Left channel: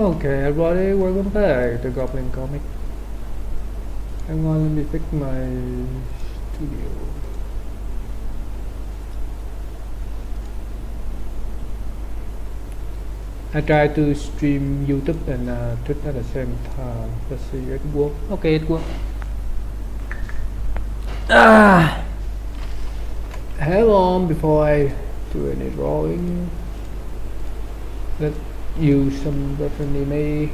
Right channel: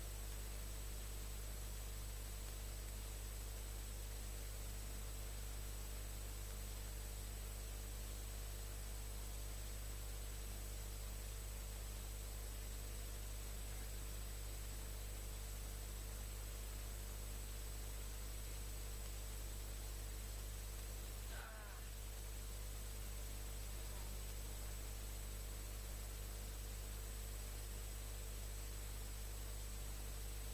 Okay, everybody, welcome back to Goblin Comic. Hang on, let me fix my studio. I try to stream YouTube and Twitch at the same time. Let's see if it works. Okay, it works. Hold on before I do any drawing. Let's use some reference image.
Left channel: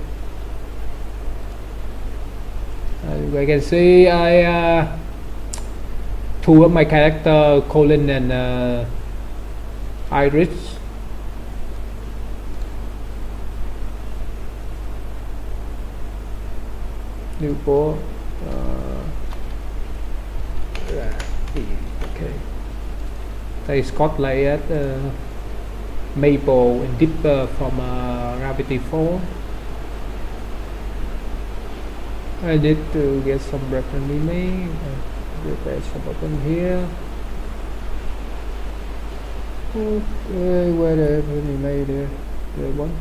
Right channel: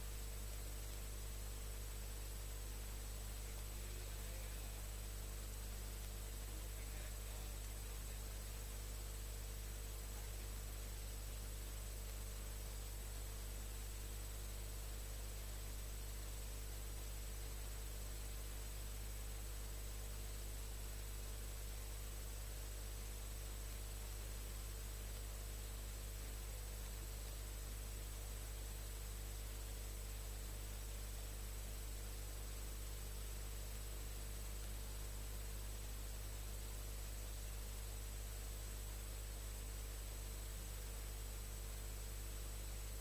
As you can see, I two of my character, Colin and Iris. New ball. Okay. They Scott layered Maple and Dipper from Gravity Falls. I need to get some reference image. Prepare some button here. Okay, where the reference image there? There one.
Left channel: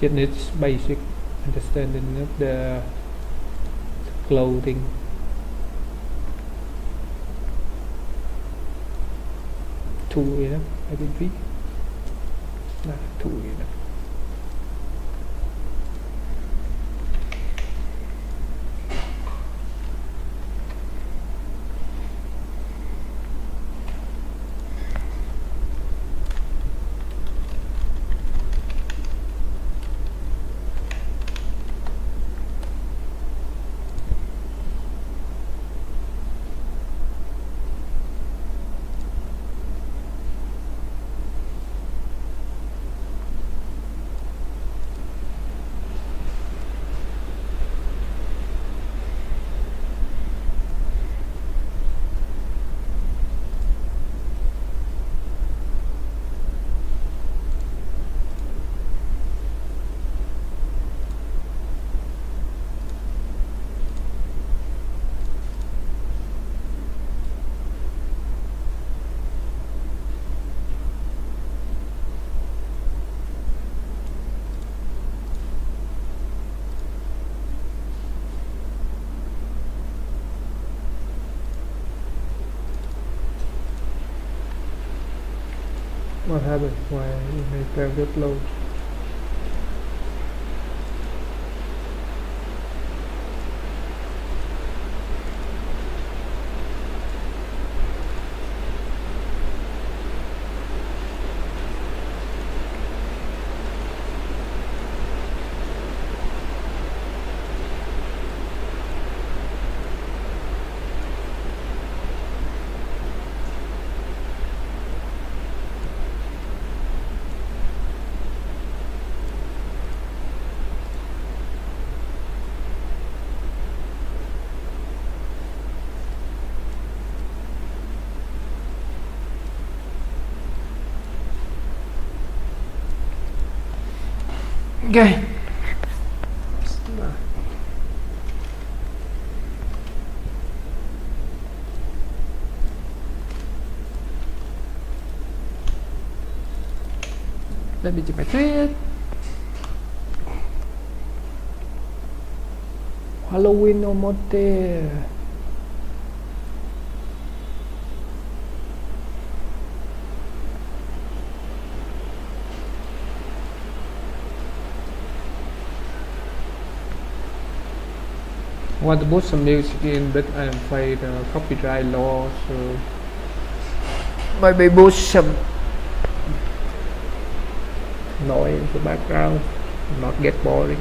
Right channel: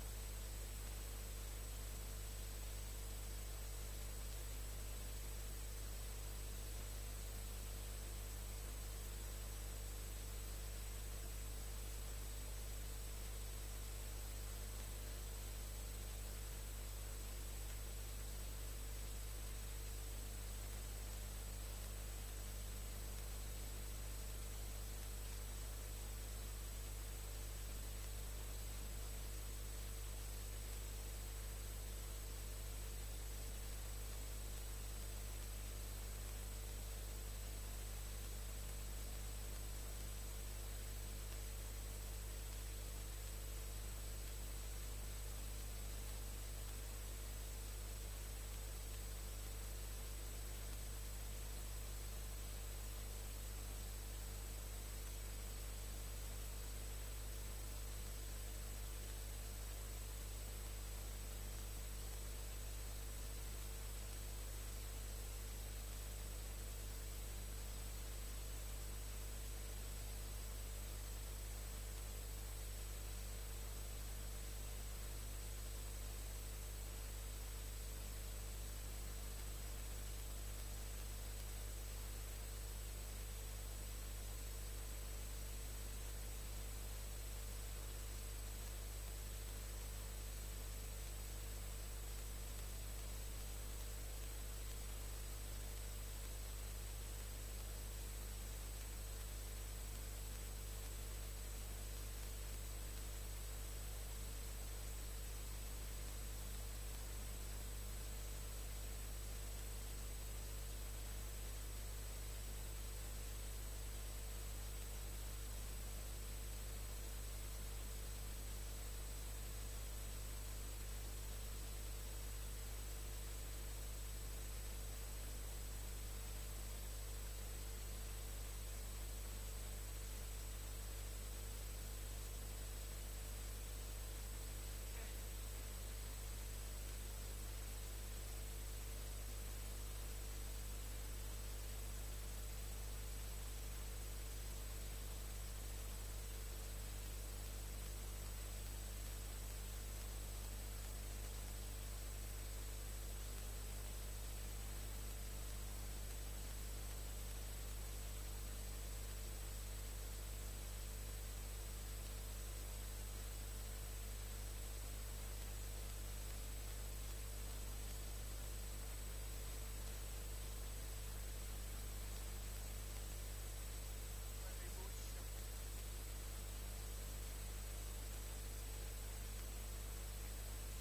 Just needs basic understanding of the clothing. Two enough, I think three. Nah, two enough. What happened? Why my tab got low? Okay. Let me do my thread. Halloween almost there. I want to put some music in, but I'm afraid copyright law, so maybe put some noise in the background, not get boring.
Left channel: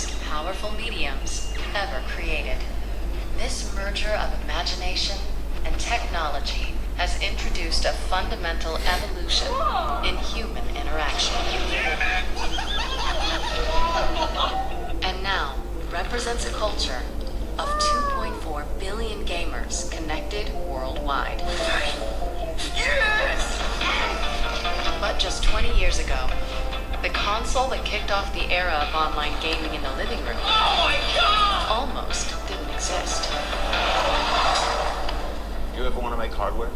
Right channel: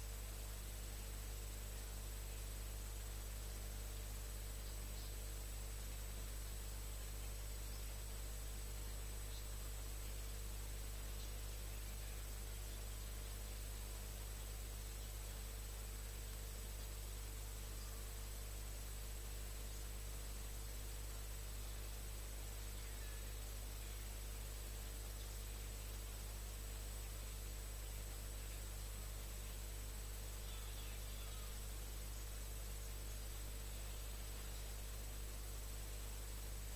most powerful mediums ever created. This merger of imagination and technology has introduced a fundamental evolution in human interaction. And now represents a culture of 2.4 billion gamers connected worldwide. Yes! But just 20 years ago, the console that kicked off the era of online gaming in the living room almost didn't exist. You ever want to make hardware?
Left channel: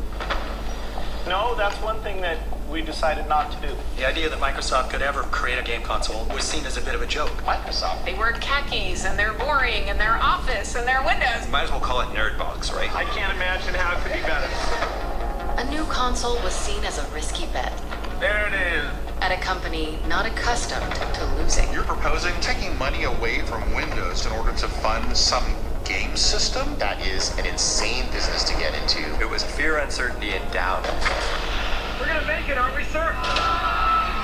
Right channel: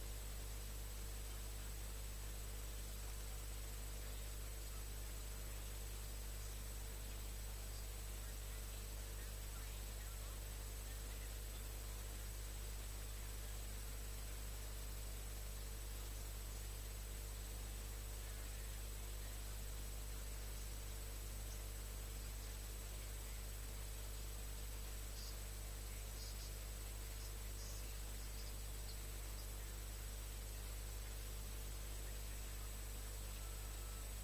No, that's one thing that we decided not to do. The idea that Microsoft could ever create a game console was seen as a bit of a joke. Microsoft. They wear khakis, and they're boring, and their office, and their windows. Might as well call it nerd box, right? I can't imagine how it could be better. A new console was seen as a risky bet There it is. at a company not accustomed to losing. You're proposing taking money away from Windows in order to fund some game system? That is an insane business to get into. It was fear, uncertainty, and doubt. We're gonna make it, aren't we, sir?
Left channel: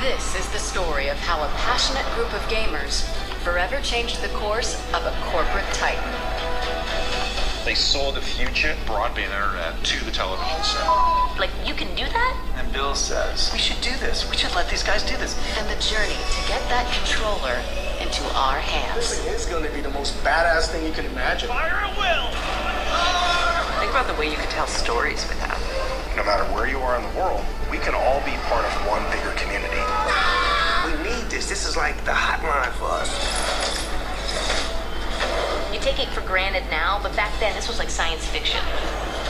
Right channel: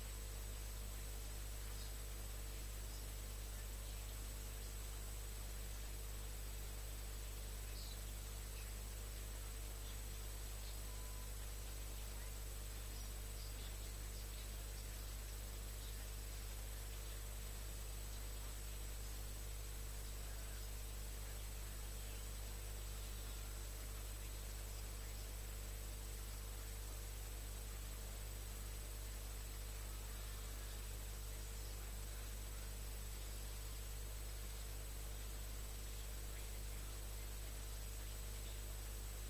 This is the story of how a passionate group of gamers forever changed the course of a corporate titan. They saw the future broadband internet to the television set. Like, you can do that? And Bill says, we should do this. We should let these guys do this. And the journey to get that controller into our hands. This is going to be the most badass thing you can imagine. Fire at will! Think about the way you could tell stories with that. No matter where you are in the world, we can all be part of one bigger community. We need this. This is like the hotline for us. You take it for granted now, but back then this was like science fiction.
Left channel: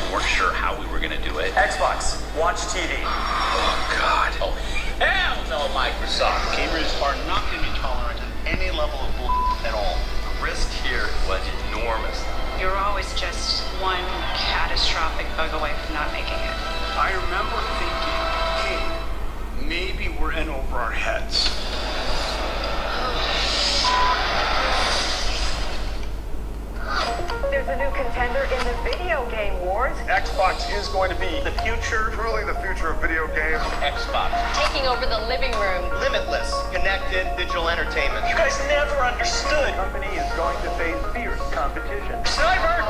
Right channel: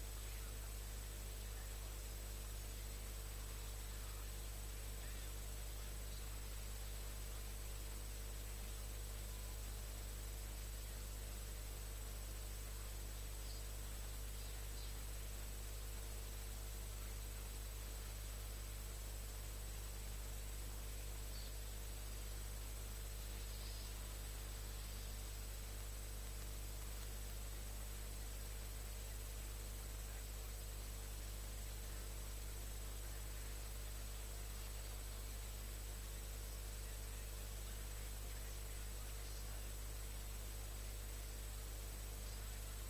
We weren't sure how we were going to do it. Xbox, watch TV. Oh, God. Oh, hell no, Microsoft. Gamers are not going to be tolerant of any level of bull at all. The risk here was enormous. You're always just one catastrophic bug away from not making it. I remember thinking, hey, maybe we're in over our heads. There's a new contender in the video game wars. Xbox is going to be the future. Truly the future of video games. Xbox. Taking over the living room. Limitless, connected digital entertainment. You guys never understood. The company is going to face fierce competition. Cyber!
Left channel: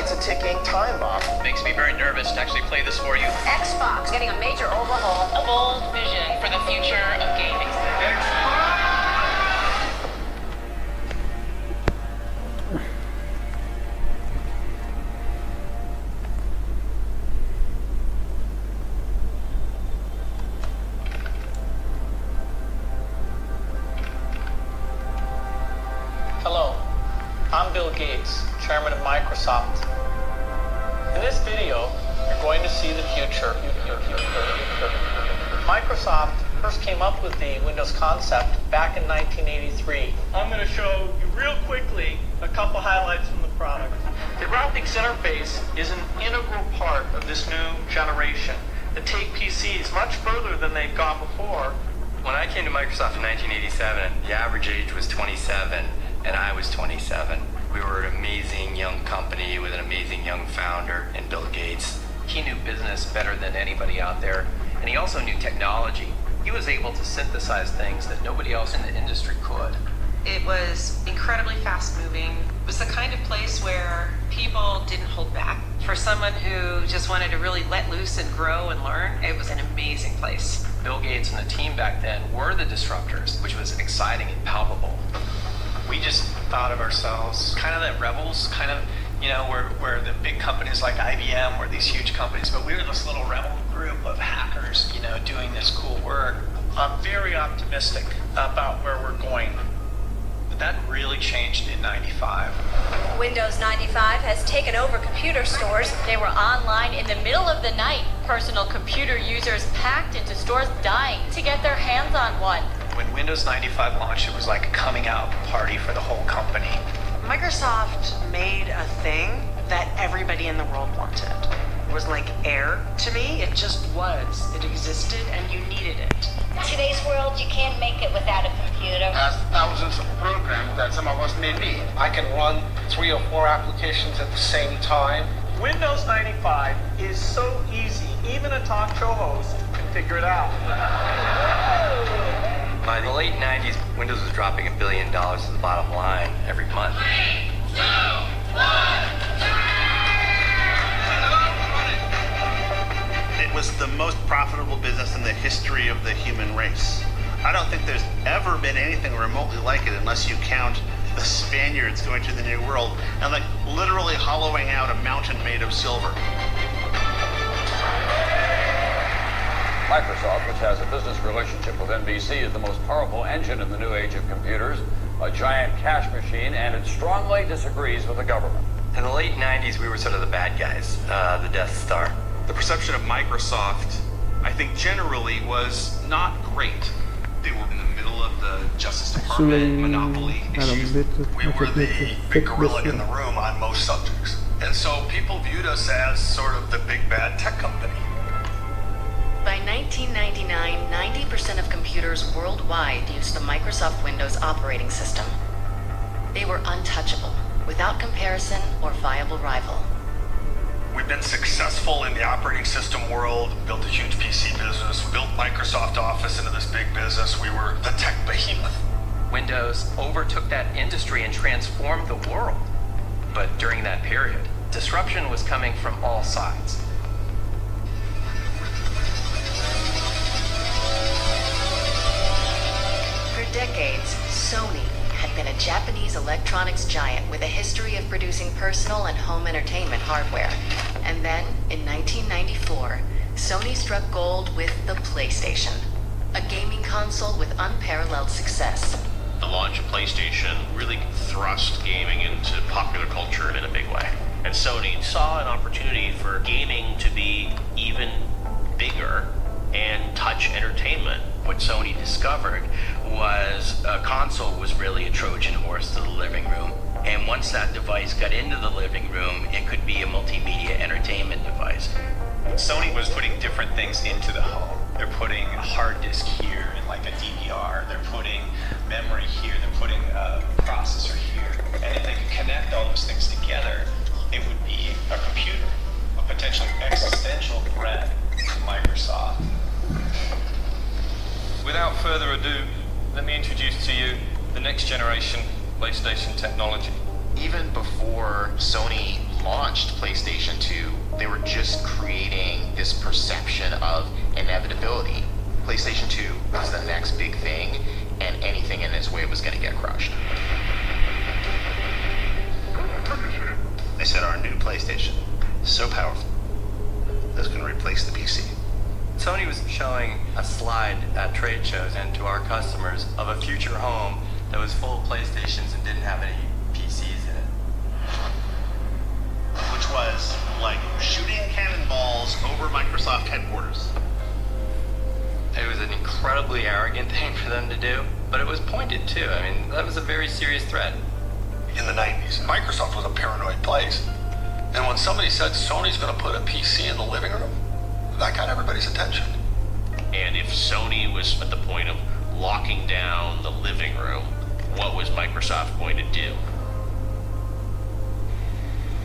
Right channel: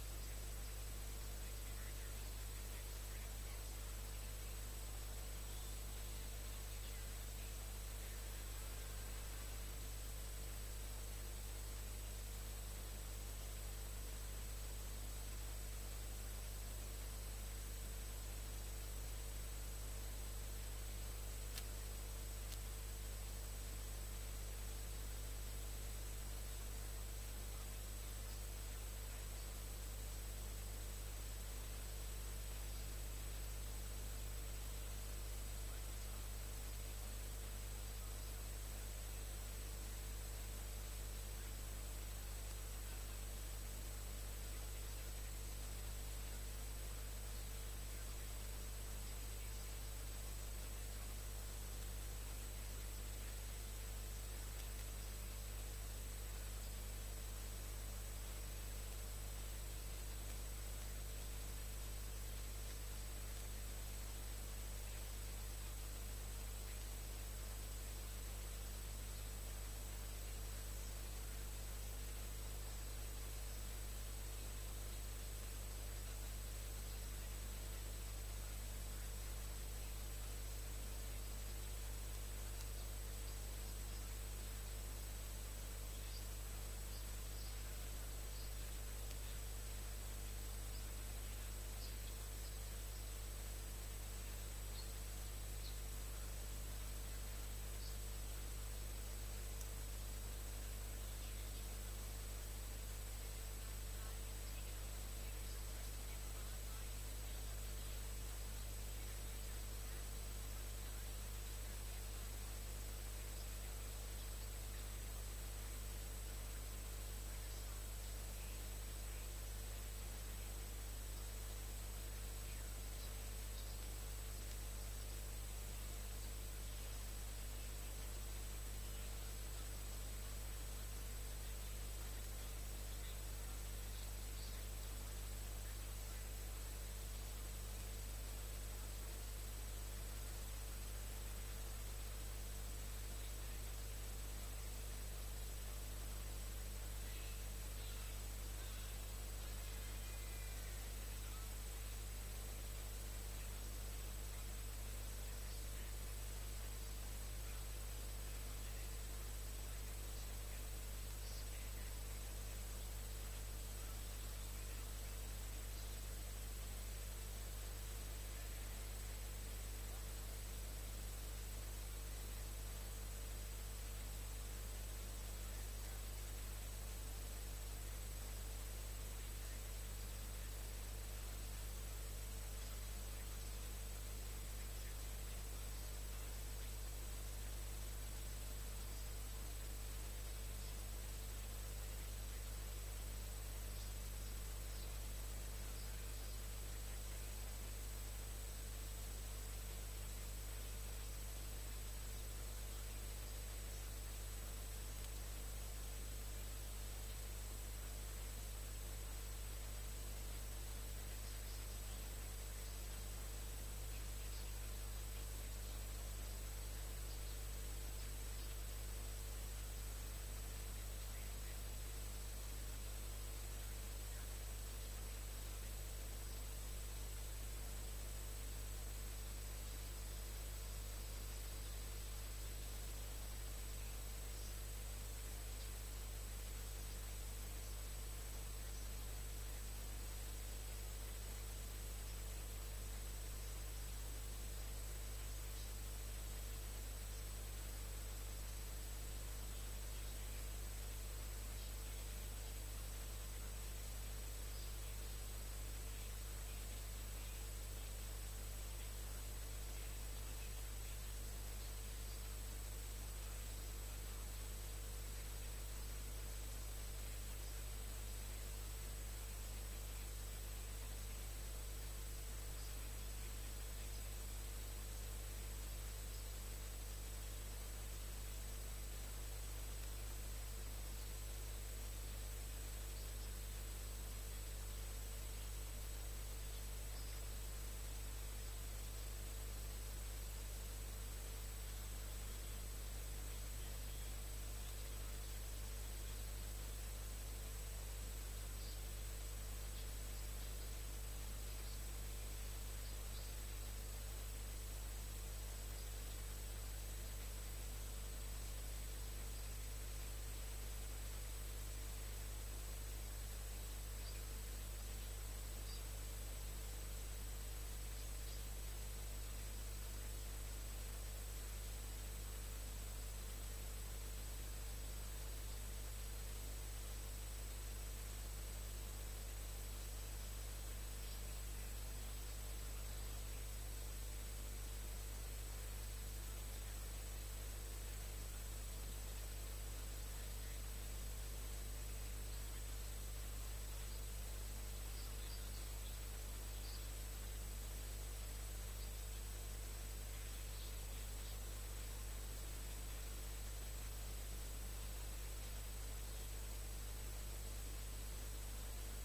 It's a ticking time bomb. Makes me very nervous to actually play this for you. Xbox getting a major overhaul. A bold vision for the future of gaming. Hello, I'm Bill Gates, chairman of Microsoft. In this video, you're going to see the future. Microsoft first came up with the Windows concept back in 1983. I'm going to show you real quickly a couple highlights from the product. The graphics interface is an integral part of this new generation that take PCs much further than they've gone before. When I came to Microsoft in 1987, the average age was 27, and I was 27. We were an amazing young company with an amazing young founder in Bill Gates. He knew business better than anybody out there, and he also knew technology. He was able to synthesize things that nobody else in the industry could. It was incredibly fast-moving. It was the kind of place where people didn't hold back. For someone who just wanted to really let loose and grow and learn, it was an amazing place. Bill Gates and the team back then were the disruptors, which was exciting and palpable. We just thought of ourselves kind of the rebels, kind of, you know, where the big companies like IBM were these huge companies, but we were this little rebel group of hackers, you know, doing this cool work. I'm very optimistic about where we're going. But that really changed in 95. Windows 95 has taken over computer stores. They were online in the middle of the night. Personal computer users packed into stores dying to get their hands on one. When Windows 95 launched, it was like a coming out party for the whole company. Microsoft made a thing that everybody in the world wanted. It was like air to me. It just was. It existed and you needed it. In today's world, you can't make it without a computer. Has thousands of programs that some of us may need. I can run 3 or 4 applications at the same time. Windows 95 is so easy, even a talk show host can figure it out. By the late 90s, Windows was dropping $1 billion to the bottom line every month. It was the most profitable business in the history of the human race. I don't think there's ever been anything remotely like it unless you count the Spaniards going to the New World and like literally hollowing out a mountain made of silver. Microsoft, which has a business relationship with NBC, is the most powerful engine in the new age of computers, a giant cash machine, and it strongly disagrees with the government. In the late 90s, we were sort of the bad guys, the Death Star. The perception of Microsoft, I think generally, was not great. They were in the middle of the Justice Department monopoly issues. We were the big gorilla in the room on most subjects. And so people viewed us as sort of the big bad tech company. By 1999, 90% of computers worldwide used the Microsoft Windows operating system. They were untouchable, without comparison or viable rival. We've been successful in the operating system world, built a huge PC business, built Microsoft Office into this big business. We were the tech behemoth. Windows overtook that industry and transformed the world. But during that period, disruption was coming from all sides. For decades, Sony had been a Japanese electronics giant with a history of producing personal and home entertainment hardware. And then, in 1994, Sony struck gold with the PlayStation, a gaming console with unparalleled success. The launch of PlayStation really thrust gaming into popular culture in a big way. And Sony saw an opportunity for gaming to be even bigger and touch entertainment. What Sony discovered was a console was really a Trojan horse to the living room. And once that device got into the living room, it could be a multimedia entertainment device. Sony was putting different things into the home. They're putting a hard disk here and like a DVR. They're putting memory here. They're putting a processor here. And if they could connect all those things together, it would be a computer, a potentially existential threat to Microsoft. Without further ado, let me introduce to you the next generation PlayStation technology. Even before Sony launched PlayStation 2, they were just creating this perception of inevitability. PlayStation 2 was the next big thing, and anything in its way was going to get crushed. They said our new PlayStation, so powerful, that's going to replace the PC. Sony was showing a slide at trade shows and to our customers of a future home that was full of PlayStations and didn't have any PCs in it. Which was like shooting cannonballs over Microsoft headquarters. It was an incredibly arrogant thing for them to do, but it was pointed too. I mean, that was a very serious threat. In the 90s, Microsoft was a paranoid place. And when somebody said Sony's going to put a PC in the living room, that got everybody's attention. And if Sony was at the point of locking down the living room, what was Microsoft going to do?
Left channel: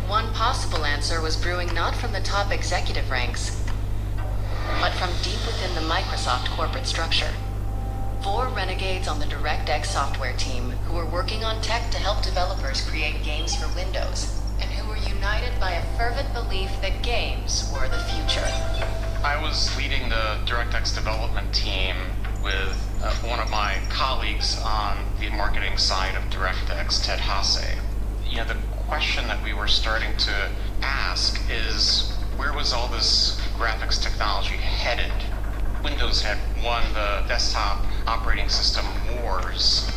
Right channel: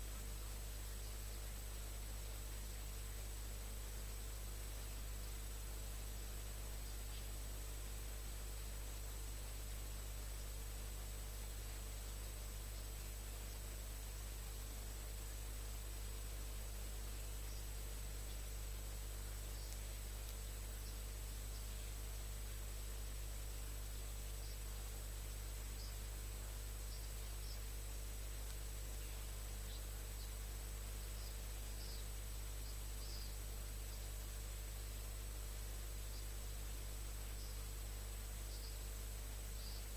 One possible answer was brewing not from the top executive ranks, but from deep within the Microsoft corporate structure. 4 renegades on the DirectX software team who were working on tech to help developers create games for Windows, and who were united by a fervent belief that games were the future. I was leading the DirectX development team with one of my colleagues on the marketing side of DirectX, Ted Hasse. You know, the question that we were starting to ask is, where was all this graphics technology headed? Windows had won the desktop operating system wars.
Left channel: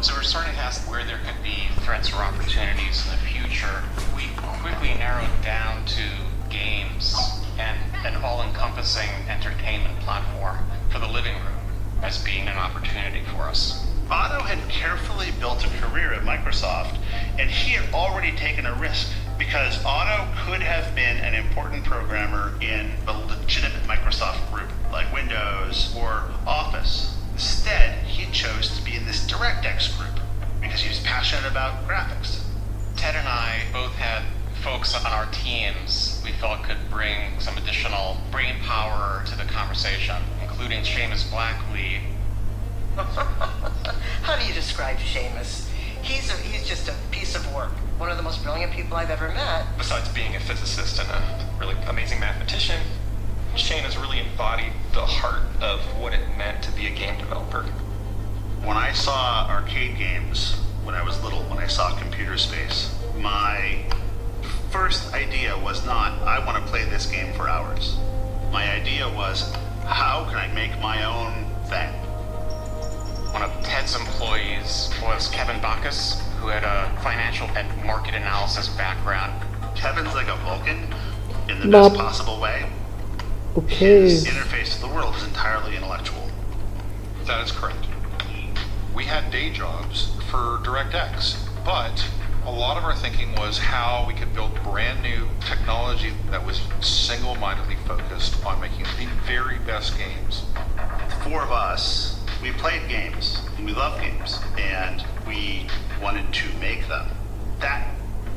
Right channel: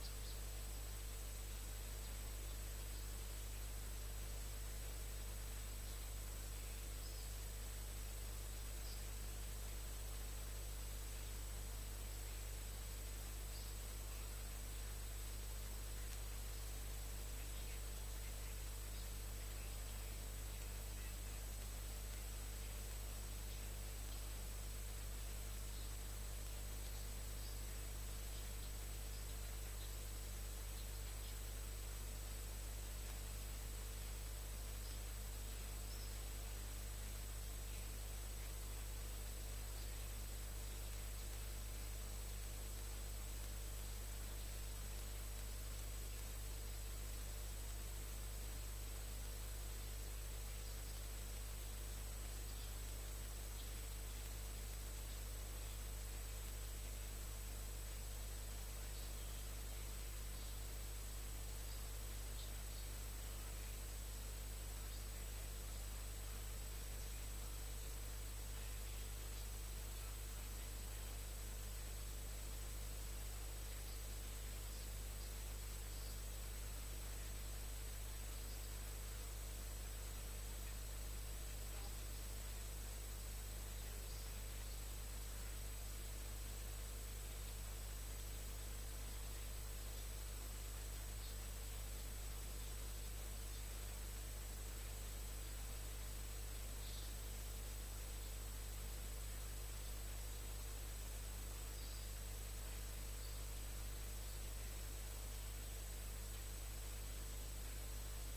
So we're starting to ask where there could be threats or opportunities in the future. We quickly narrowed down to games and an all-encompassing entertainment platform for the living room as being an opportunity for us. Otto had carefully built a career at Microsoft, and he had already taken a risk because Otto could have been an important programmer in a legitimate Microsoft group like Windows or Office. Instead, he chose to be in this DirectX group because he was passionate about graphics. Ted and I both had folks on our teams we felt could bring some additional brain power to the conversation, including Seamus Blackley. How do you describe Seamus? He's just a piece of work. One of the most brilliant people I've ever met. Besides being a physicist and a really amazing mathematician, Shane has really embodied the heart of what it meant to be a game developer. When I saw arcade games when I was little, when I saw Computer Space, my first idea was not, I want to play this game for hours. My idea was, how can I make my own thing? One of Ted's employees was Kevin Bacchus, who had a financial and market analysis background. Kevin's like a Vulcan in the best possible way. Okay. His interface to the world is entirely intellectual. That is correct. We had day jobs for DirectX, but a lot of our thinking was how we could build brand new technology that was single-mindedly focused on making the very best games. The four of us, we played games, and we love games, and we wanted to make them. That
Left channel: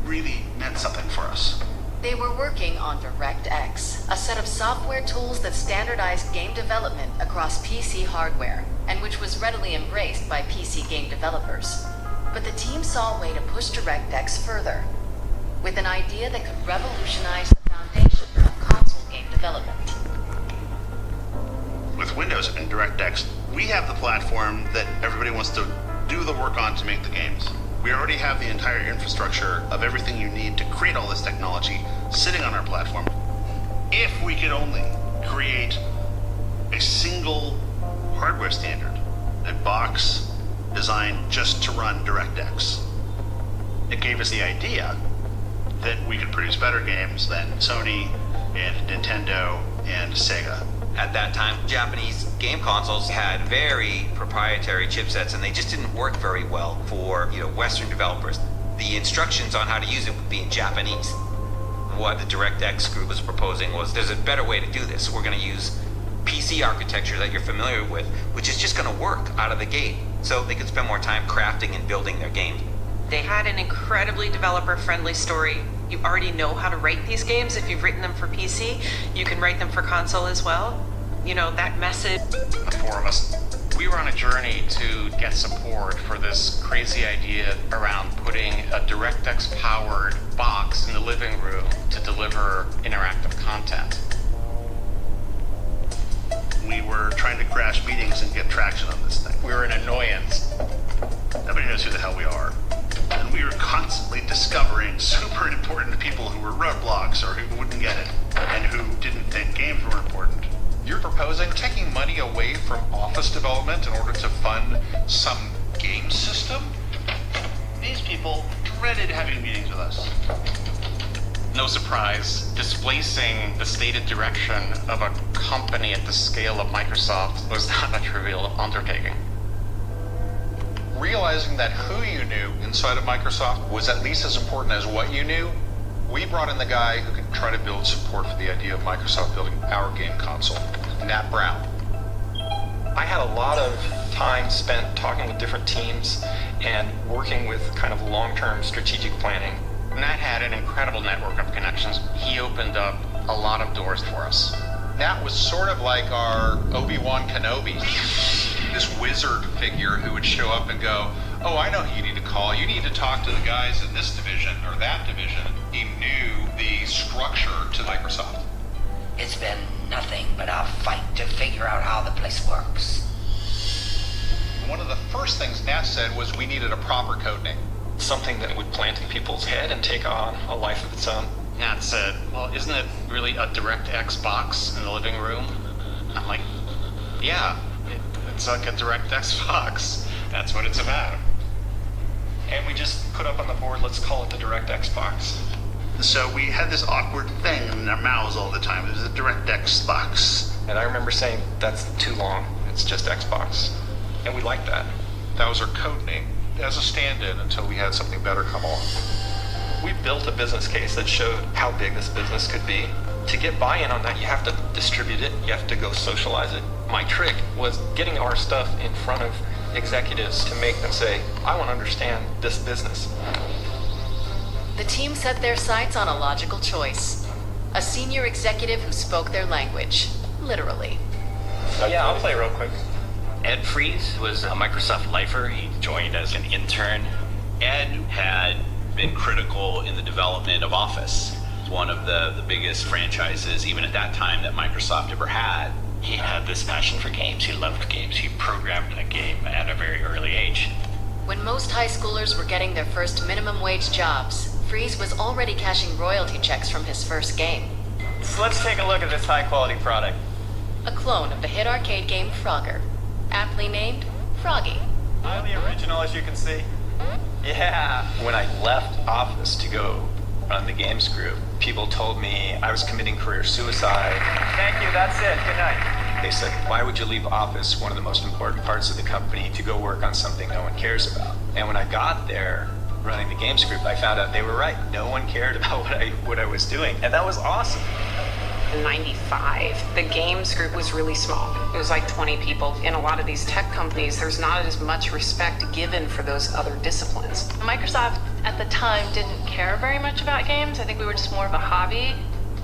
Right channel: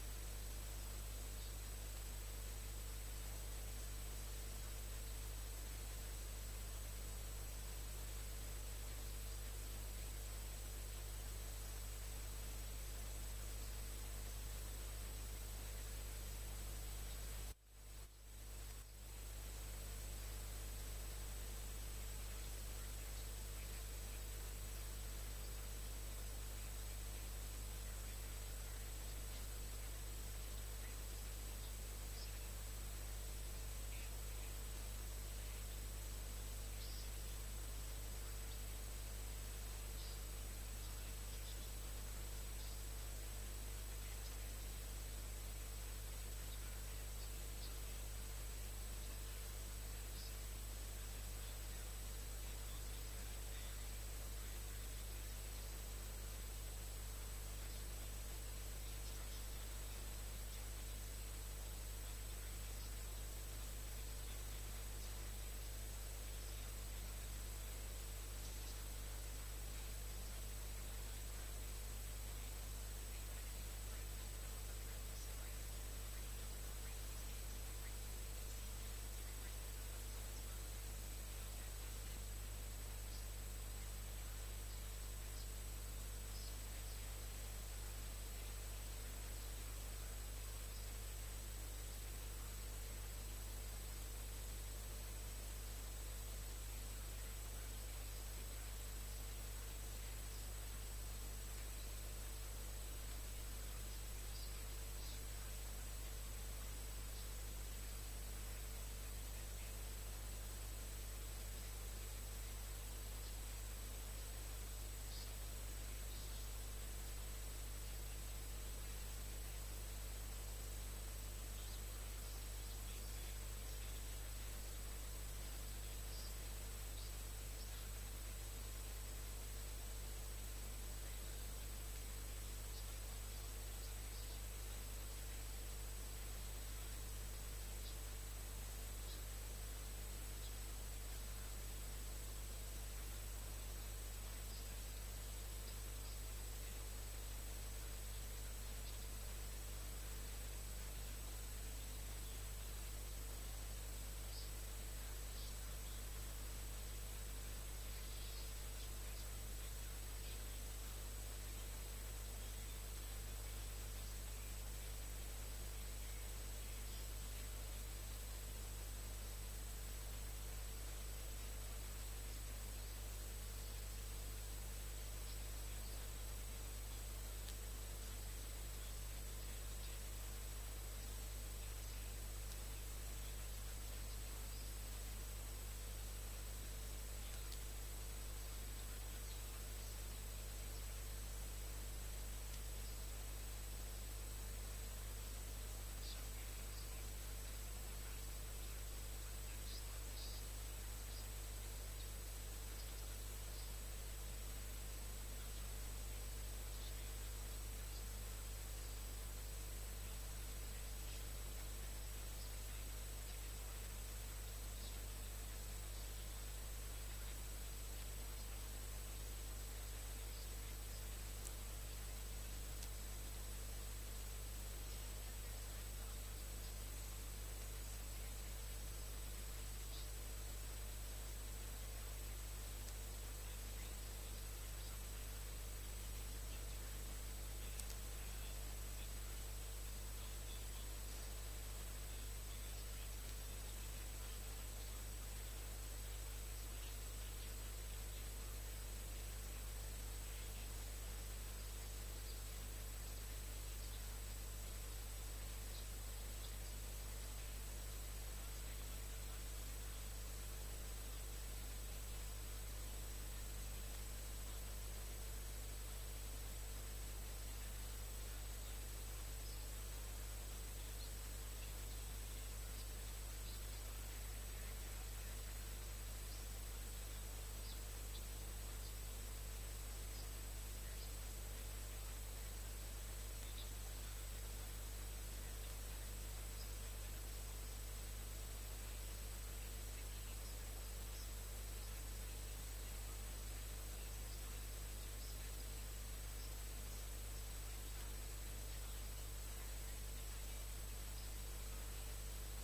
really meant something for us. They were working on DirectX, a set of software tools that standardized game development across PC hardware, and which was readily embraced by PC game developers. But the team saw a way to push DirectX further, with an idea that could revolutionize the foundation of console game development. With Windows and DirectX, we have the platform that everybody wants to do the work on to make the games. We already have the entire infrastructure of everything you need to create all this technology sitting on our platform. If we could only create a single hardware standard, a box designed just to run DirectX, it gave us the idea that we could produce better games than Sony and Nintendo and Sega. At that time, Japanese game consoles had very proprietary chipsets, and they just didn't work very well for Western developers. The instructions on how to use it would be in Japanese. What the DirectX group was proposing was, there's a better way to do this. We're going to use PC architecture that you're familiar with, which is just going to work out of the gate, so they could spend more time crafting and building their games. They had an incredibly developer-friendly story. You already know how to write these games. If you've written them for PC, you can write them for console as well. That message. The four of us, we were on a journey to get support for this crazy idea around putting a DirectX-powered box in the living room to deliver interactive content. We were trying to crash meetings and get traction on this thing. We were an annoyance. Nobody knows who the hell we are. And we were constantly discovering super important people who were roadblocks or who wouldn't get it and who didn't think games were important. You're proposing taking money away from office development in order to fund some game system? These people dreaded having meetings with us. No surprise, displacing the stated direction of a company at the scale of Microsoft was not a trivial undertaking. Realizing that who you knew inside of Microsoft was at least as important as what you knew, we brought in the guy who could try to build support for the idea of Microsoft building our game console, Nat Brown. I had a lot of time spent talking with different teams and working with kind of long-term strategic planning. Nat had an incredible network of connections. He opened up a lot of doors for us. Nat was sort of like our Obi-Wan Kenobi, this wizard figure who would show up and go, oh, I know who you need to call. You need to talk to the guys in this division or that division. He knew the structure to Microsoft. It's been nothing but a fight to figure out how the place works. One of the first things Nat said was we needed a proper code name. Something that would plant in people's head and take on a life of its own. Nat said, well, isn't it really a DirectX box in the living room? I'm like, yeah, it's like a DirectX box. That's what it's about. And we just put up on the board, let's call it the DirectX box. So we had this awkward thing in our mouths all the time. It was a DirectX box. And I remember saying, that's too long. It's just Xbox. And we liked that. That was our code name as a stand-in until we had something better come along. We built a business case that showed how big this business could be. To get buy-in on that, you have to distribute it. You have to go socialize it. My trick was getting our stuff in front of executives to make them say, I want to understand this business. The team set their sights on a logical choice. A senior executive who spoke their language, literally. Yeah, I'll play real quick. Ed Fries was a Microsoft lifer. He joined as an intern. Ed had been critical in the development of Office, one of the biggest franchises, even at that time, that Microsoft ever had. He had this passion for games. He loved games. He programmed a game at a very early age. When most high schoolers were getting their first minimum wage jobs, Freeze was already cashing royalty checks from his first game. So let's take a look at this high-quality product. A clone of the hit arcade game Frogger, aptly named Froggy. Highly original, as you can see. Yeah. When I left Office to go run the games group, people told me I was committing career suicide. Thank you, that's it. Good night. They said, why would you leave Office, one of the most important parts of the company, to go work on something no one cares about? And when I got there, running the games group, I found out they were right. No one cared about what I was doing, and that was awesome. In 95, the games group was really small. It was like 20 people. In a lot of these tech companies, there's not as much respect given for those other disciplines. Microsoft at the time didn't care very much about games. I think we were just more of a hobby.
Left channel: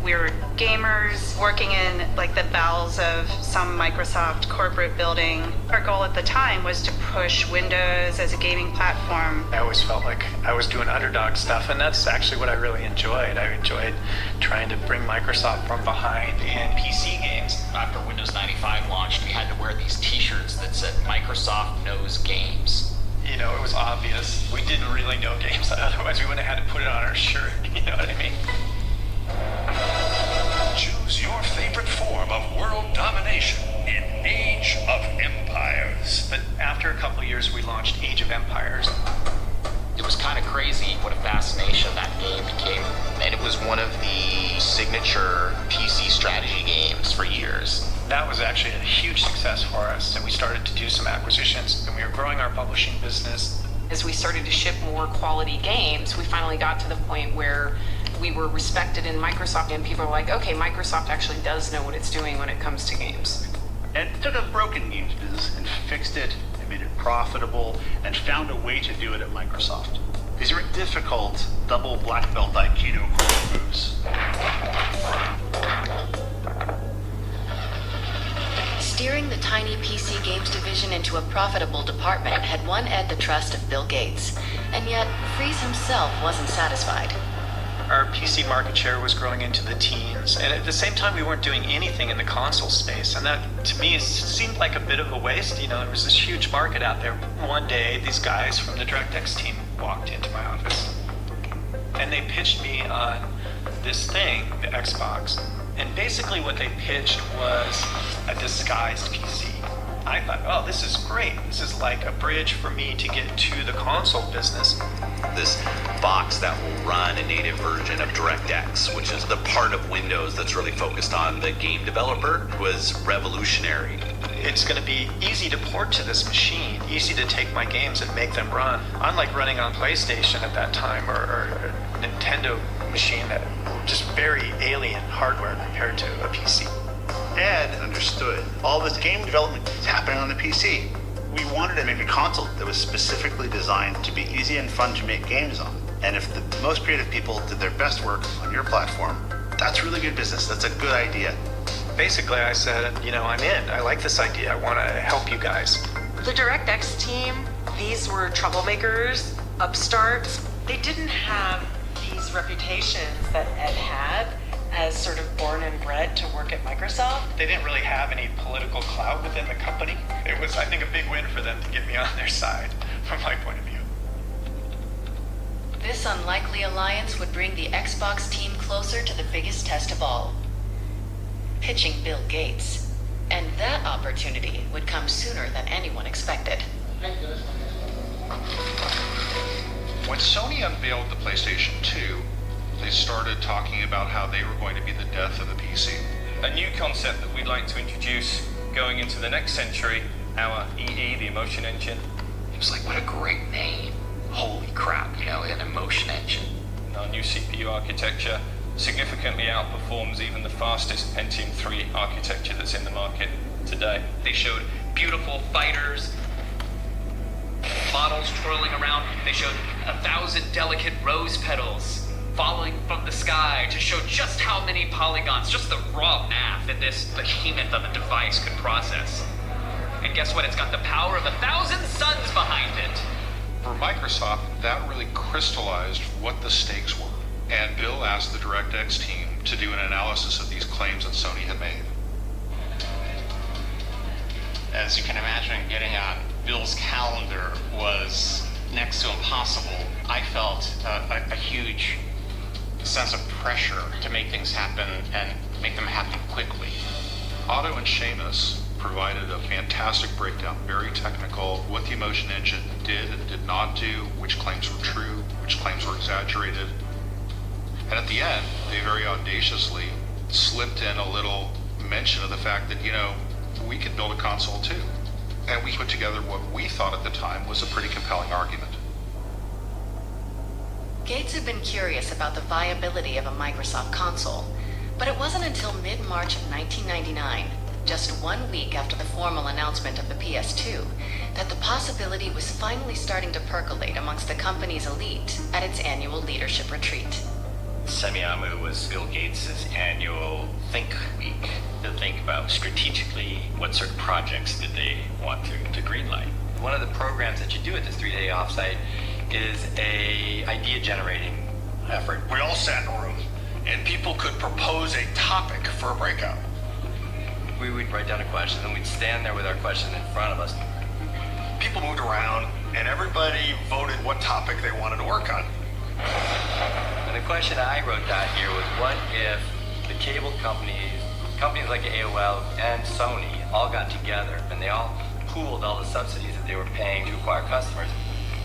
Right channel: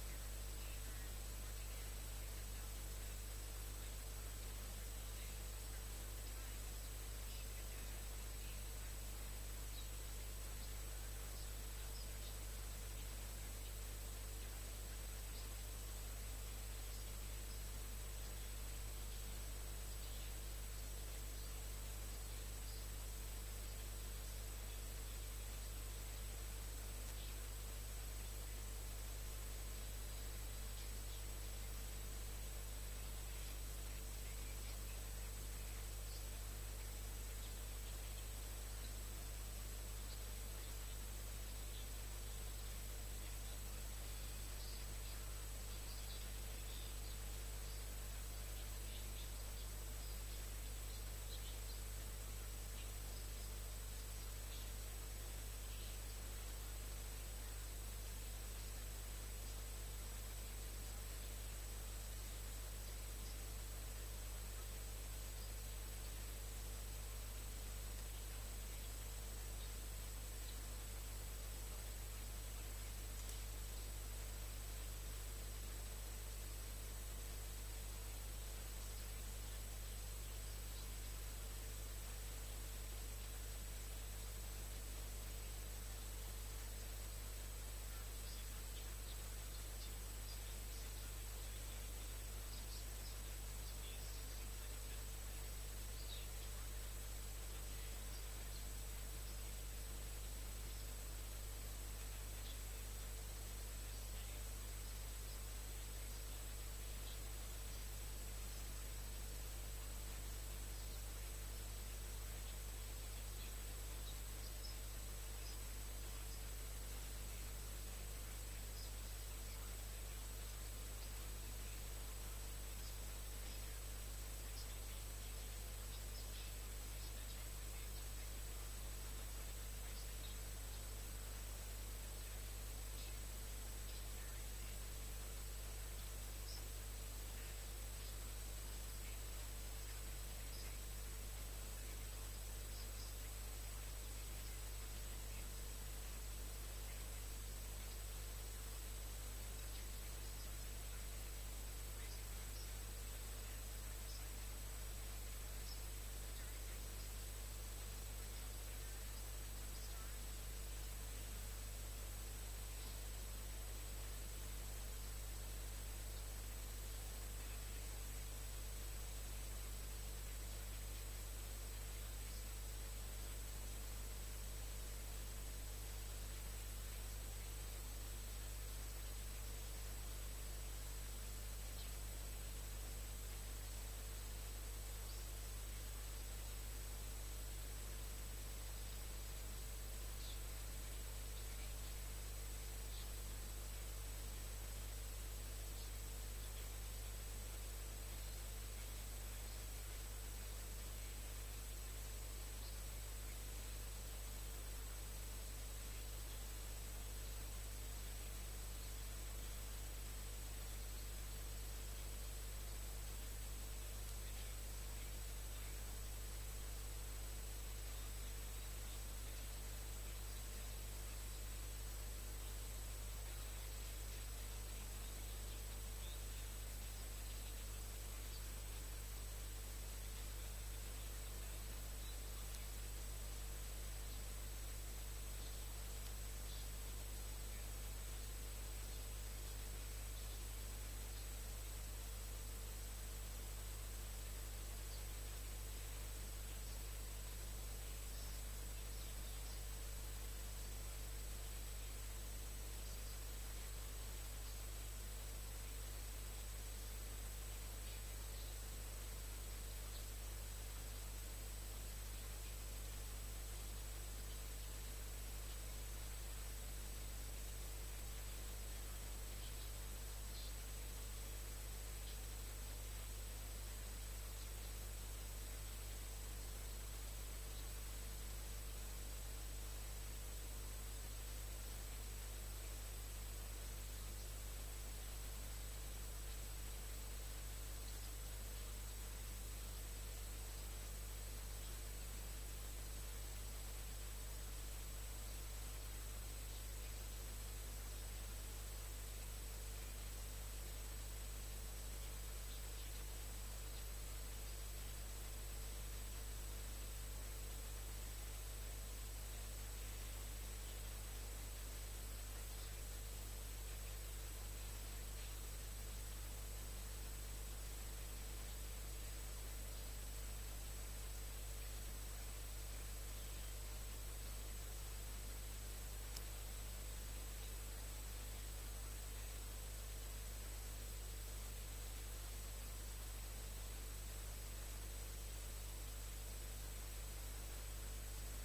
We were gamers working in like the bowels of some Microsoft corporate building. Our goal at the time was to push Windows as a gaming platform. I always felt like I was doing underdog stuff, and that's actually what I really enjoyed. I enjoyed trying to bring Microsoft from behind in PC games. After Windows 95 launched, we had to wear these t-shirts that said Microsoft knows games. You know, it was obvious. We didn't really know games, otherwise we wouldn't have had to put it on our shirt, you know what I mean? Choose your favorite form of world domination in Age of Empires. But after a couple of years, we launched Age of Empires. It was kind of crazy what a fascination that game became. And it was one of the signature PC strategy games for years. That was actually a huge success for us, and we started to do some acquisitions, and we were growing our publishing business. As we started to ship more quality games, we finally got to the point where we were respected in Microsoft, and people were like, okay, Microsoft actually does know what it's doing when it comes to games. And took a broken games business and fixed it and made it profitable and found a way to do it at Microsoft. These are difficult double black belt Aikido moves. Steering the tiny PC games division into a profitable department had won Ed the trust of Bill Gates, and yet Freeze himself wasn't satisfied. Our PC market share was growing into the teens, and at the same time we weren't doing anything in the console space, and that to me seemed like a bit of a waste. You know, there was this huge market out there. One day these guys from the DirectX team walked into my office, and they pitched me on this thing, the Xbox, and basically what they pitched was a disguised PC. I thought, oh, this is great. This is like a bridge for me to get to the console business. This box that will run a native version of DirectX, which is the part of Windows that's really focused on the game developer, was revolutionary. It's going to be easy to port to this machine, easy to take my games and make them run. Unlike running on PlayStation at that time or a Nintendo machine that were just very alien hardware compared to a PC. Ed understood all this game development is happening on the PC. We wanted to make a console that was specifically designed to be easy and fun to make games on. And if the most creative people did their best work on your platform, that's really good business. That's a good idea. Basically, I said, you know, I'm in. I like this idea. I want to help you guys. The DirectX team, these were troublemakers, upstarts. They didn't have these reputations that Ed had as sort of born and bred to work at Microsoft. They didn't really have any political clout within the company. It was, I think, a big win for them to get me on their side, from my point of view. This unlikely alliance would bring the Xbox team closer to the biggest test of all, pitching Bill Gates. And that opportunity would come sooner than anyone expected. When Sony unveiled the PlayStation 2, they started talking about how they were going to be the death of the PC. A new concept that we'd like to introduce going into the next century, our EE, the emotion engine. It was like, what a great name. Holy crap, you know, an emotion engine. Our new CPU architecture significantly outperforms even the fastest Pentium 3 architecture that's in the market today. They showed beautiful fighters, models twirling around. They showed 1,000 delicate rose petals falling from the sky to show just how many polygons, just the raw math that this behemoth of a device could process. And guess what? It's got the power of 1,000 suns behind it. For Microsoft, that really crystallized what the stakes were. And Bill asked the DirectX team to do an analysis of these claims that Sony had made. As you can imagine, getting on Bill's calendar was next to impossible. I felt a huge sense of pressure to make things happen and make them happen quickly. Otto and Seamus provided a fantastic breakdown, very technical, what the Emotion Engine did and did not do, which claims were true, which claims were exaggerated. And at the end, they very audaciously slipped in a little mention of the fact that, we could build a console too. And we put together what we thought at the time was a pretty compelling argument. Gates had been curious about the viability of a Microsoft console, but it wasn't until mid-March of 1999, just 1 week after the formal announcement of the PS2, that the possibility was finally starting to percolate amongst the company's elite at its annual leadership retreat. Semiamu was Bill Gates' annual Think Week to think about strategically what sort of projects did they want to greenlight. One of the programs that you do at this 3-day offsite is a idea generating effort. We all sat in a room and people could propose a topic for a breakout. We would write down a question and we'd stand there with our question in front of us. People moved around and everybody voted what topic they wanted to work on. And the question I wrote down here was, what if the cable companies like AOL and Sony all got together and they all pooled all the subsidies that they were paying to acquire customers.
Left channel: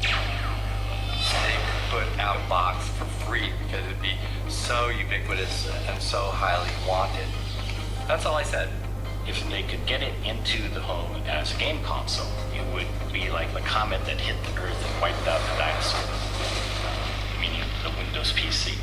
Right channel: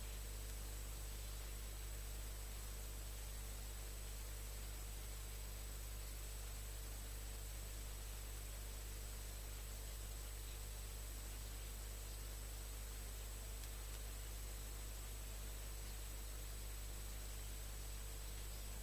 They put out a box for free because it would be so ubiquitous and so highly wanted. That's all I said. If they could get it into the home as a game console, it would be like the comet that hit the Earth and wiped out the dinosaurs, meaning the Windows PC.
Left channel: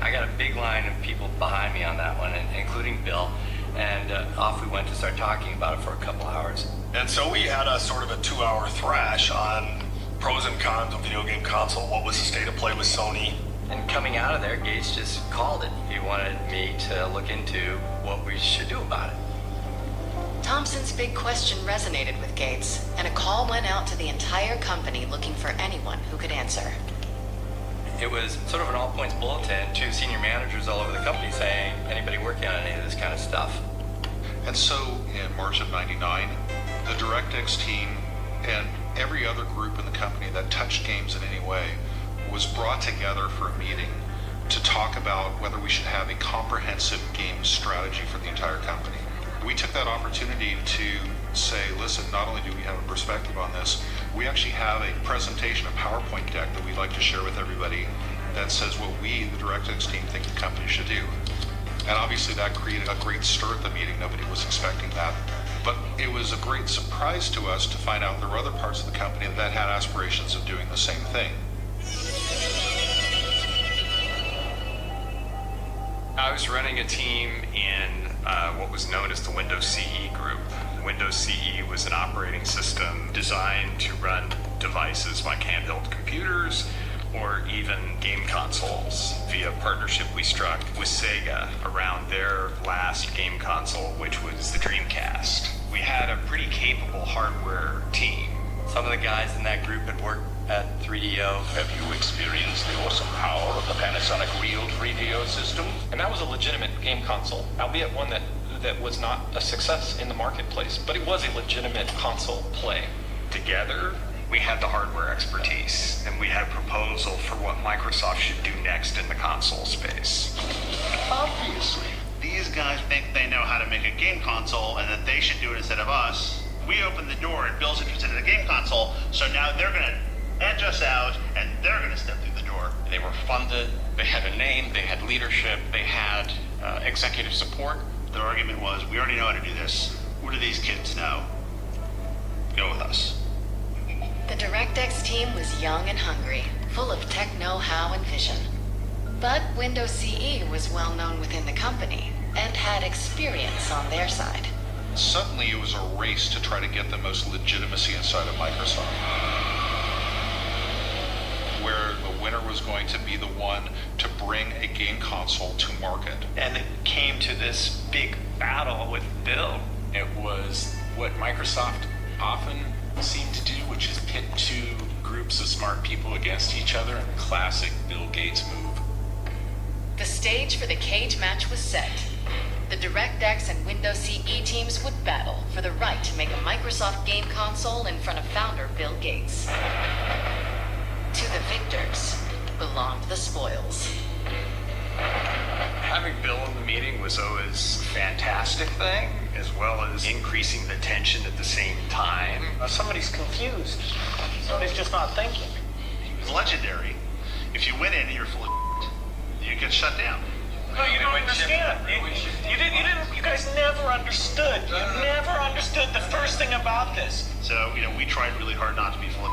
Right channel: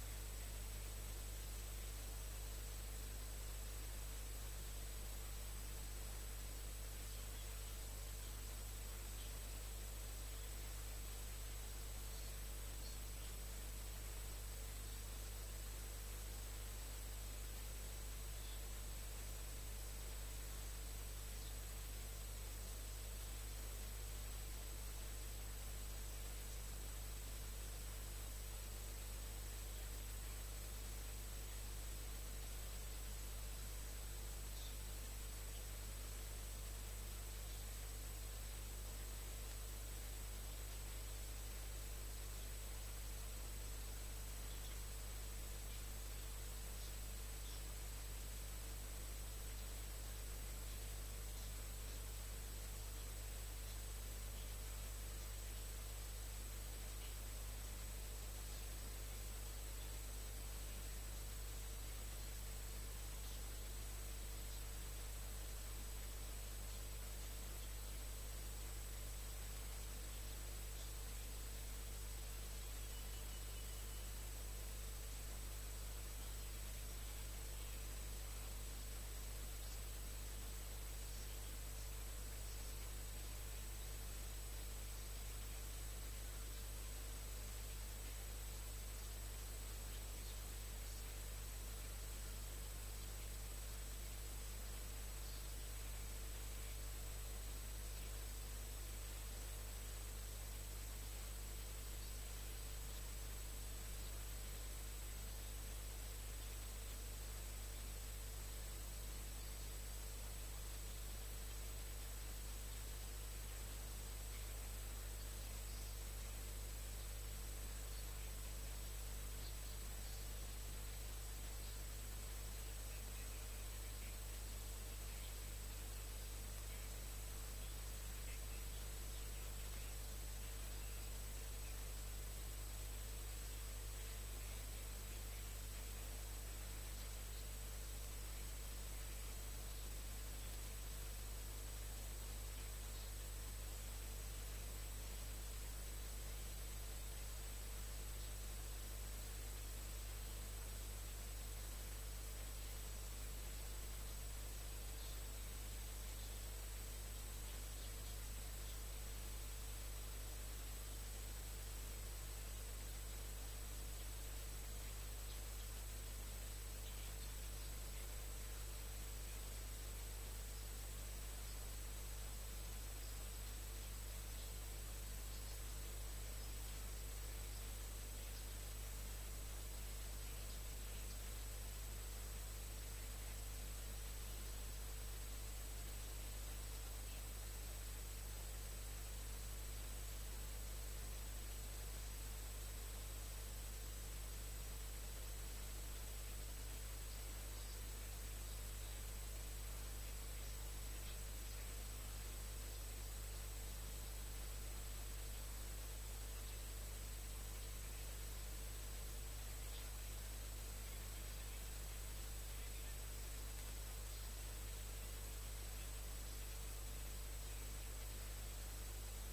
I got a big line of people behind me on that one, including Bill, and off we went to start talking about it for a couple hours. And so we had a sort of a 2-hour thrash on pros and cons of video game console, what was the state of play with Sony. And coming out of there, Gates just called it. He wanted me to look into what we should do about it. Thompson's big question resonated with Gates, and a call went out to the entire company looking for anyone who could answer. It was sort of an all-points bulletin to senior managers all over the company saying, anybody working on any of this kind of stuff? And so in March of '99, the DirectX team and every other group in the company that touched games in any way was brought together for a meeting to talk about whether we should have a comprehensive game strategy for the entire company. We took that opportunity to say, listen, not only do we have a perspective on this, we actually have a presentation, a PowerPoint deck that we'd like to share with everybody that says what we, the DirectX team, think the company should do. And obviously that created a great stir at the meeting. Nobody was expecting that. But it was a great surprise to us to find out there were other parts of the company that had aspirations of doing the same thing. I was running a team in what was known as the Windows CE group. Windows CE was an operating system designed to run devices like handheld computers or even game consoles via a partnership we struck with Sega around their last game console, which was the Dreamcast. We had a pretty capable hardware team. Some of the guys in that group had worked at 3DO. Have you experienced the awesome power of the Panasonic Real 3DO system? And that was a legitimate game console, albeit one that was not a success in the marketplace, but it was a legitimate console play. Together, we had the hardware expertise, and we had a proposal for what Microsoft should do next in the console space. Obviously, these guys think they know how to make a game console and that they should do it instead of us. We opened the door and Bill's interested in a game console, so now they're going to edge us out and they're going to step through the door. They were funded, they had a name, they had leadership, they had executive support. Their argument was, we already know how to do this. What do these kids know? Go with us. The DirectX team was young and hungry, full of tech know-how and vision. But Windows CE was well known within the company and had experience on their side. Suddenly it was a race to try to get the most legitimacy inside of Microsoft, where the winner was going to be the one to bring a game console to market. And it came to this big battle with Bill. It was what Microsoft often seemed to do, which is pit two groups of smart people against each other in a classic Bill Gates move. The stage for the cage match was set. The DirectX and Windows CE teams would battle for the right to make a Microsoft game console in front of founder Bill Gates. To the victors belonged the spoils. Having Bill in the meeting was always a fantastic thing, as well as increasing the tension at the same time. Somebody's confused. Somebody's just not thinking. He was legendary. If you went in and you're full of you get shut down. No, you don't understand. You guys never understood. You never understood the first thing about this. So, we tried really hard not to be full of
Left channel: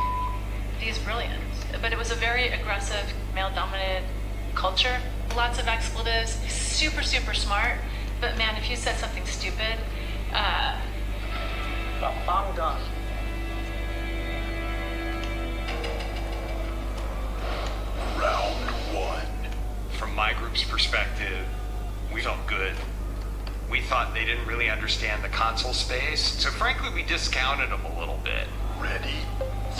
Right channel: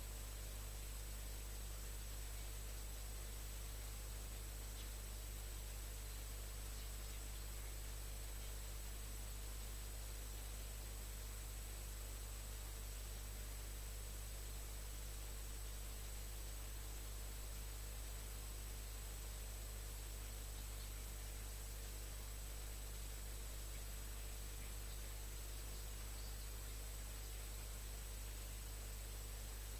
He's brilliant, but it was a very aggressive, male-dominated culture. Lots of expletives, super, super smart. But man, if you said something stupid, I'm done. Round one. From my group's perspective, we felt good. We thought they didn't really understand the console space, so frankly, we discounted them a little bit. Ready?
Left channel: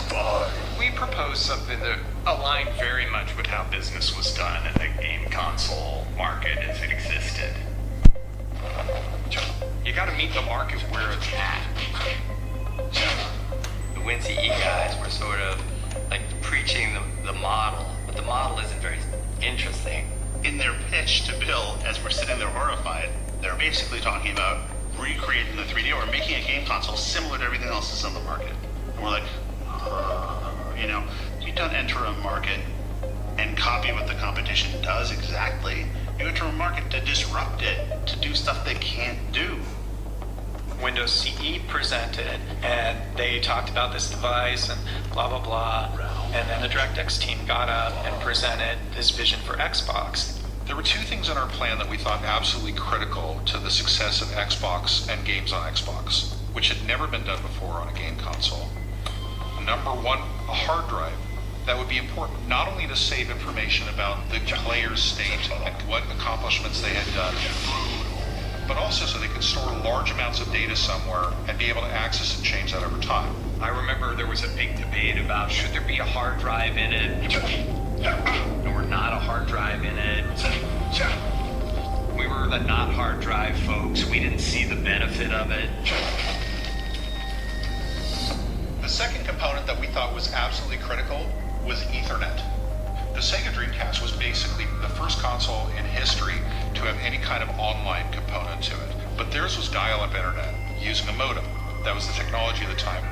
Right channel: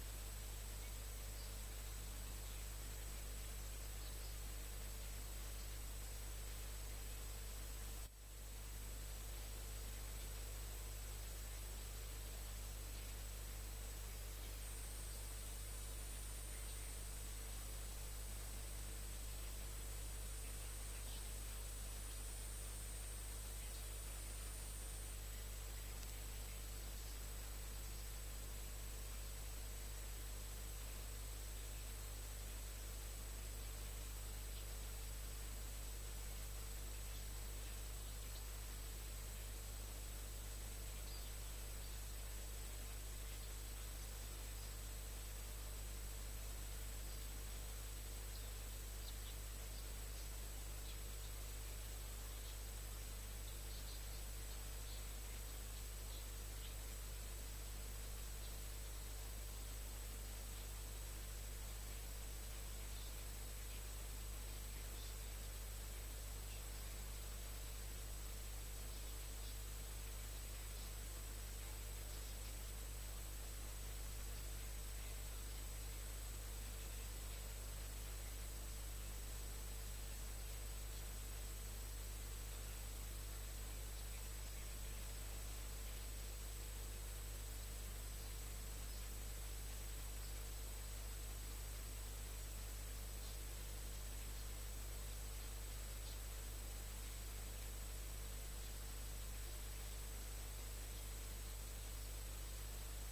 Fight. We proposed something that aligned very much with how business was done in the game console market as it existed. You gotta meet the market where it's at. The WinCE guys were sort of like preaching the model, but the model isn't very interesting. In their pitch to Bill, as we're sitting there horrified, they're basically talking about recreating the 3D or making a game console similar to everything else that's on the market. And we're like, you don't enter a market and copy what the competition does exactly. You enter a market to disrupt it, to do stuff they can't do. Windows CE presented, and they talked about this device and blah, blah, blah. And then the DirectX team got up and presented this vision for Xbox. There were two things in our plan that we thought absolutely critical to the success of Xbox and games on Xbox, which had never been done before on a game console. Number one, a hard drive. That would be important not only to save information about the player's state and what accomplishments they had done, but also so they could store large amounts of data somewhere and be able to access and change that over time. I remember there was a big debate about should there be a hard drive in it, or not a hard drive in it. We were the not hard drive folks. We didn't see the benefit of it. The second component that we thought was absolutely critical was Ethernet. The Sega Dreamcast was basically the first console in history to have any kind of online component to it. But theirs was dial-up internet using a modem. That was the technology at the time.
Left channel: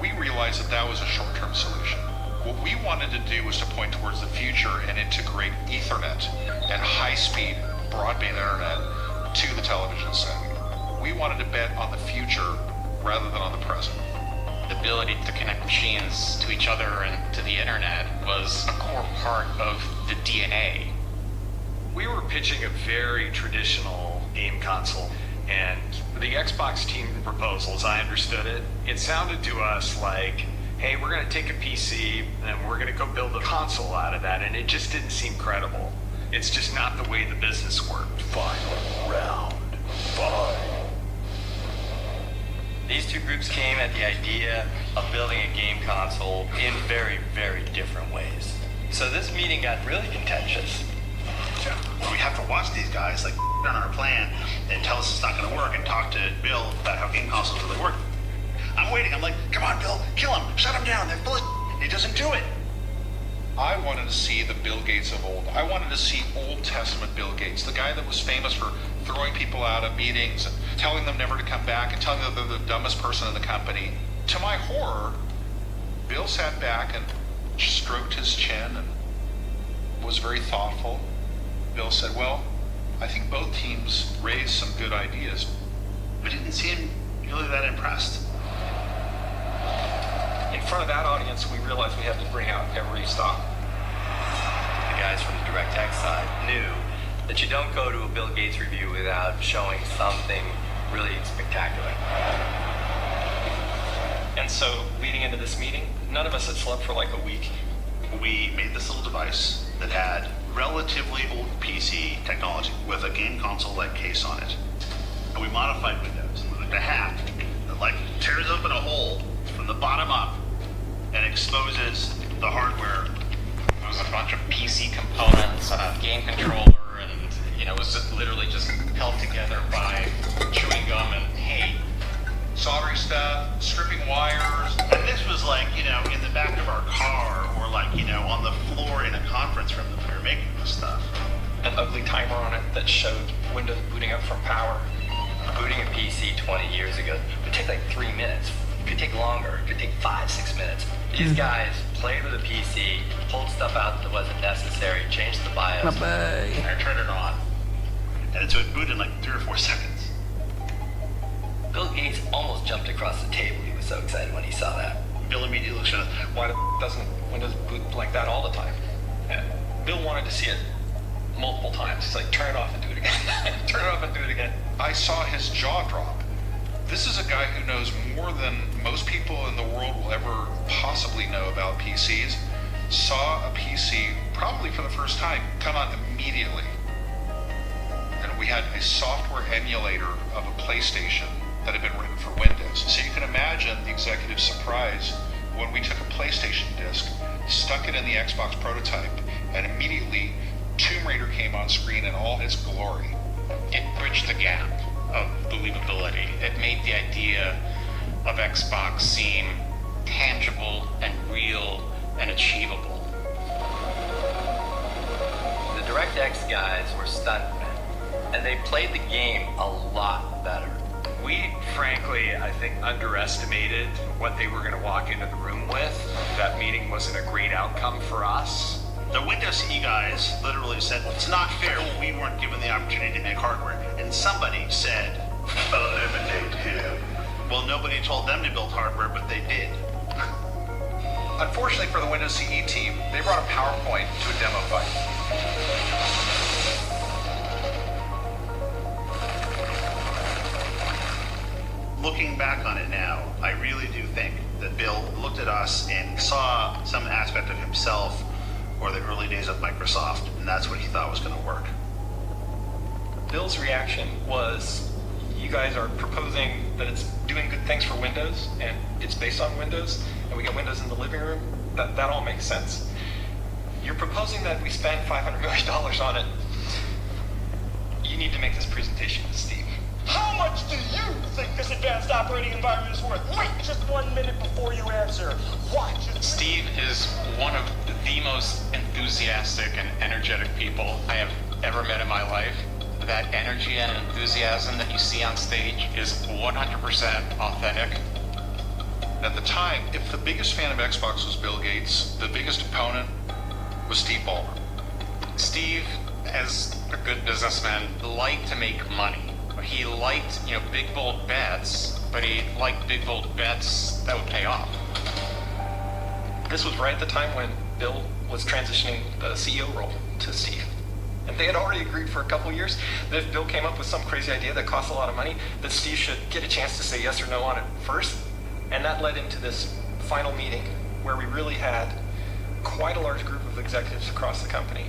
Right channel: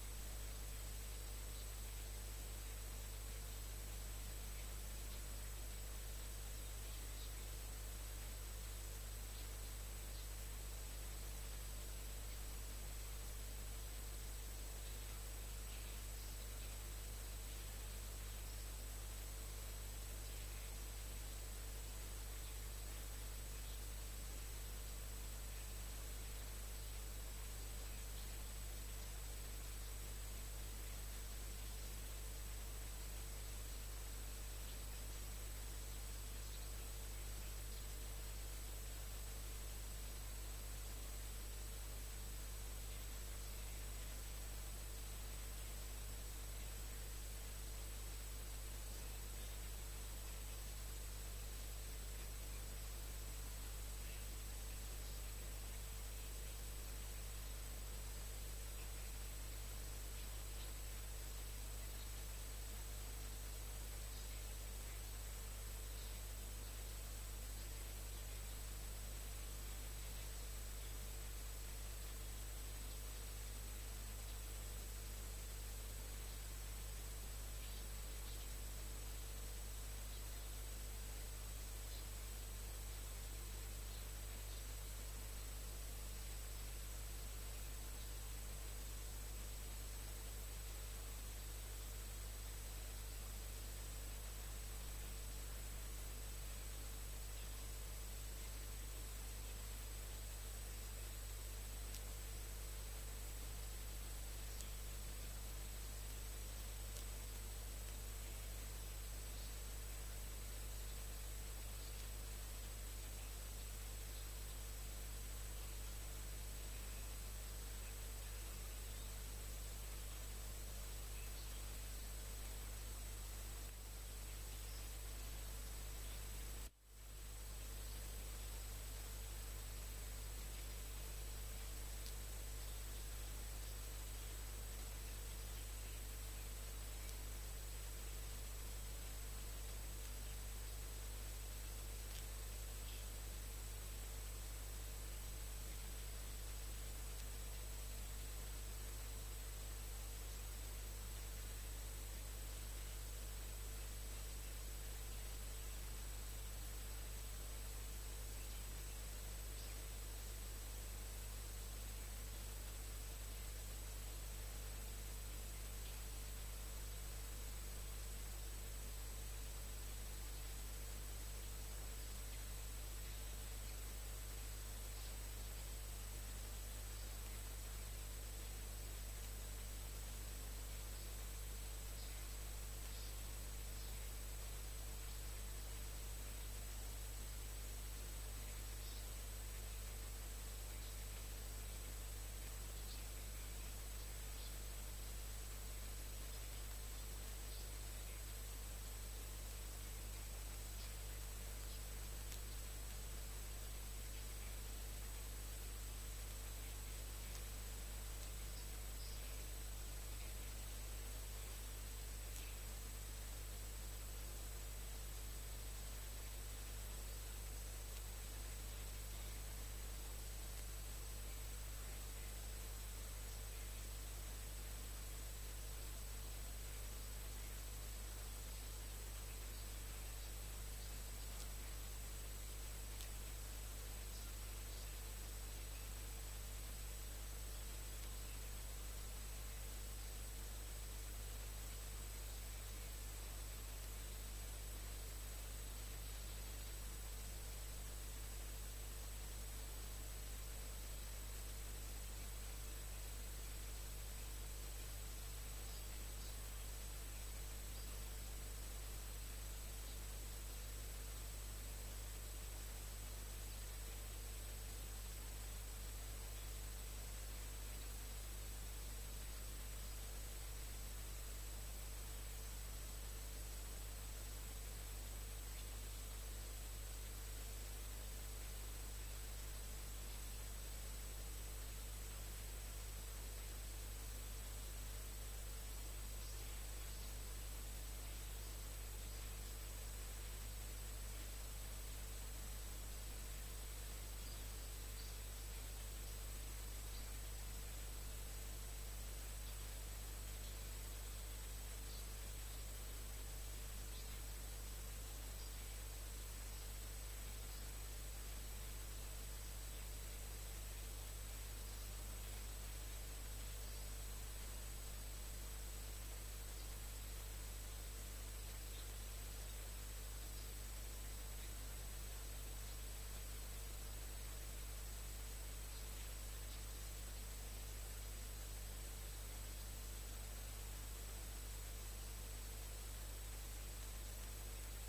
We realized that that was a short-term solution. What we wanted to do was to point towards the future and integrate Ethernet and high-speed broadband internet to the television set. We wanted to bet on the future rather than on the present. The ability to connect machines to each other and to the internet was a core part of the DNA. We were pitching a very traditional game console, and the Xbox team proposal, as I understood it, it sounded to us like, hey, we're going to take a PC and we're going to go build a console out of that, and it just didn't seem credible. It's just not the way the business worked. Final round. Fight. These two groups came at the idea of building a game console in very, very different ways. So this meeting got really contentious. We have to watch these guys like on our plan and tell us it's not going to work and talk to Bill about how game consoles really work. I'm waiting. I'm like, come on, Bill, kill him, shut him down. They're full of He doesn't do it. I wanted to see the Bill Gates of old. I wanted to see Old Testament Bill Gates, the guy that was famous for throwing people out of meetings and telling them never to come back and telling them they're the dumbest person in the company. To my horror, Bill sat back and stroked his chin and was very thoughtful. Bill said, well, I think both teams raised some good ideas. We didn't seem really that impressed. In front of that audience, we realized we had to bring out every stop. The guys from the DirectX side knew that you don't go to a Bill Gates review without showing something really spectacular. And so, leading into this meeting, none of us had slept for like a week. We made this little device that had relatively old PC technology with a game console-like case on it. And we modified Windows. And we're like, a hack that like tears open a hole from the bottom up and exposes the hardware. It was a bunch of PC components, a game controller, and it was literally just held together by chewing gum and hay. Soldering stuff, stripping wires. And this was like, in the back of our car or like, on the floor in a conference room that we were making this stuff. An ugly timer on it that showed Windows booting up from power. Booting a PC 20 years ago would take like 3 minutes. It could take longer. It could take 5-6 minutes. These guys played with a PC, pulled stuff out that wasn't necessary, changed the BIOS, and turned it on. And so it booted in like 3 or 4 seconds. Bill Gates almost jumped across the table. He was so excited when he saw that. Bill immediately looked at us. Why doesn't Windows boot like that all the time? Yeah. Bill wanted to see it multiple times. He's like, turn it off and do it again. Turn it off and do it again. I saw his jaw drop. This is a guy who knows more than most people in the world will ever possibly know about PCs. Saw a PC, probably for the first time, come on immediately. And we had a software emulator of a PlayStation that had been written for Windows. So you can imagine the executive's surprise when we took a PlayStation disc, stuck it in the Xbox prototype, and immediately Tomb Raider came on screen in all its glory. It bridged the gap of believability. It made the idea of Xbox seem tangible and real and achievable. The DirectX guys were stuntmen, and they played the game a lot better. We, frankly, I think, underestimated what they were going to walk into the room with. That meeting wasn't a great outcome for us. The Windows CE guys literally said, it's not fair, we weren't given the opportunity to make hardware. And somebody said, eliminate him. Well, nobody told them to build hardware, but they did. Unfortunately for the Windows CE team, they brought a PowerPoint to a demo fight. Looking back on it now, I really do think that Bill looked at us and saw some aspect of himself or the early days of Microsoft, and that's what he thought was going to work. Bill's reaction was, you guys are proposing that it's doing good things for Windows, and it's based on Windows, and we got Windows in the living room. That all makes sense. You're proposing that we spend $500 million on it. You need to make this presentation to Steve. How much do you think this advanced operating environment is worth? Wait just 1 minute before you answer. Watch. Steve is one of the most enthusiastic and energetic people I have ever met in my life. That energy and enthusiasm that you see on stage is 100% authentic. At the time, if the biggest fan of Xbox was Bill Gates, the biggest opponent was Steve Ballmer. Steve, as a good businessman, liked to make money. He liked, big bold bets, but he liked big bold bets that would pay off. This was right at the time when Bill was transitioning the CEO role to Steve. And they had already agreed for a couple of years that if Bill came up with some crazy idea that cost a lot of money, that Steve should get a chance to say yes or no on it first. And that led into this final meeting where we really had quite a large group of executives across the company.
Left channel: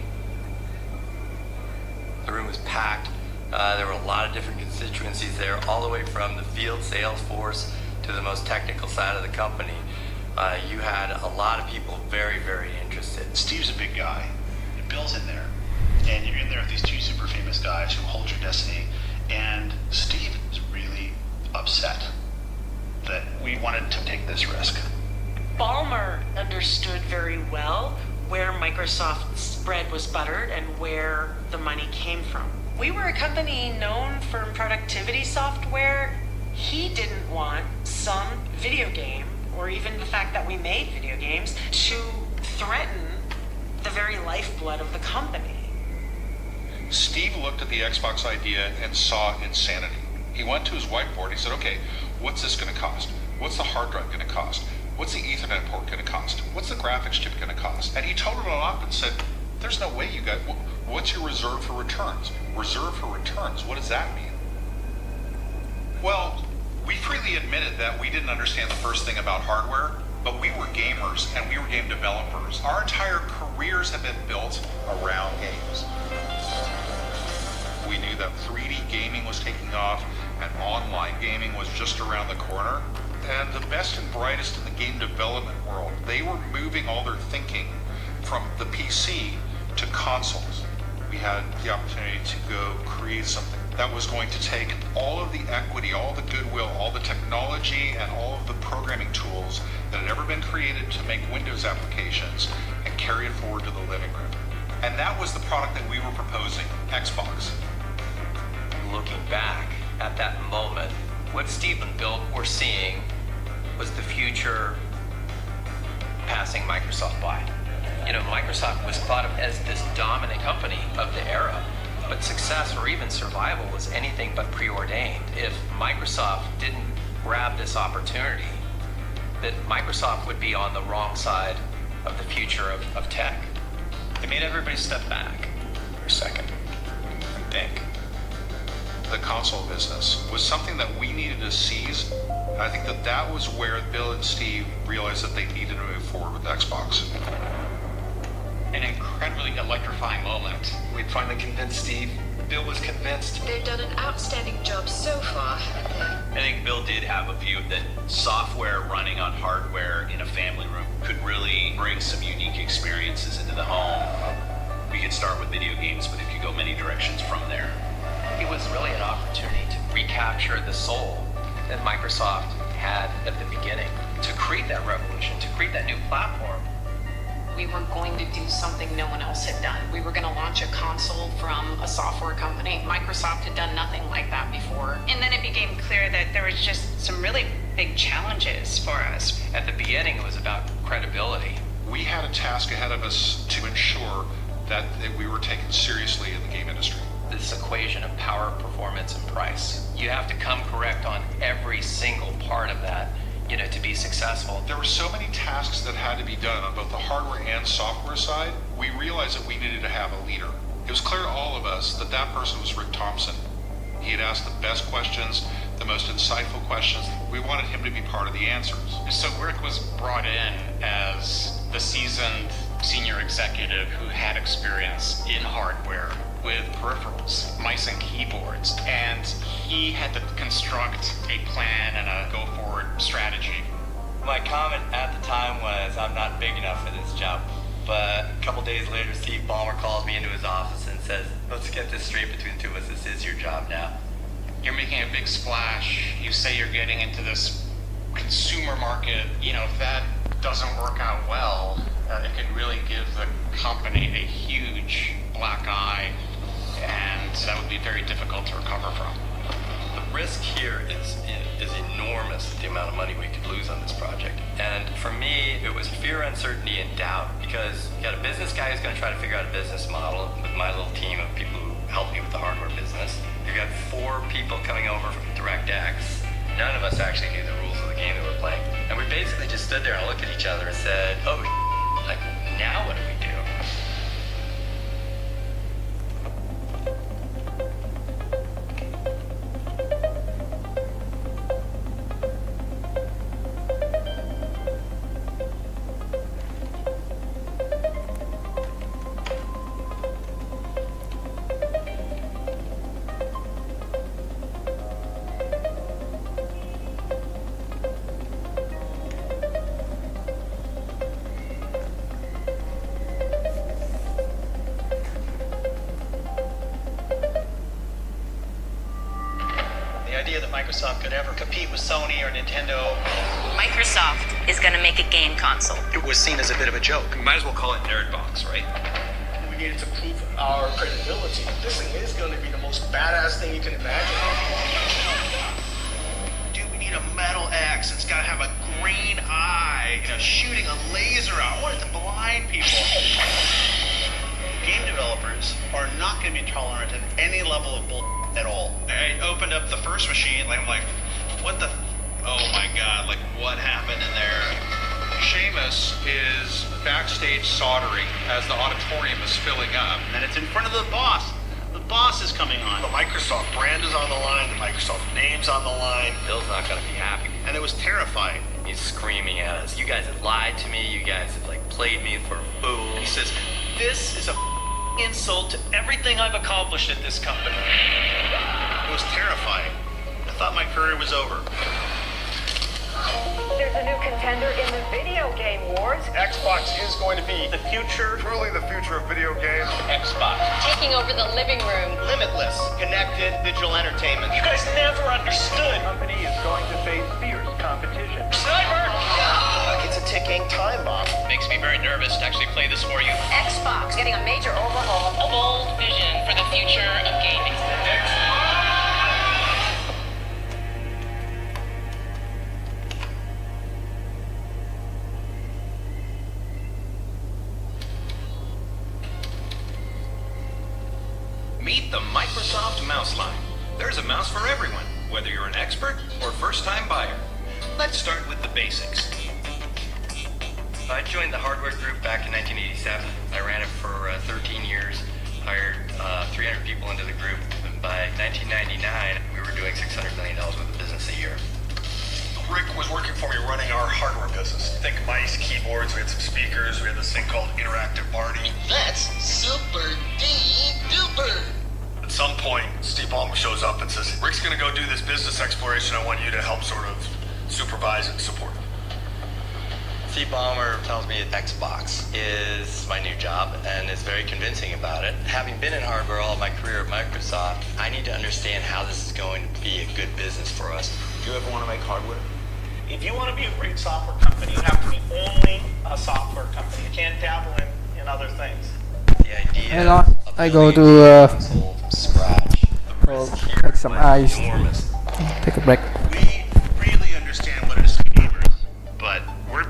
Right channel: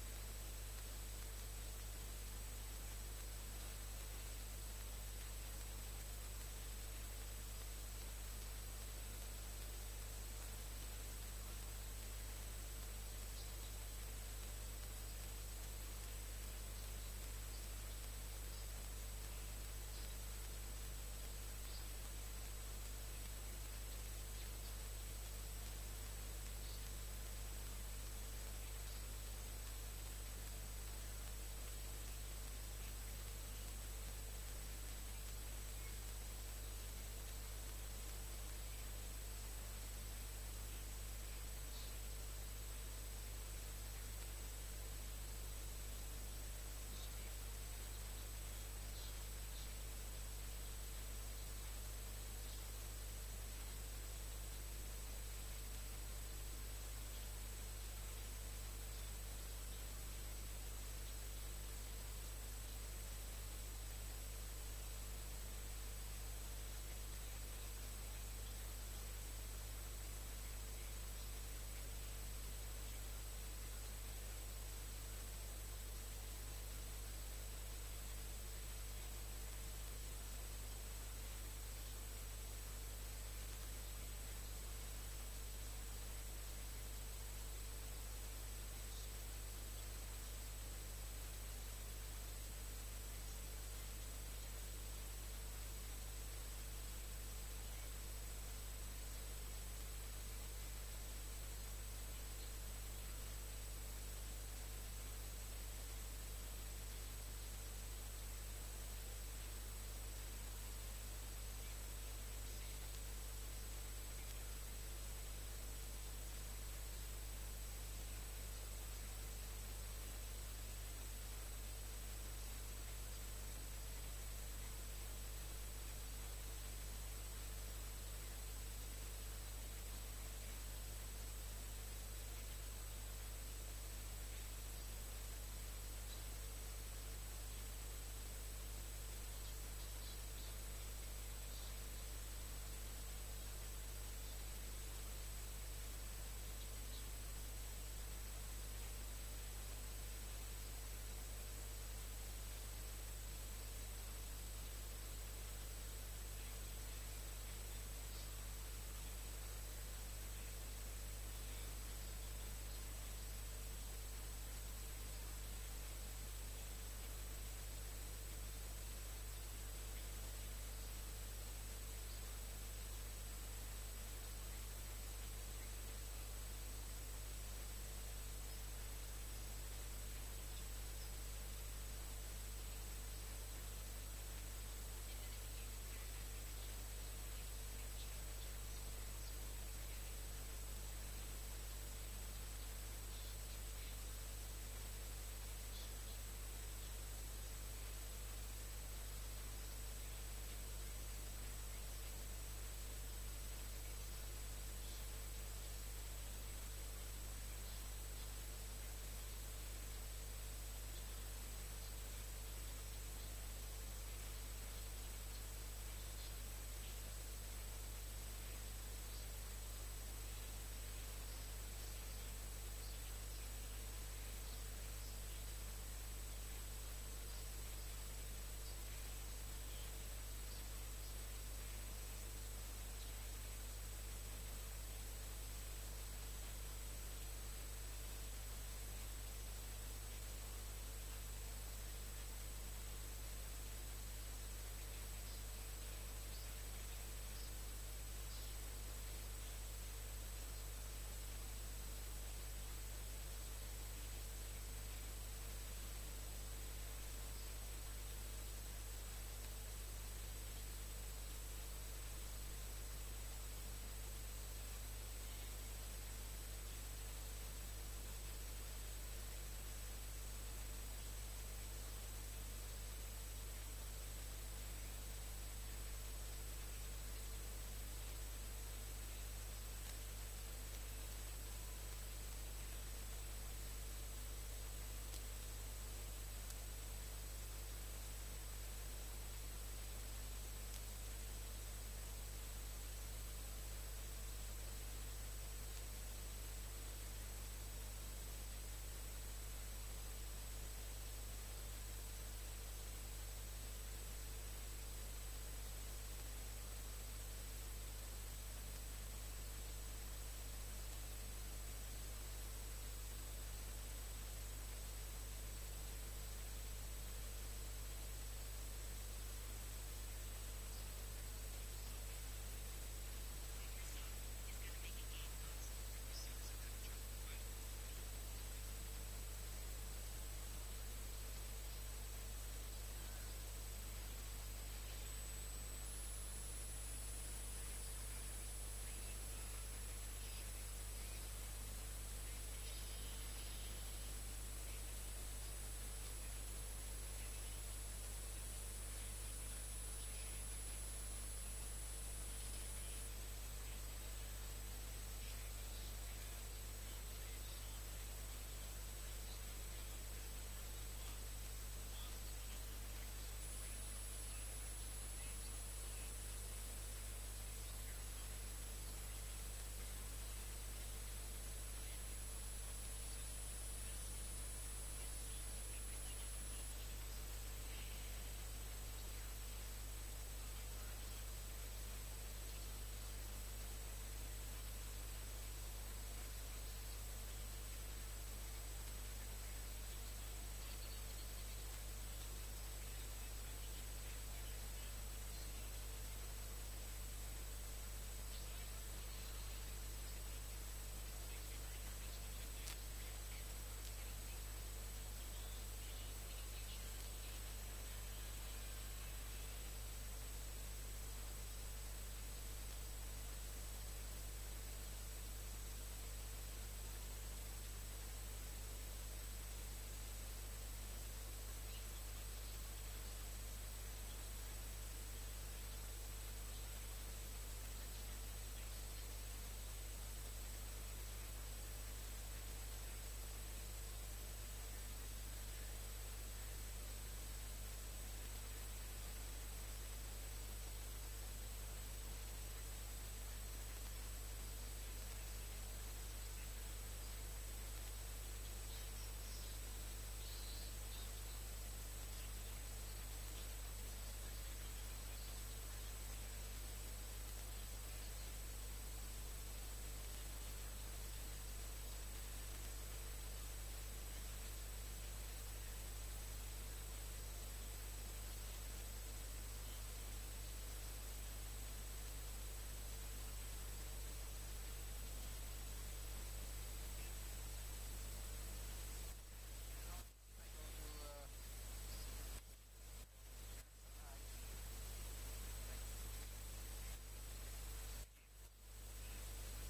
The room was packed. There were a lot of different constituencies there, all the way from the field sales force to the most technical side of the company. You had a lot of people very, very interested. Steve's a big guy, and Bill's in there, and you're in there with these two super famous guys who hold your destiny, and Steve is really upset that we wanted to take this risk. Ballmer understood very well where Microsoft's bread was buttered and where the money came from. We were a company known for productivity software. He didn't want some video game, or even the fact that we made video games, to threaten the very lifeblood of the company. Steve looked at the Xbox idea and saw insanity. He went to his whiteboard. He said, okay, what's this going to cost? What's the hard drive going to cost? What's the Ethernet port going to cost? What's the graphics chip going to cost? And he totaled it all up and said, there's no way you got, what's your reserve for returns? Reserve for returns, what does that mean? Well, we freely admitted that we didn't understand the first thing about hardware, but we were gamers and we were game developers. Our entire careers have been built around games. We knew that 3D gaming was taking off and online gaming was just around the corner. And the best and brightest in the game development world, they were moving all their thinking from the PC to consoles. We had the opportunity to go create something that was going to take all of the equity, all the goodwill, all the technology, and all of the programming tools that had ever been created to make Windows applications and carry it forward to the living room. And that was the product that we were proposing, Xbox. Looking back at that moment, what Steve and Bill were seeing was the future passing Microsoft by. You know, Microsoft was thought of as this dominant company of the era, but success or even survival was anything but preordained. If Microsoft didn't grab this opportunity, that Microsoft would be on the wrong side of the future of tech. It made everybody step back for a second and think. The console business was something that we needed to seize. I think that that was where Bill and Steve realized that they needed to move forward with Xbox. An incredibly electrifying moment. We'd finally convinced Steve. Bill was convinced. They've done an outstanding job so far. I think Bill did have a view that software running on hardware in a family room could really bring some unique experiences into the home. We could start with video games, but it could go many directions from there. It was really an opportunity to recapture the soul that Microsoft had at the beginning, to create that revolution, to create that new platform. We were going to do something no one else had done. We were going to launch a console from a software company. Microsoft had done nothing like that before. And then it became clear that there was just some really big challenges for us. At the beginning, it was about credibility. We had a task ahead of us to ensure that we were taken seriously in the game industry. This equation of power, performance, and price. You have to come correct on every single part of that, you know, to be successful. There were so many tasks that had to be done on both the hardware and software side. We realized that we needed to have a leader. It was clear to all of us that that person was Rick Thompson. He had asked the best questions, the most insightful questions. We wanted him to be part of the answers. So Rick was brought in as the seasoned senior executive who had experience in hardware with peripherals, mice and keyboards, and he had to construct a plan and a go-forward strategy. My comment at the time was, I'm not big enough for this job. But a couple days later, Steve Ballmer calls me into his office and says, let's get this straight between the two of us. This is your job now. You're making a big splash. You say you're getting into this consumer market. You know, if that doesn't work out well, it can really give the company a huge black eye, and that would be very difficult to recover from. The risk here is enormous, the amount of money we could lose on this project. And for me, it was fear, uncertainty, and doubt, because you got a business guy who's going to try to figure out a business model with my little team of people who help me with the hardware business. You've got 4 people coming over from DirectX. None of us actually knew the rules of the game that we're playing. And we basically just stood there and looked at each other and said, oh, like, now what do we do? Microsoft could ever compete with Sony or Nintendo. Microsoft is going to make a game console. It was seen as a bit of a joke. We might as well call it Nerdbox, right? We needed to prove our credibility. This thing is going to be the most badass thing you can imagine. Dude, we need a metal X. It's got to have a green eye, you know, shooting a laser out. I want it to blind people. Game developers are not going to be tolerant of any level of bull at all. I opened up the first machine, I'm like, what the? Oh my God! Like, what happened in there? Seamus is backstage soldering as the auditorium is filling up. And it's in front of the boss. The boss is coming on. The Microsoft brand is on the line. The Microsoft name's on the line. Bill's not going to be happy. And it was terrifying. He's screaming at us. You guys have lied to me. You guys have, like, played me for a fool. He says, this is a insult to everything I've accomplished at this company. It was terrifying. I thought my career was over. There's a new contender in the video game wars. Xbox is going to be The future, truly the future of video games. Xbox. Taking over the living room. Limitless, connected digital entertainment. you guys never understood. The company is going to face fierce competition. Cyber! It's a ticking time bomb. Makes me very nervous to actually play this for you. Xbox getting a major overhaul. A bold vision for the future of gaming. Meet the Microsoft Mouse line. There's a mouse for everyone, whether you're an expert or first-time buyer. Let's start with the basics. I joined the hardware group back in 1987. I ran it for 13 years, hired 300 people into the group. And by 1999, we were doing $600 million worth of business a year. Rick was working for me running our hardware business. Think mice, keyboards, we had some speakers, we had this thing called Interactive Party. That's super duper. At some point, Steve Ballmer shows up and says, Rick's gonna go do this business exploration. I want you to help sort of supervise and support. Steve Ballmer tells me that Xbox is my new job and is very convincing about it. Having been in hardware all of my career at Microsoft, I need to understand how this is going to be a good business for us. Do you ever want to make hardware? If you want to be a great software company, you have to be only a software company. You can't dabble in other things. The idea Hello, I go to take some ice. Take a break. We really understand what it is to be gamers, but we're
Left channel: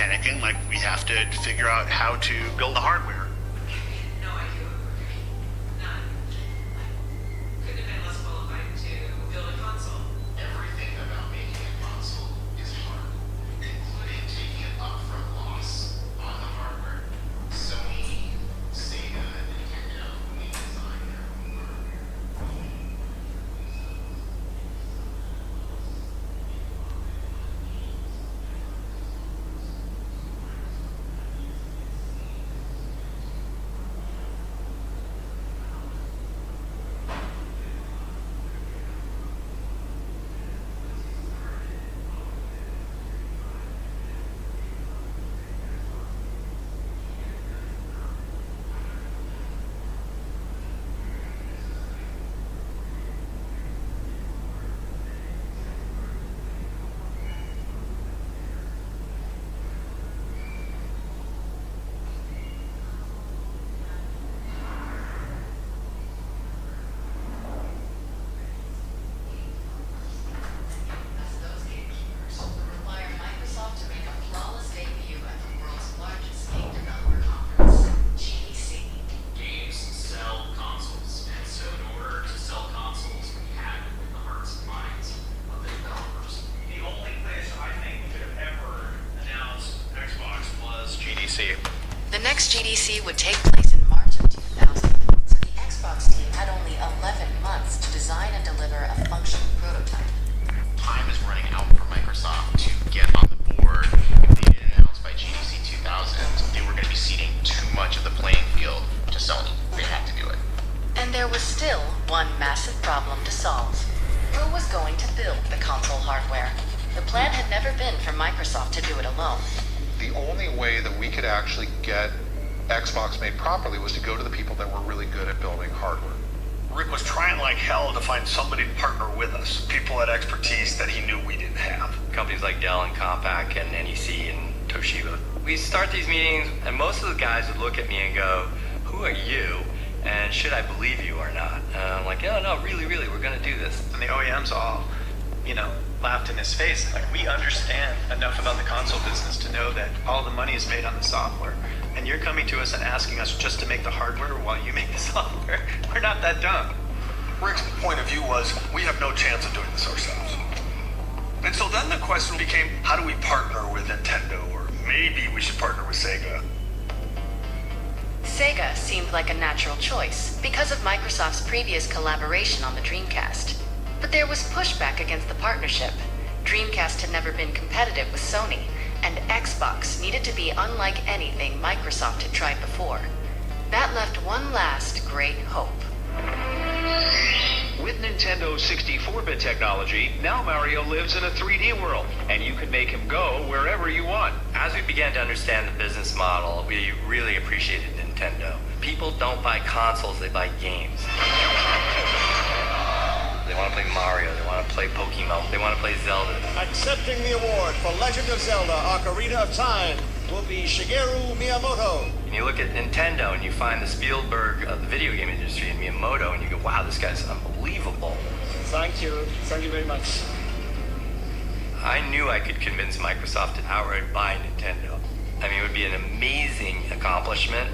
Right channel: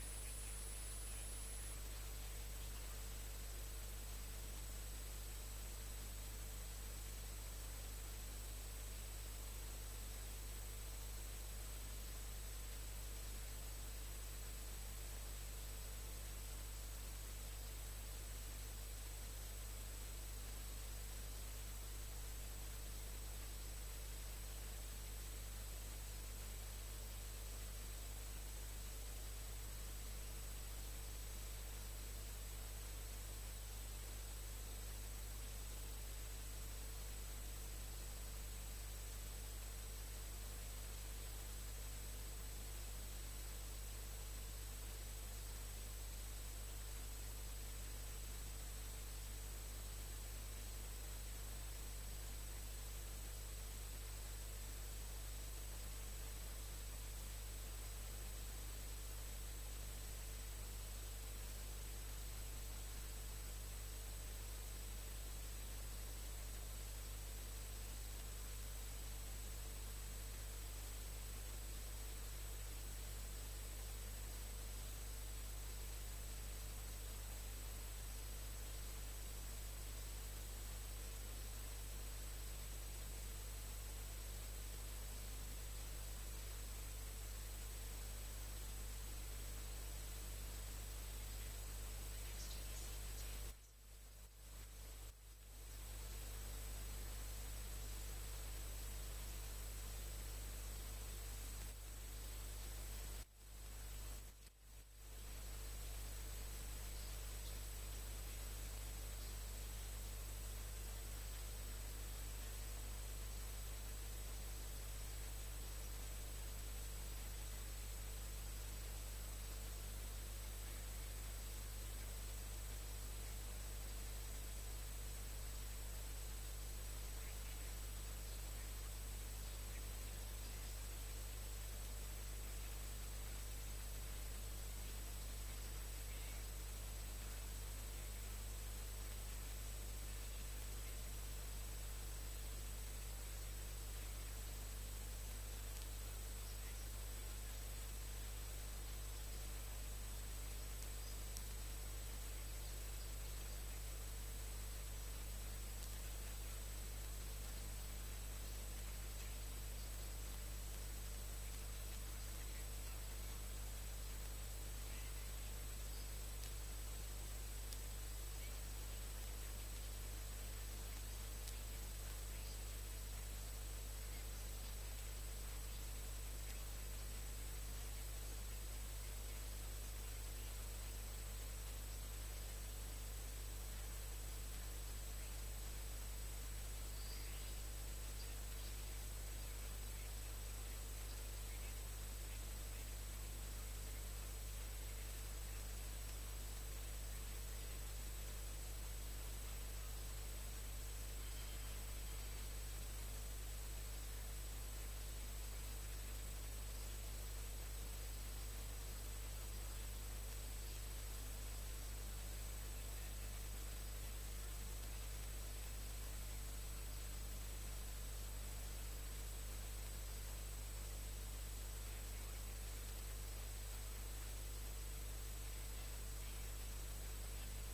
panicking, like we have to figure out how to build the hardware. Everything about making a console is hard, including taking it up from loss on the hardware. Sony, Sega, Nintendo, we design their own hardware. Those gatekeepers require Microsoft to make a flawless debut at the world's largest game developer conference, GDC. Games sell consoles, and so in order to sell consoles, we had to win the hearts and minds of the developers. The only place I think we could have ever announced Xbox was GDC. The next GDC would take place in March of 2000, so the Xbox team had only 11 months to design and deliver a functional prototype. Time is running out for Microsoft to get on the board. If they didn't announce by GDC 2000, they were going to be ceding too much of the playing field to Sony. They had to do it. And there was still one massive problem to solve. Who was going to build the console hardware? The plan had never been for Microsoft to do it alone. The only way that we could actually get Xbox made properly was to go to the people that were really good at building hardware. Rick was trying like hell to find somebody to partner with us. People had expertise that he knew we didn't have. Companies like Dell and Compaq and NEC and Toshiba. We start these meetings, and most of the guys would look at me and go, "Who are you? And should I believe you or not?" And I'm like, "Oh no, really, we're going to do this." And the OEMs all, laughed in his face. Like, we understand enough about the console business to know that all the money is made on the software. And you're coming to us and asking us just to make the hardware while you make the software. We're not that dumb. Rick's point of view was, we have no chance of doing this ourselves. And so then the question became, how do we partner with Nintendo? Or maybe we should partner with Sega. Sega seemed like a natural choice because of Microsoft's previous collaboration on the Dreamcast. But there was pushback against the partnership. Dreamcast had never been competitive with Sony, and Xbox needed to be unlike anything Microsoft had tried before. That left one last great hope. With Nintendo's 64-bit technology, now Mario lives in a 3D world, and you can make him go wherever you want. As we began to understand the business model, we really appreciated Nintendo. People don't buy consoles, they buy games. They want to play Mario, they want to play Pokemon, they want to play Zelda. Accepting the award for Legend of Zelda Ocarina of Time will be Shigeru Miyamoto. And you look at Nintendo and you find the Spielberg of the video game industry in Miyamoto and you go, wow, this guy's unbelievable. Thank you very much. I knew I could convince Microsoft to outright buy Nintendo. I mean, it would be an amazing accomplishment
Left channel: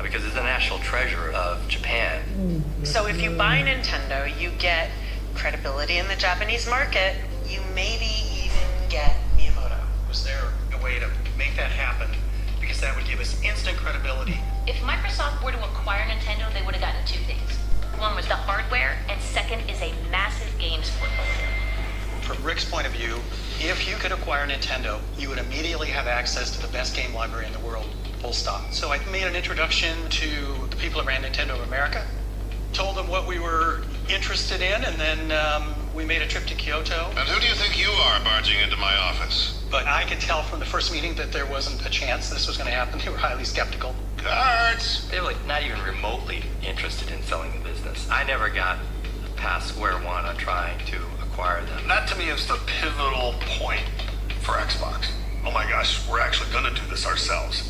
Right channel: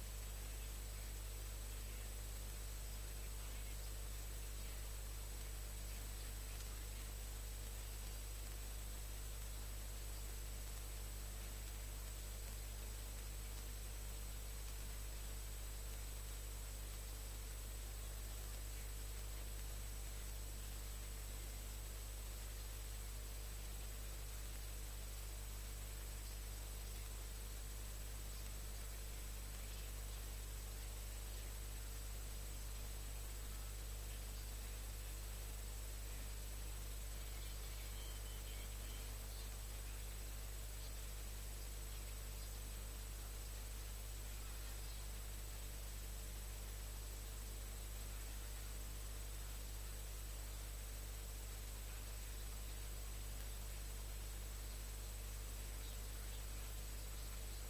because it's the national treasure of Japan. So if you buy Nintendo, you get credibility in the Japanese market. You maybe even get Miyamoto. Was there a way to make that happen? Because that would give us instant credibility. If Microsoft were to acquire Nintendo, they would have gotten two things. One was the hardware, and second is a massive games portfolio. From Rick's point of view, if you could acquire Nintendo, you would immediately have access to the best game library in the world, full stop. So I made an introduction to the people that ran Nintendo of America, told them what we were interested in, and then we made a trip to Kyoto. And who do you think you are barging into my office? But I could tell from the first meeting that there wasn't a chance this was going to happen. They were highly skeptical. Cards! They were like not even remotely interested in selling the business. I never got past square one on trying to acquire them. That to me is the pivotal point for Xbox. Oh my gosh, we're actually going to do this ourselves.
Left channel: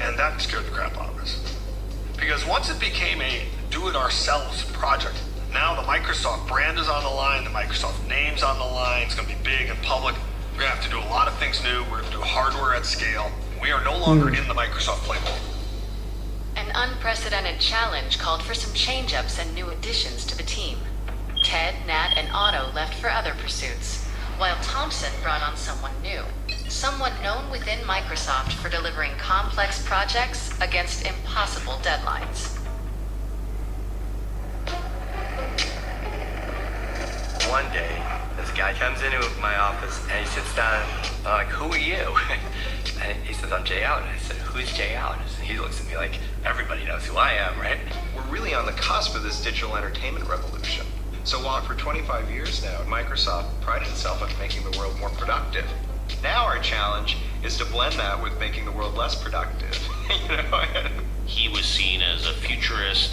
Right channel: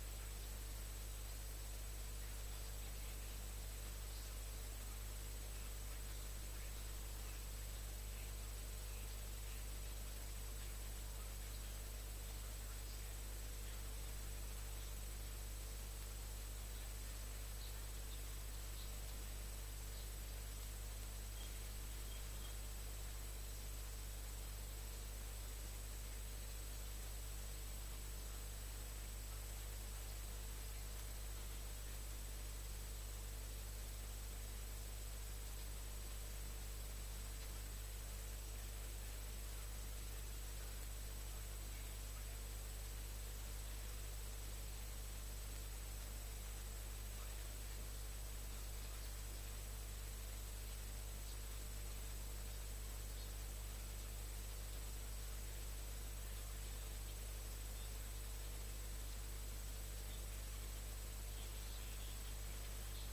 And that scared the crap out of us. Because once it became a do-it-ourselves project, now the Microsoft brand is on the line, the Microsoft name's on the line, it's going to be big and public. We're gonna have to do a lot of things new. We're gonna do hardware at scale. We are no longer in the Microsoft playbook. An unprecedented challenge called for some change-ups and new additions to the team. Ted, Nat, and Otto left for other pursuits, while Thompson brought on someone new. Someone known within Microsoft for delivering complex projects against impossible deadlines. One day, this guy comes into my office and he sits down. I'm like, "Who are you?" And he says, "I'm Jay Allen." I said, "Who's Jay Allen?" And he looks at me like, "Everybody knows who I am, right?" We're really on the cusp of this digital entertainment revolution. So while for 25 years now, Microsoft prided itself on making the world more productive, now our challenge is to blend that with making the world less productive. You know? He was seen as a futurist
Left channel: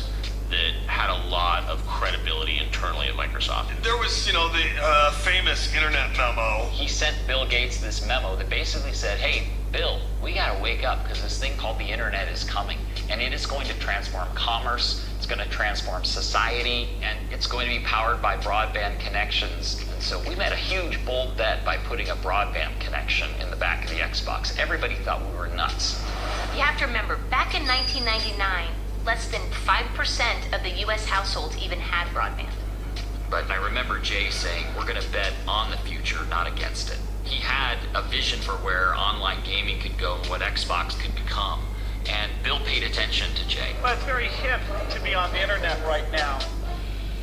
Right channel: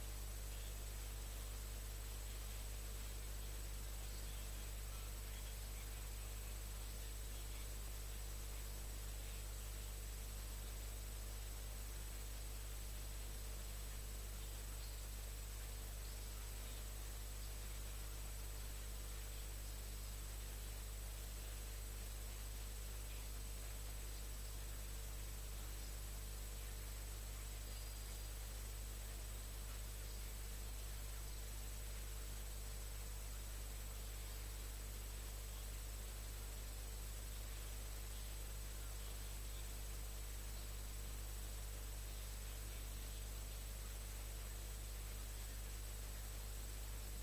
that had a lot of credibility internally at Microsoft. There was, the famous internet memo. He sent Bill Gates this memo that basically said, hey, Bill, we gotta wake up because this thing called the internet is coming and it is going to transform commerce, it's going to transform society, and it's going to be powered by broadband connections. And so we made a huge bold bet by putting a broadband connection in the back of the Xbox. Everybody thought we were nuts. You have to remember, back in 1999, less than 5% of the U.S. households even had broadband. But I remember Jay saying, we're going to bet on the future, not against it. He had a vision for where online gaming could go and what Xbox could become. And Bill paid attention to Jay. Well, it's very hip to be on the internet right now.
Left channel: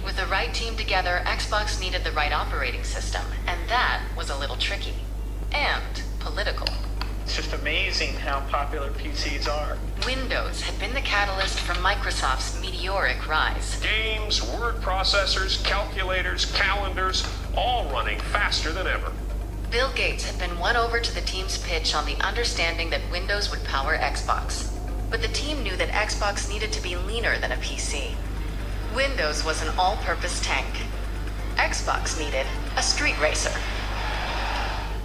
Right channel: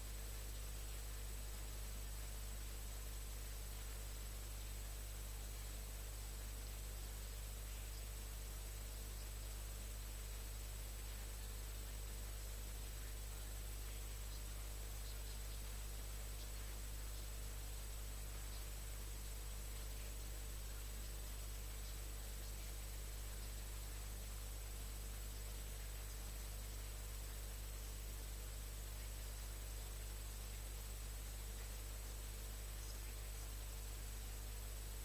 With the right team together, Xbox needed the right operating system, and that was a little tricky. And political. It's just amazing how popular PCs are. Windows had been the catalyst for Microsoft's meteoric rise. Games, word processors, calculators, calendars, all running faster than ever. Bill Gates had been won over to the team's pitch on the understanding that Windows would power Xbox. But the team knew that Xbox needed to be leaner than a PC. Windows was an all-purpose tank. Xbox needed a street racer.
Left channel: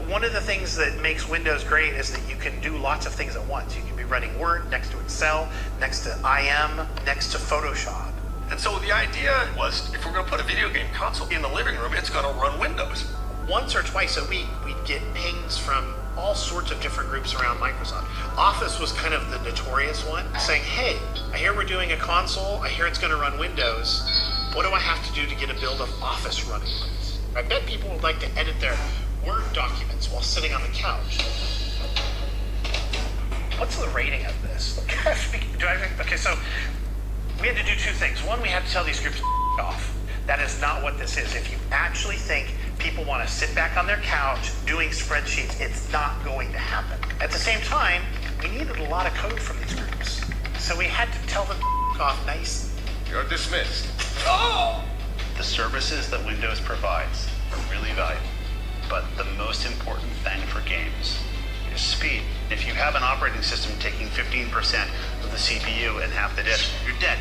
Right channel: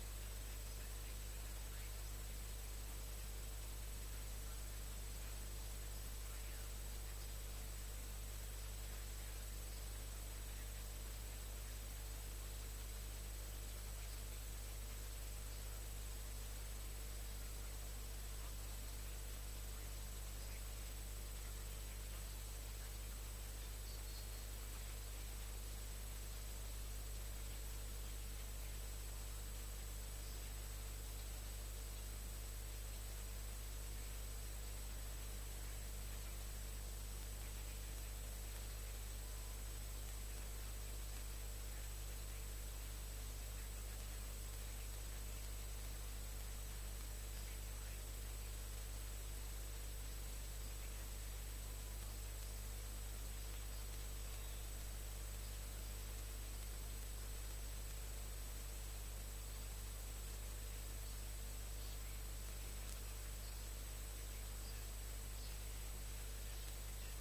One of the things that makes Windows great is that you can do lots of things at once. You can be running Word next to Excel, next to IM, next to Photoshop. And so the idea was, if we're going to put a video game console in the living room, it's going to run Windows. Once or twice a week, we'd get pings from all sorts of different groups around Microsoft. Office was kind of the notorious one, saying, hey, I hear we're doing a console, I hear it's going to run Windows. What do I have to do to get a build of Office running Windows? I bet people would like to edit their Word documents while sitting on the couch. What's the rating of this? Okay, so we had to do two things. One, we had to tell these groups off. That is not what this is. If you actually think people want to sit back on their couch doing spreadsheets, it's not going to happen. At the same time, we needed a lot of code from these groups. So we had to tell them off nicely. You're dismissed. Oh! The services that Windows provides are really valuable. But the most important thing for games is speed. If you have an operating system taking 15% of the CPU and half the disk, you're dead.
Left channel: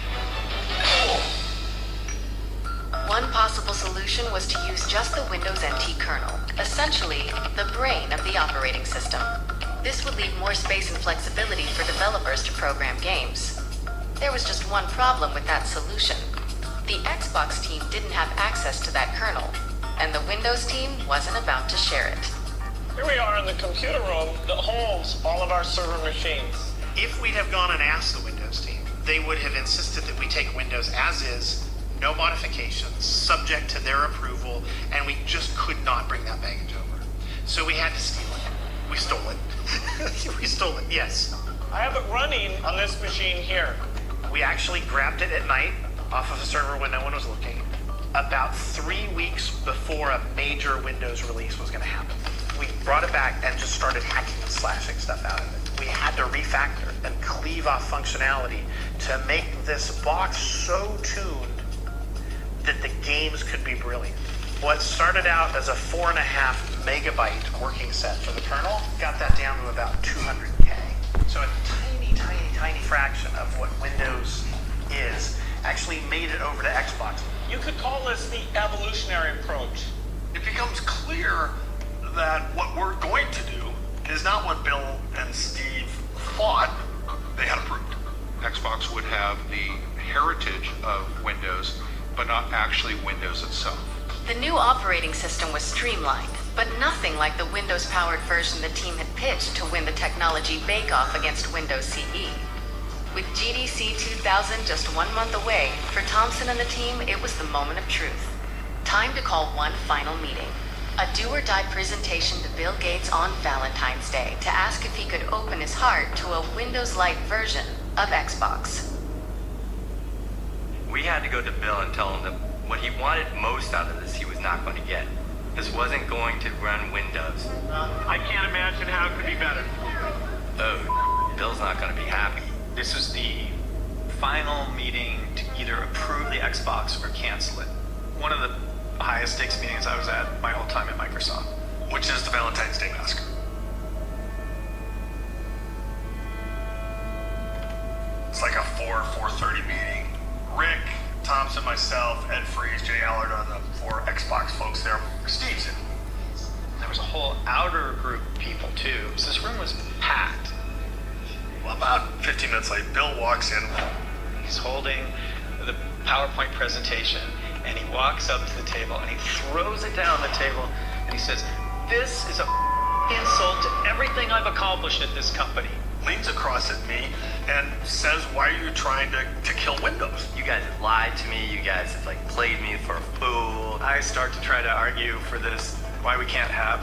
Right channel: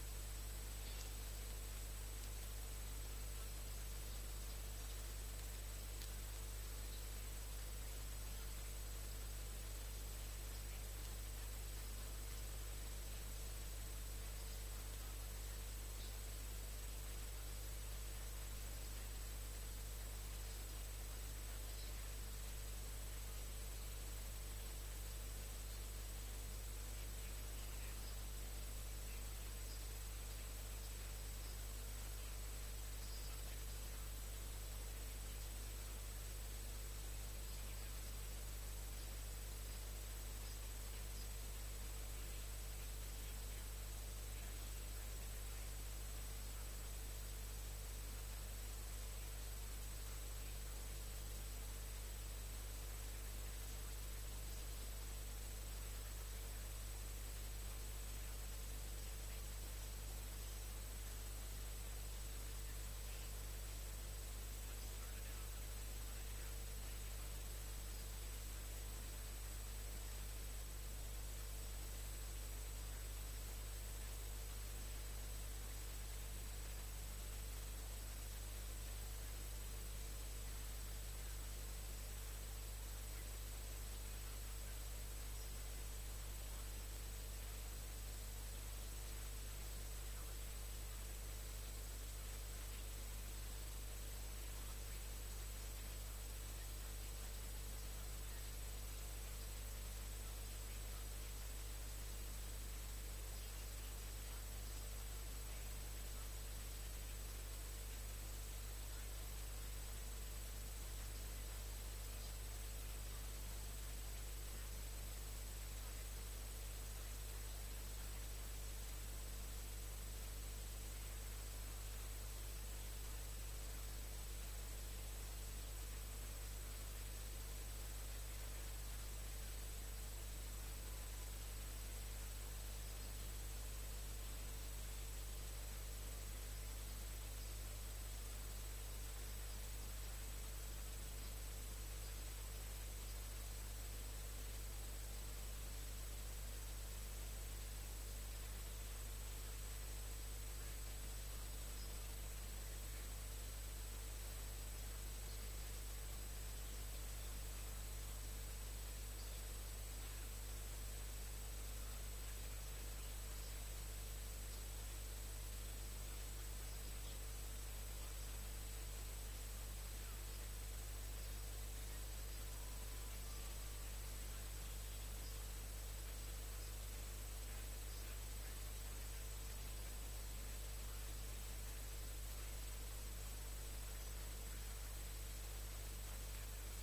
One possible solution was to use just the Windows NT kernel, essentially the brain of the operating system. This would leave more space and flexibility for developers to program games. There was just one problem with that solution. The Xbox team didn't have access to that kernel, and the Windows team wasn't about to share it. Here we are in the computer room that holds all of our server machines. If we'd have gone and asked the Windows team, they would have insisted that we take Windows as is, no modifications, subject to their approval, and we just could not bring that baggage over. So we had to steal it. We stole it. We stole it, yes. I have it running on this machine here. We actually grabbed it at night off of a server when no one was looking, about 3 weeks before a major Windows release was going to happen. We brought it back and just started hacking and slashing stuff out of it. We had to refactor and cleave off functionality to make this box so tuned that the games could be brilliant. What started out as a 4.5 megabyte working set for the kernel got that down to about 200K. So a tiny fraction of what Windows is actually made it over to Xbox. You could call this the evolutionary approach. It becomes clear that what we're going to do is not what Bill and Steve thought they had approved. Xbox would have the heritage of Windows, but not actually Windows itself. The new operating system was streamlined, but nothing like the Windows-powered version the team had pitched to win the technology bake-off against Windows CE. With GDC 2000 just 1 month away, for Thompson and the team, it was the moment of truth. Time to call one final meeting. A do-or-die presentation to Bill Gates on Valentine's Day to ask if he could open his heart to a Windows Lite version of Xbox. We had to go to Bill and tell him that what he wanted most out of this, he was not going to get. This wasn't going to run Windows. I can't imagine how it could be better. Oh, Bill's not going to be happy. This was the final meeting to either approve the Xbox or cancel it. One of the highest stakes meetings I was at my whole time at Microsoft. Which is the Valentine's Day massacre. It's like a 4:30 meeting. Rick, Thompson, myself, Ed Freeze, Jay Allard are the 4 Xbox folks there. Steve's in. There was a whole outer group of people too. So this room was packed. Well, about 15 minutes late, Bill walks in. He's holding the PowerPoint presentation, and he walks up to the table, and he throws it down the table, and he says, "This is a insult to everything I've accomplished at this company." Leans across at me and says, "Why are you trying to kill Windows?" You guys have lied to me. You guys have played me for a fool. I start to try to argue for this, why we can't have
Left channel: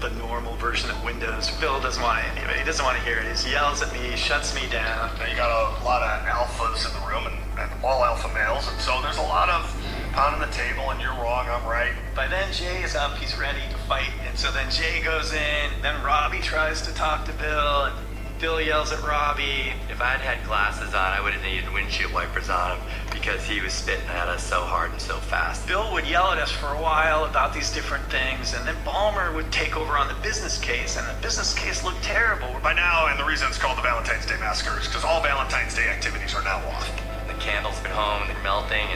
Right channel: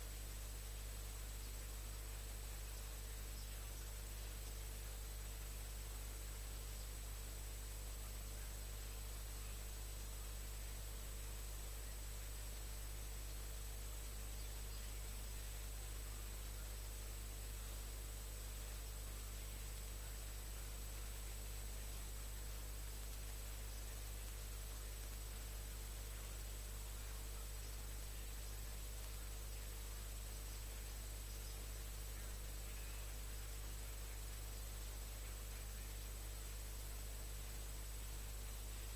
the normal version of Windows. Bill doesn't want any of it. He doesn't want to hear it. He yells at me, shuts me down. Now, you got a lot of alphas in the room and all alpha males, and so there's a lot of pounding the table and you're wrong, I'm right. By then Jay is up, he's ready to fight, and so then Jay goes in, then Robbie tries to talk to Bill, and Bill yells at Robbie. If I'd had glasses on, I would have needed windshield wipers on him because he was spitting at us so hard and so fast. Bill would yell at us for a while about these different things, and then Ballmer would take over on the business case, and the business case looked terrible. By now, and the reason it's called the Valentine's Day Massacre is because all Valentine's Day activities are now off. The candles at home, they're melting,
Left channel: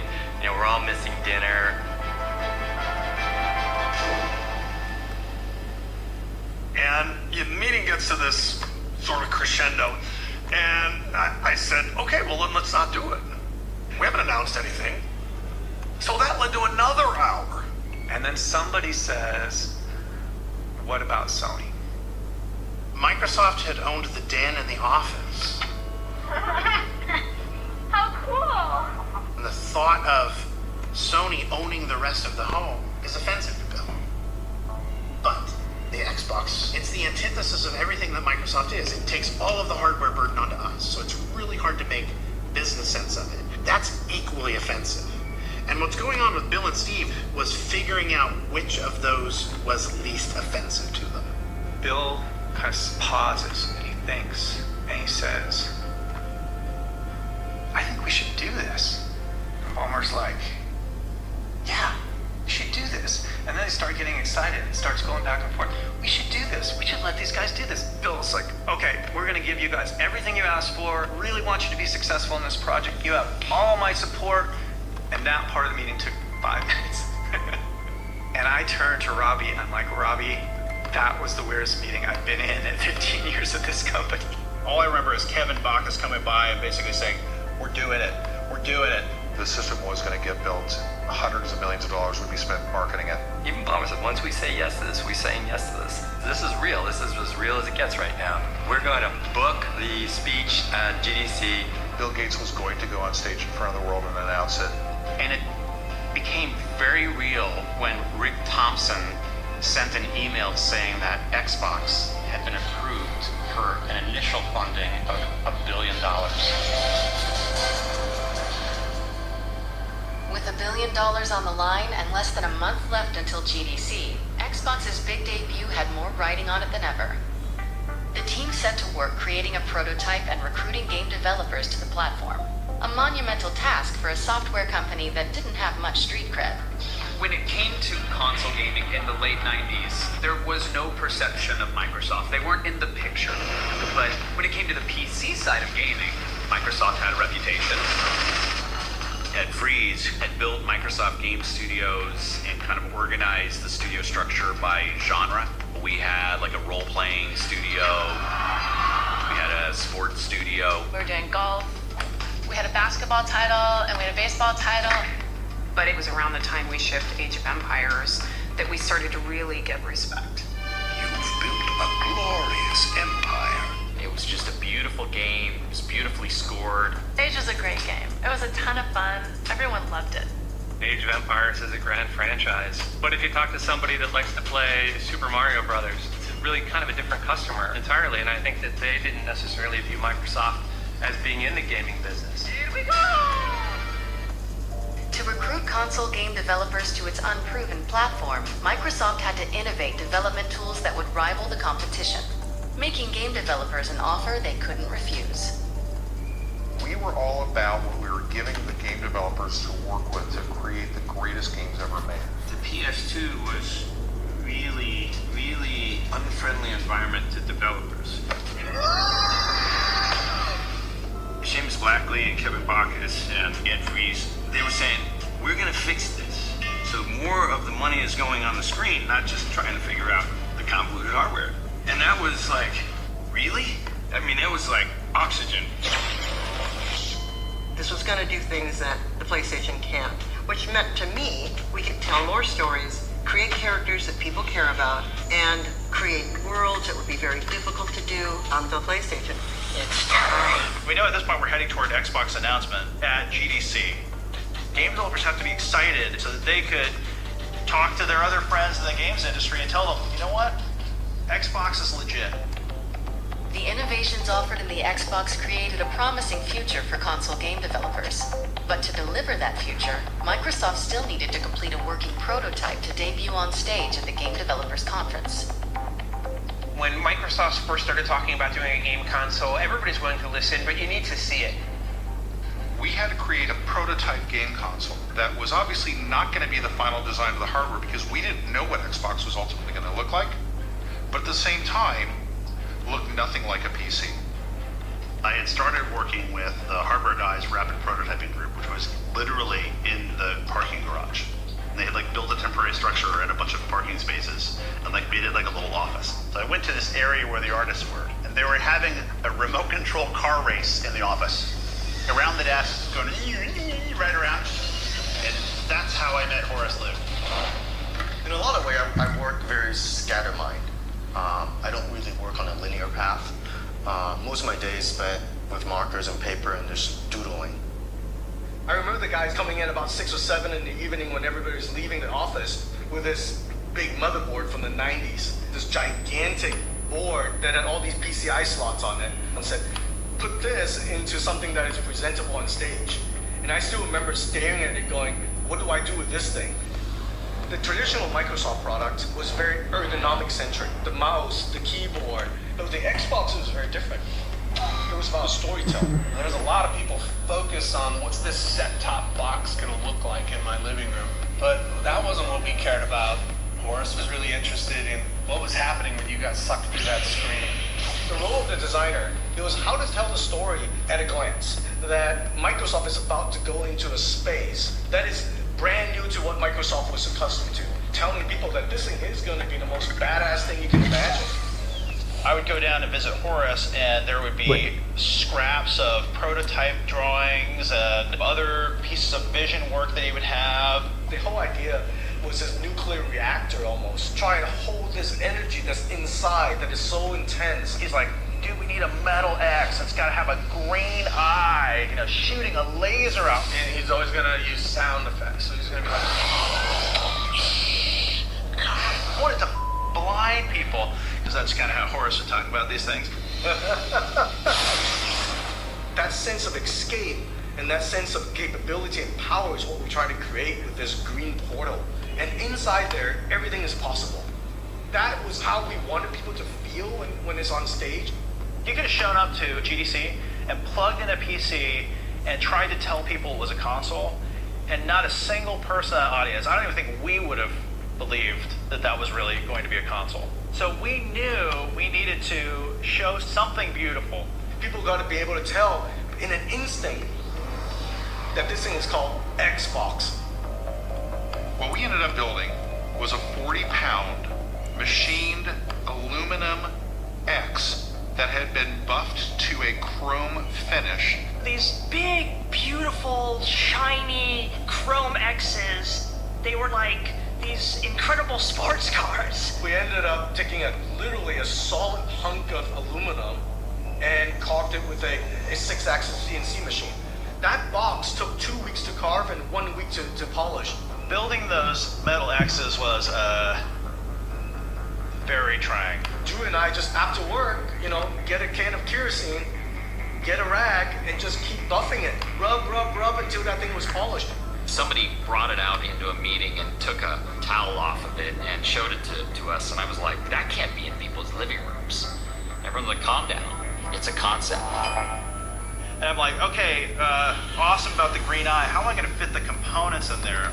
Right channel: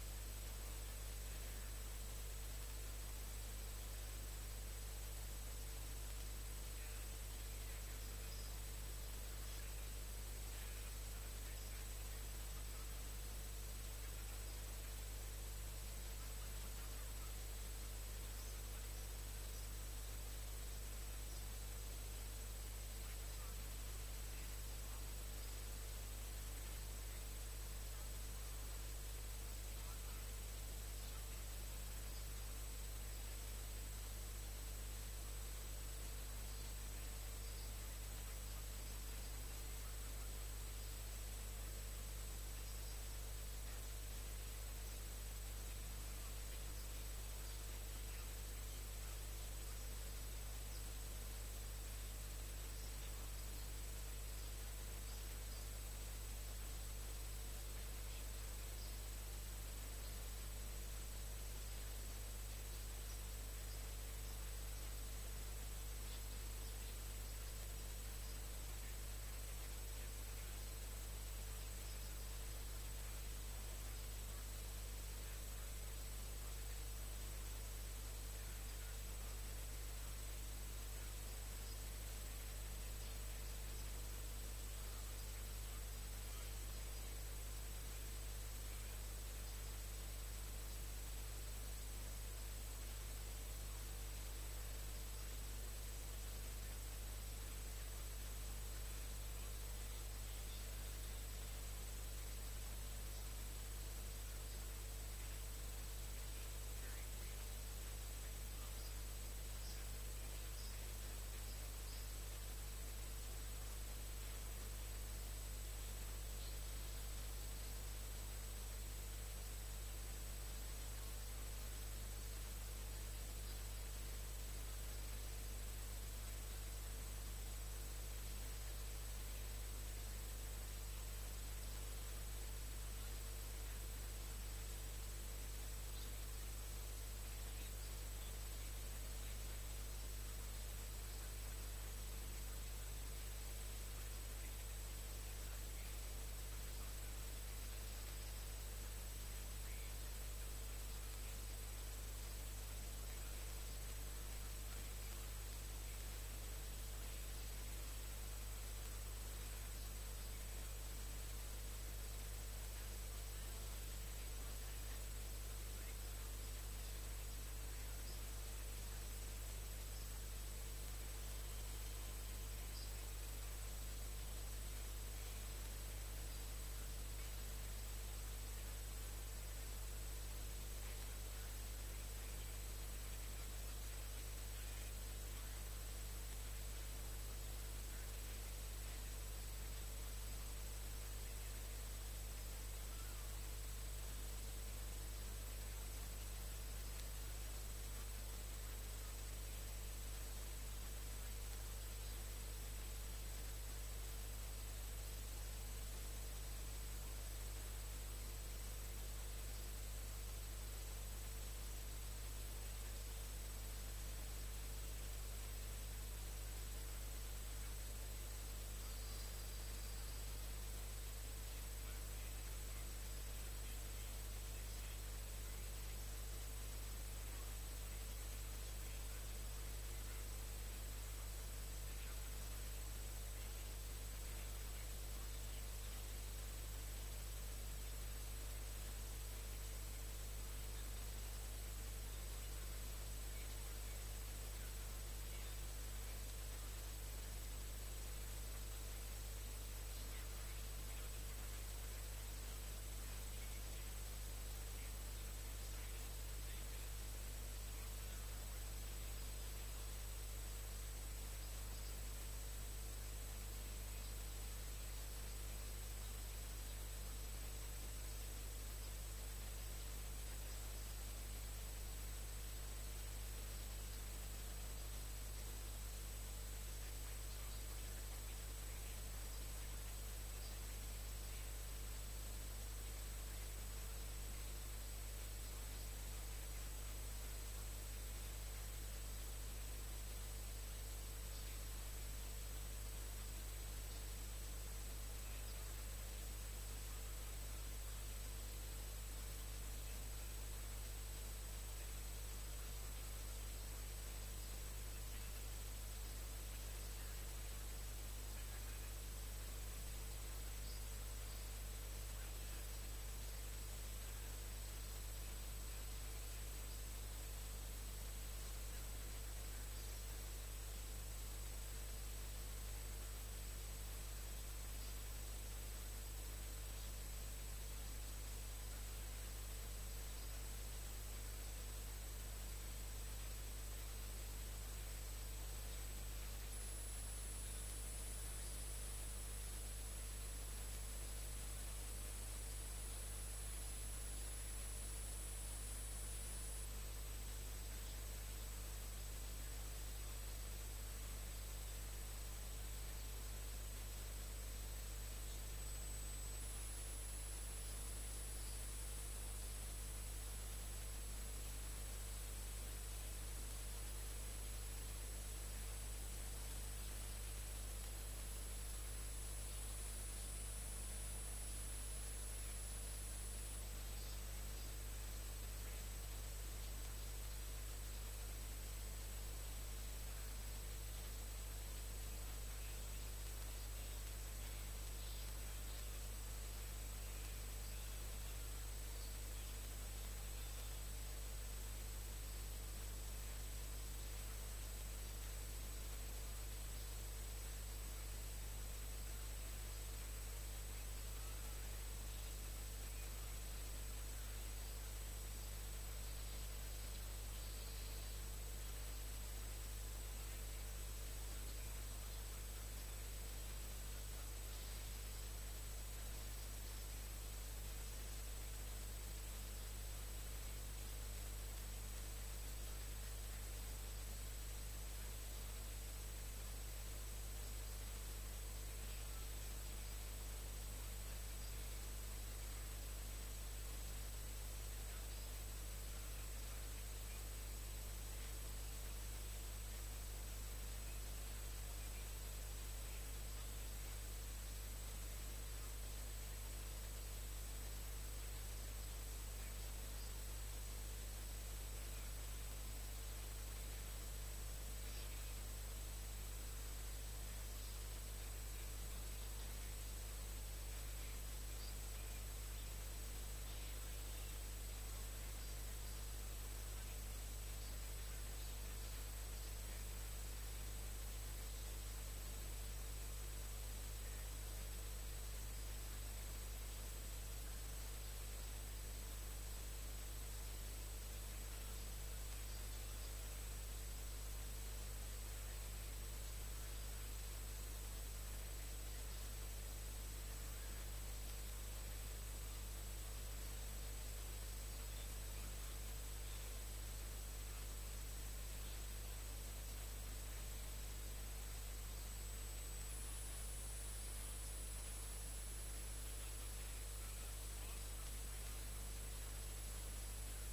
and we're all missing dinner. And the meeting gets to this sort of crescendo, and I said, okay, well then let's not do it. We haven't announced anything. So that led to another hour. And then somebody says, what about Sony? Microsoft had owned the den and the office. How cool! And the thought of Sony owning the rest of the home is offensive to Bill. But the Xbox, it's the antithesis of everything that Microsoft is. It takes all of the hardware burden onto us, so it's really hard to make business sense of it. That's equally offensive. And what's going on with Bill and Steve was figuring out which of those was least offensive to them. Bill kind of pauses, and he thinks, and he says, I think we should do this. And Ballmer's like, yeah, we should do this. And then they start getting excited. It starts going back and forth. We should do this. We should let these guys do this. Bill's like, okay, we're going to give you guys everything you asked for. Really want you to be successful in this project. You have all my support. And that part of the meeting took 5 minutes. And I turned to Robbie, and I'm like, Robbie, that was the weirdest meeting I've been in 15 years at this company. All I remember is Kevin Bacchus coming by and basically saying, we're doing it. We're doing it. The system was going to get built. Hundreds of millions of dollars would be spent marketing it. Even Ballmer said, once we say yes to this, we're saying yes to this. This is real. This is as real as it gets right now. We're going to book the speech at GDC. Bill Gates was going to go on stage in front of the world and announce it. And it became very real when Rick Thompson sent an email saying that Xbox had been approved for an initial funding of $1 billion. With $1 billion on the line and less than a month left until GDC, Xbox's big debut had more riding on it than ever. The team set to work creating a prototype and recruiting game developers to the platform. A monumental task for a software company that didn't have much street cred. When it came to console gaming in the late 90s, there was no perception of Microsoft. They weren't in the picture. But when it came to the PC side of gaming, Microsoft had a reputation. Ed Freeze had built Microsoft Game Studios and kind of organized the studio structure by genre. We had like a role-playing studio. We had a sports studio. We were doing golf. We had a basketball title and we had a baseball title. But it was around the time we shipped Age of Empires that we started to really get respect. You've built a glorious empire. It was just a beautiful game. It was beautifully scored. Age was a great game. It was a ton of fun. Everyone loved it. Age of Empires is a grand franchise. But if you talk to somebody that likes to play Super Mario Brothers, it's really kind of a different customer entirely. And I think that they didn't necessarily view Microsoft as being in the gaming business. Here we go! To recruit console game developers to its unproven platform, Microsoft had to innovate development tools that would rival the competition, making game developers an offer they couldn't refuse. We were all about what we were giving the game developers to work with to create the greatest games ever made. The PS2 was really unfriendly environment to developers. Seamus Blackley and Kevin Backus and Ed Fries, they were saying, we're going to fix this. So more of the money is going on the screen, not just trying to figure out the convoluted hardware. And that was like, really? I mean, it was like oxygen. This was going to do things that the PlayStation can't, which meant to me, we could tell more stories, create characters that people care about, and create worlds that would be very difficult to do on the PlayStation. It's time. We know at this point we're heading toward Xbox announcement at GDC. Game developers have to be excited so that they could talk to their other friends in the games industry and tell them, you know what? Xbox is legit. The innovations offered in the Xbox created a promising future for console game developers. But to deliver that future, Microsoft still needed to complete a working prototype to debut on stage at the Game Developers Conference. When Microsoft first started talking about doing a game console, everybody's willing to listen, but you need to see it. We had to create a prototype game console that was obviously not going to be the final design of the hardware because we didn't know what Xbox was ultimately going to look like, but at the same time, looked nothing like a PC. I had started working with the Hardware Guys Rapid Prototyping Group, which was literally in the parking garage. And they had like built a temporary structure and a bunch of parking spaces and like made it like a little office. So I went to this area where the artists were, and they were having a remote control car race in the office. Around the desk, going right around. And that's how I met Horace Liu. In a lot of ways, I work very scattermined. I don't really work on a linear path. Most of my days spent with markers and paper and just doodling. I remember the guys coming in about 6 or 7 in the evening when everybody's leaving the office with this big motherboard from the 90s, this gigantic board that had all these PCI slots on it, and said, put this into something that is presentable on stage. And I still remember staring at it going, what do I do with this thing? The traditional Microsoft product was very ergonomic centric. The mouse, the keyboard. But the Xbox was very different. It was about storytelling. There's a lot of people focused on what's this set-top box going to look like in my living room. But that wasn't what we cared about. Horace was really interested in what was happening when you got sucked through that screen. The role of the designer, it was how to tell the story at a glance. That Microsoft is about to go into a space that is brand new to what Microsoft was accustomed to. Telling people that this thing is going to be the most badass thing you can imagine. I would go down and visit Horace, and there would be scraps of prototype drawings and other pieces of vision work that he would have. The whole idea was this nuclear reactor almost, trying to hold this energy that's inside that is so intense. He's like, dude, we need a metal X that's got to have a green eye, shooting a laser out. And he's always going to use sound effects. So he's going to be like, I wanted to blind people, because that's kind of how Horace would talk about these things. That sense of escape and that sense of capability and power is what we're trying to create with this green portal. And inside there, everything is possible. That was how we wanted people to feel when it's on stage. You could have shown up to GDC and plugged in a PC and tried to tell people it was a console, and not a single person in the audience, I don't even think we would have believed that that was really going to be a console. So we knew we needed to show something beautiful. People got to be able to tell in an instant that this thing is called Xbox. What we ended up building was a 40-pound machined aluminum X that had been buffed to a chrome finish. These big, beautiful, shiny chrome X's, they were like these incredible taking literally a solid hunk of aluminum and carved it with a 6-axis CNC machine. That box took 2 weeks to carve and 1 week to polish. Building those metal X's was very trying. Drew and I just after work, get a can of kerosene, get a rag, and just keep buffing it. Rub until that thing was polished. Somebody brought it out into a meeting and took a towel off of it and showed it to us, and I was like, that can't be in people's living rooms. Everyone's like, calm down. It's a concept. And I'm like, okay, awesome about the green eye. How am I going to fit the components in there?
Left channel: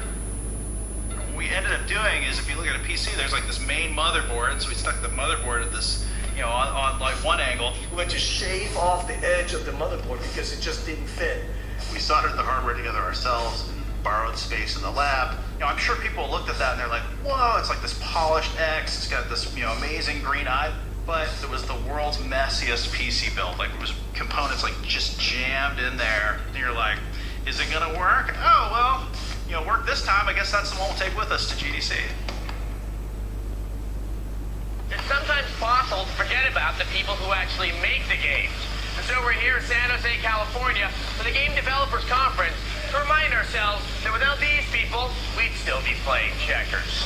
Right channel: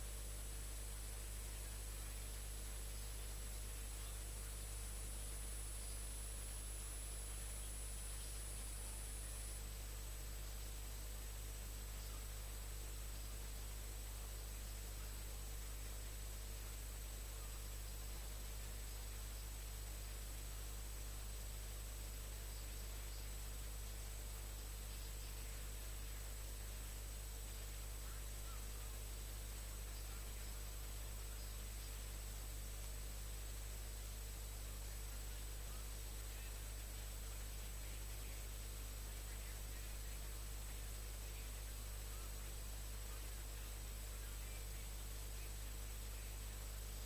What we ended up doing is, if you look at a PC, there's like this main motherboard, so we stuck the motherboard at this, on like one angle. We went to shave off the edge of the motherboard because it just didn't fit. We soldered the hardware together ourselves, borrowed space in the lab. I'm sure people looked at that and they're like, whoa, it's like this polished X, it's got this, amazing green eye. But it was the world's messiest PC build. Like, it was components like just jammed in there. And you're like, is it gonna work? Oh, well, work this time. I guess that's the one we'll take with us to GDC. And sometimes fossils forget about the people who actually make the games. And so we're here in San Jose, California for the Game Developers Conference to remind ourselves that without these people, we'd still be playing checkers.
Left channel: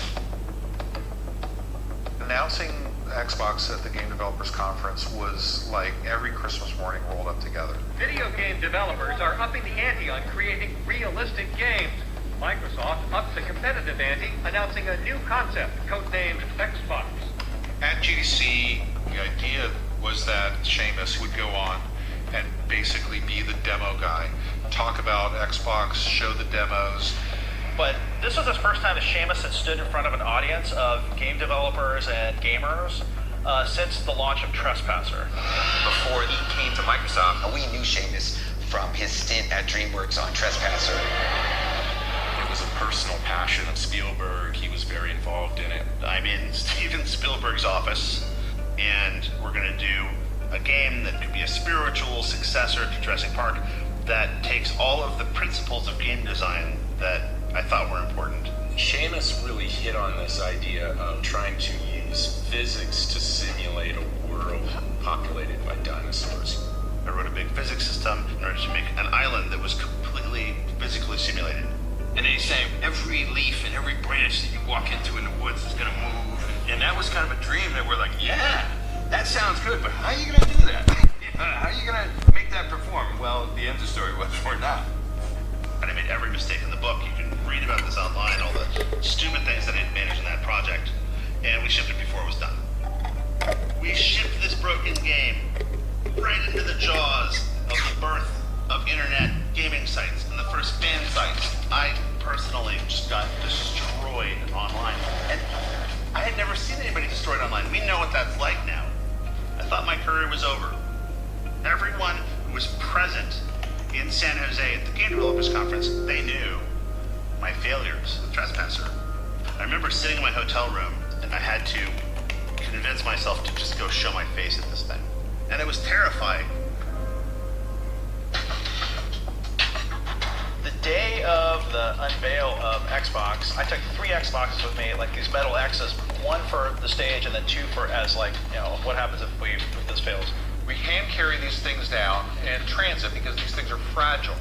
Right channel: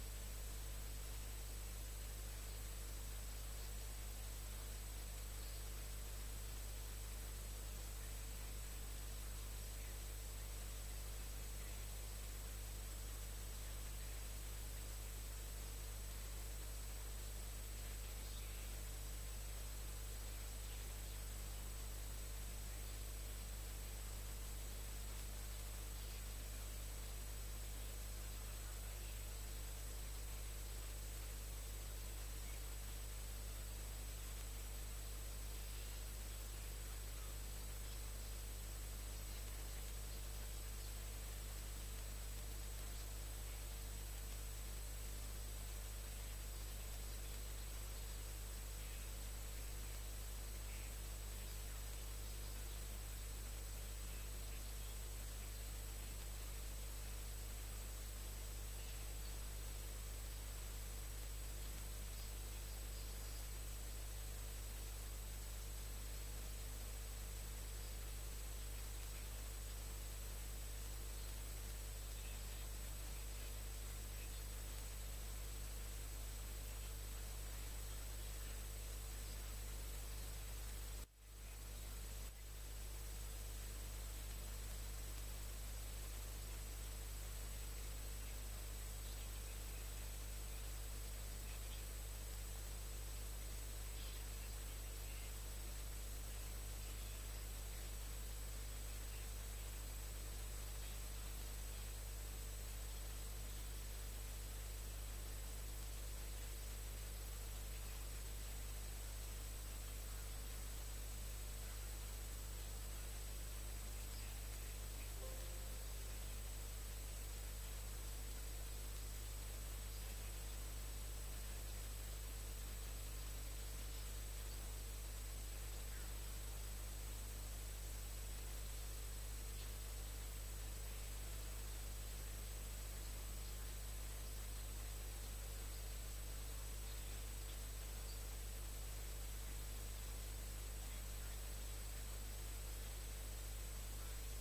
Announcing Xbox at the Game Developers Conference was like every Christmas morning rolled up together. Video game developers are upping the ante on creating realistic games. Microsoft upped the competitive ante, announcing a new concept, codenamed Xbox. At GDC, the idea was that Seamus would go on and basically be the demo guy, talk about Xbox, show the demos. But this was the first time that Seamus had stood in front of an audience of game developers and gamers since the launch of Trespasser. Before he came to Microsoft, we knew Seamus from his stint at DreamWorks on Trespasser. It was a personal passion of Spielberg. He was very involved in it. I'm in Steven Spielberg's office, and we're going to do a game that could be a spiritual successor to Jurassic Park that takes all of the principles of game design that I thought were important. Seamus really hit on this idea of trying to use physics to simulate a world populated by dinosaurs. I wrote a big physics system in order to make an island that was completely physically simulated. And then he's saying every leaf and every branch that you walk into in the woods is going to move. And that was kind of a dream that we're like, yeah, that sounds good, but how are you going to do that? How are you going to make that perform? Well, the end of the story was we're not. And I made every mistake in the book. You can read about this online, all the stupid things that I didn't manage in that project. And we shipped it before it was done. We shipped this broken game right into the jaws of the birth of internet gaming sites and the first fan sites. I personally just got destroyed online. And I had never seen anybody destroyed online. We know what that's like now. I thought my career was over. Everyone who was present in San Jose at the Game Developers Conference, they knew my failures with Trespasser. I remember sitting in my hotel room and I had to convince myself to just go show my face at this thing. And it was terrifying. The day of the unveil of Xbox, I took 3 Xboxes with me, like these metal X's, one for the stage and then 2 for as what happens if this fails. We hand carry these things down in transit because these things are fragile.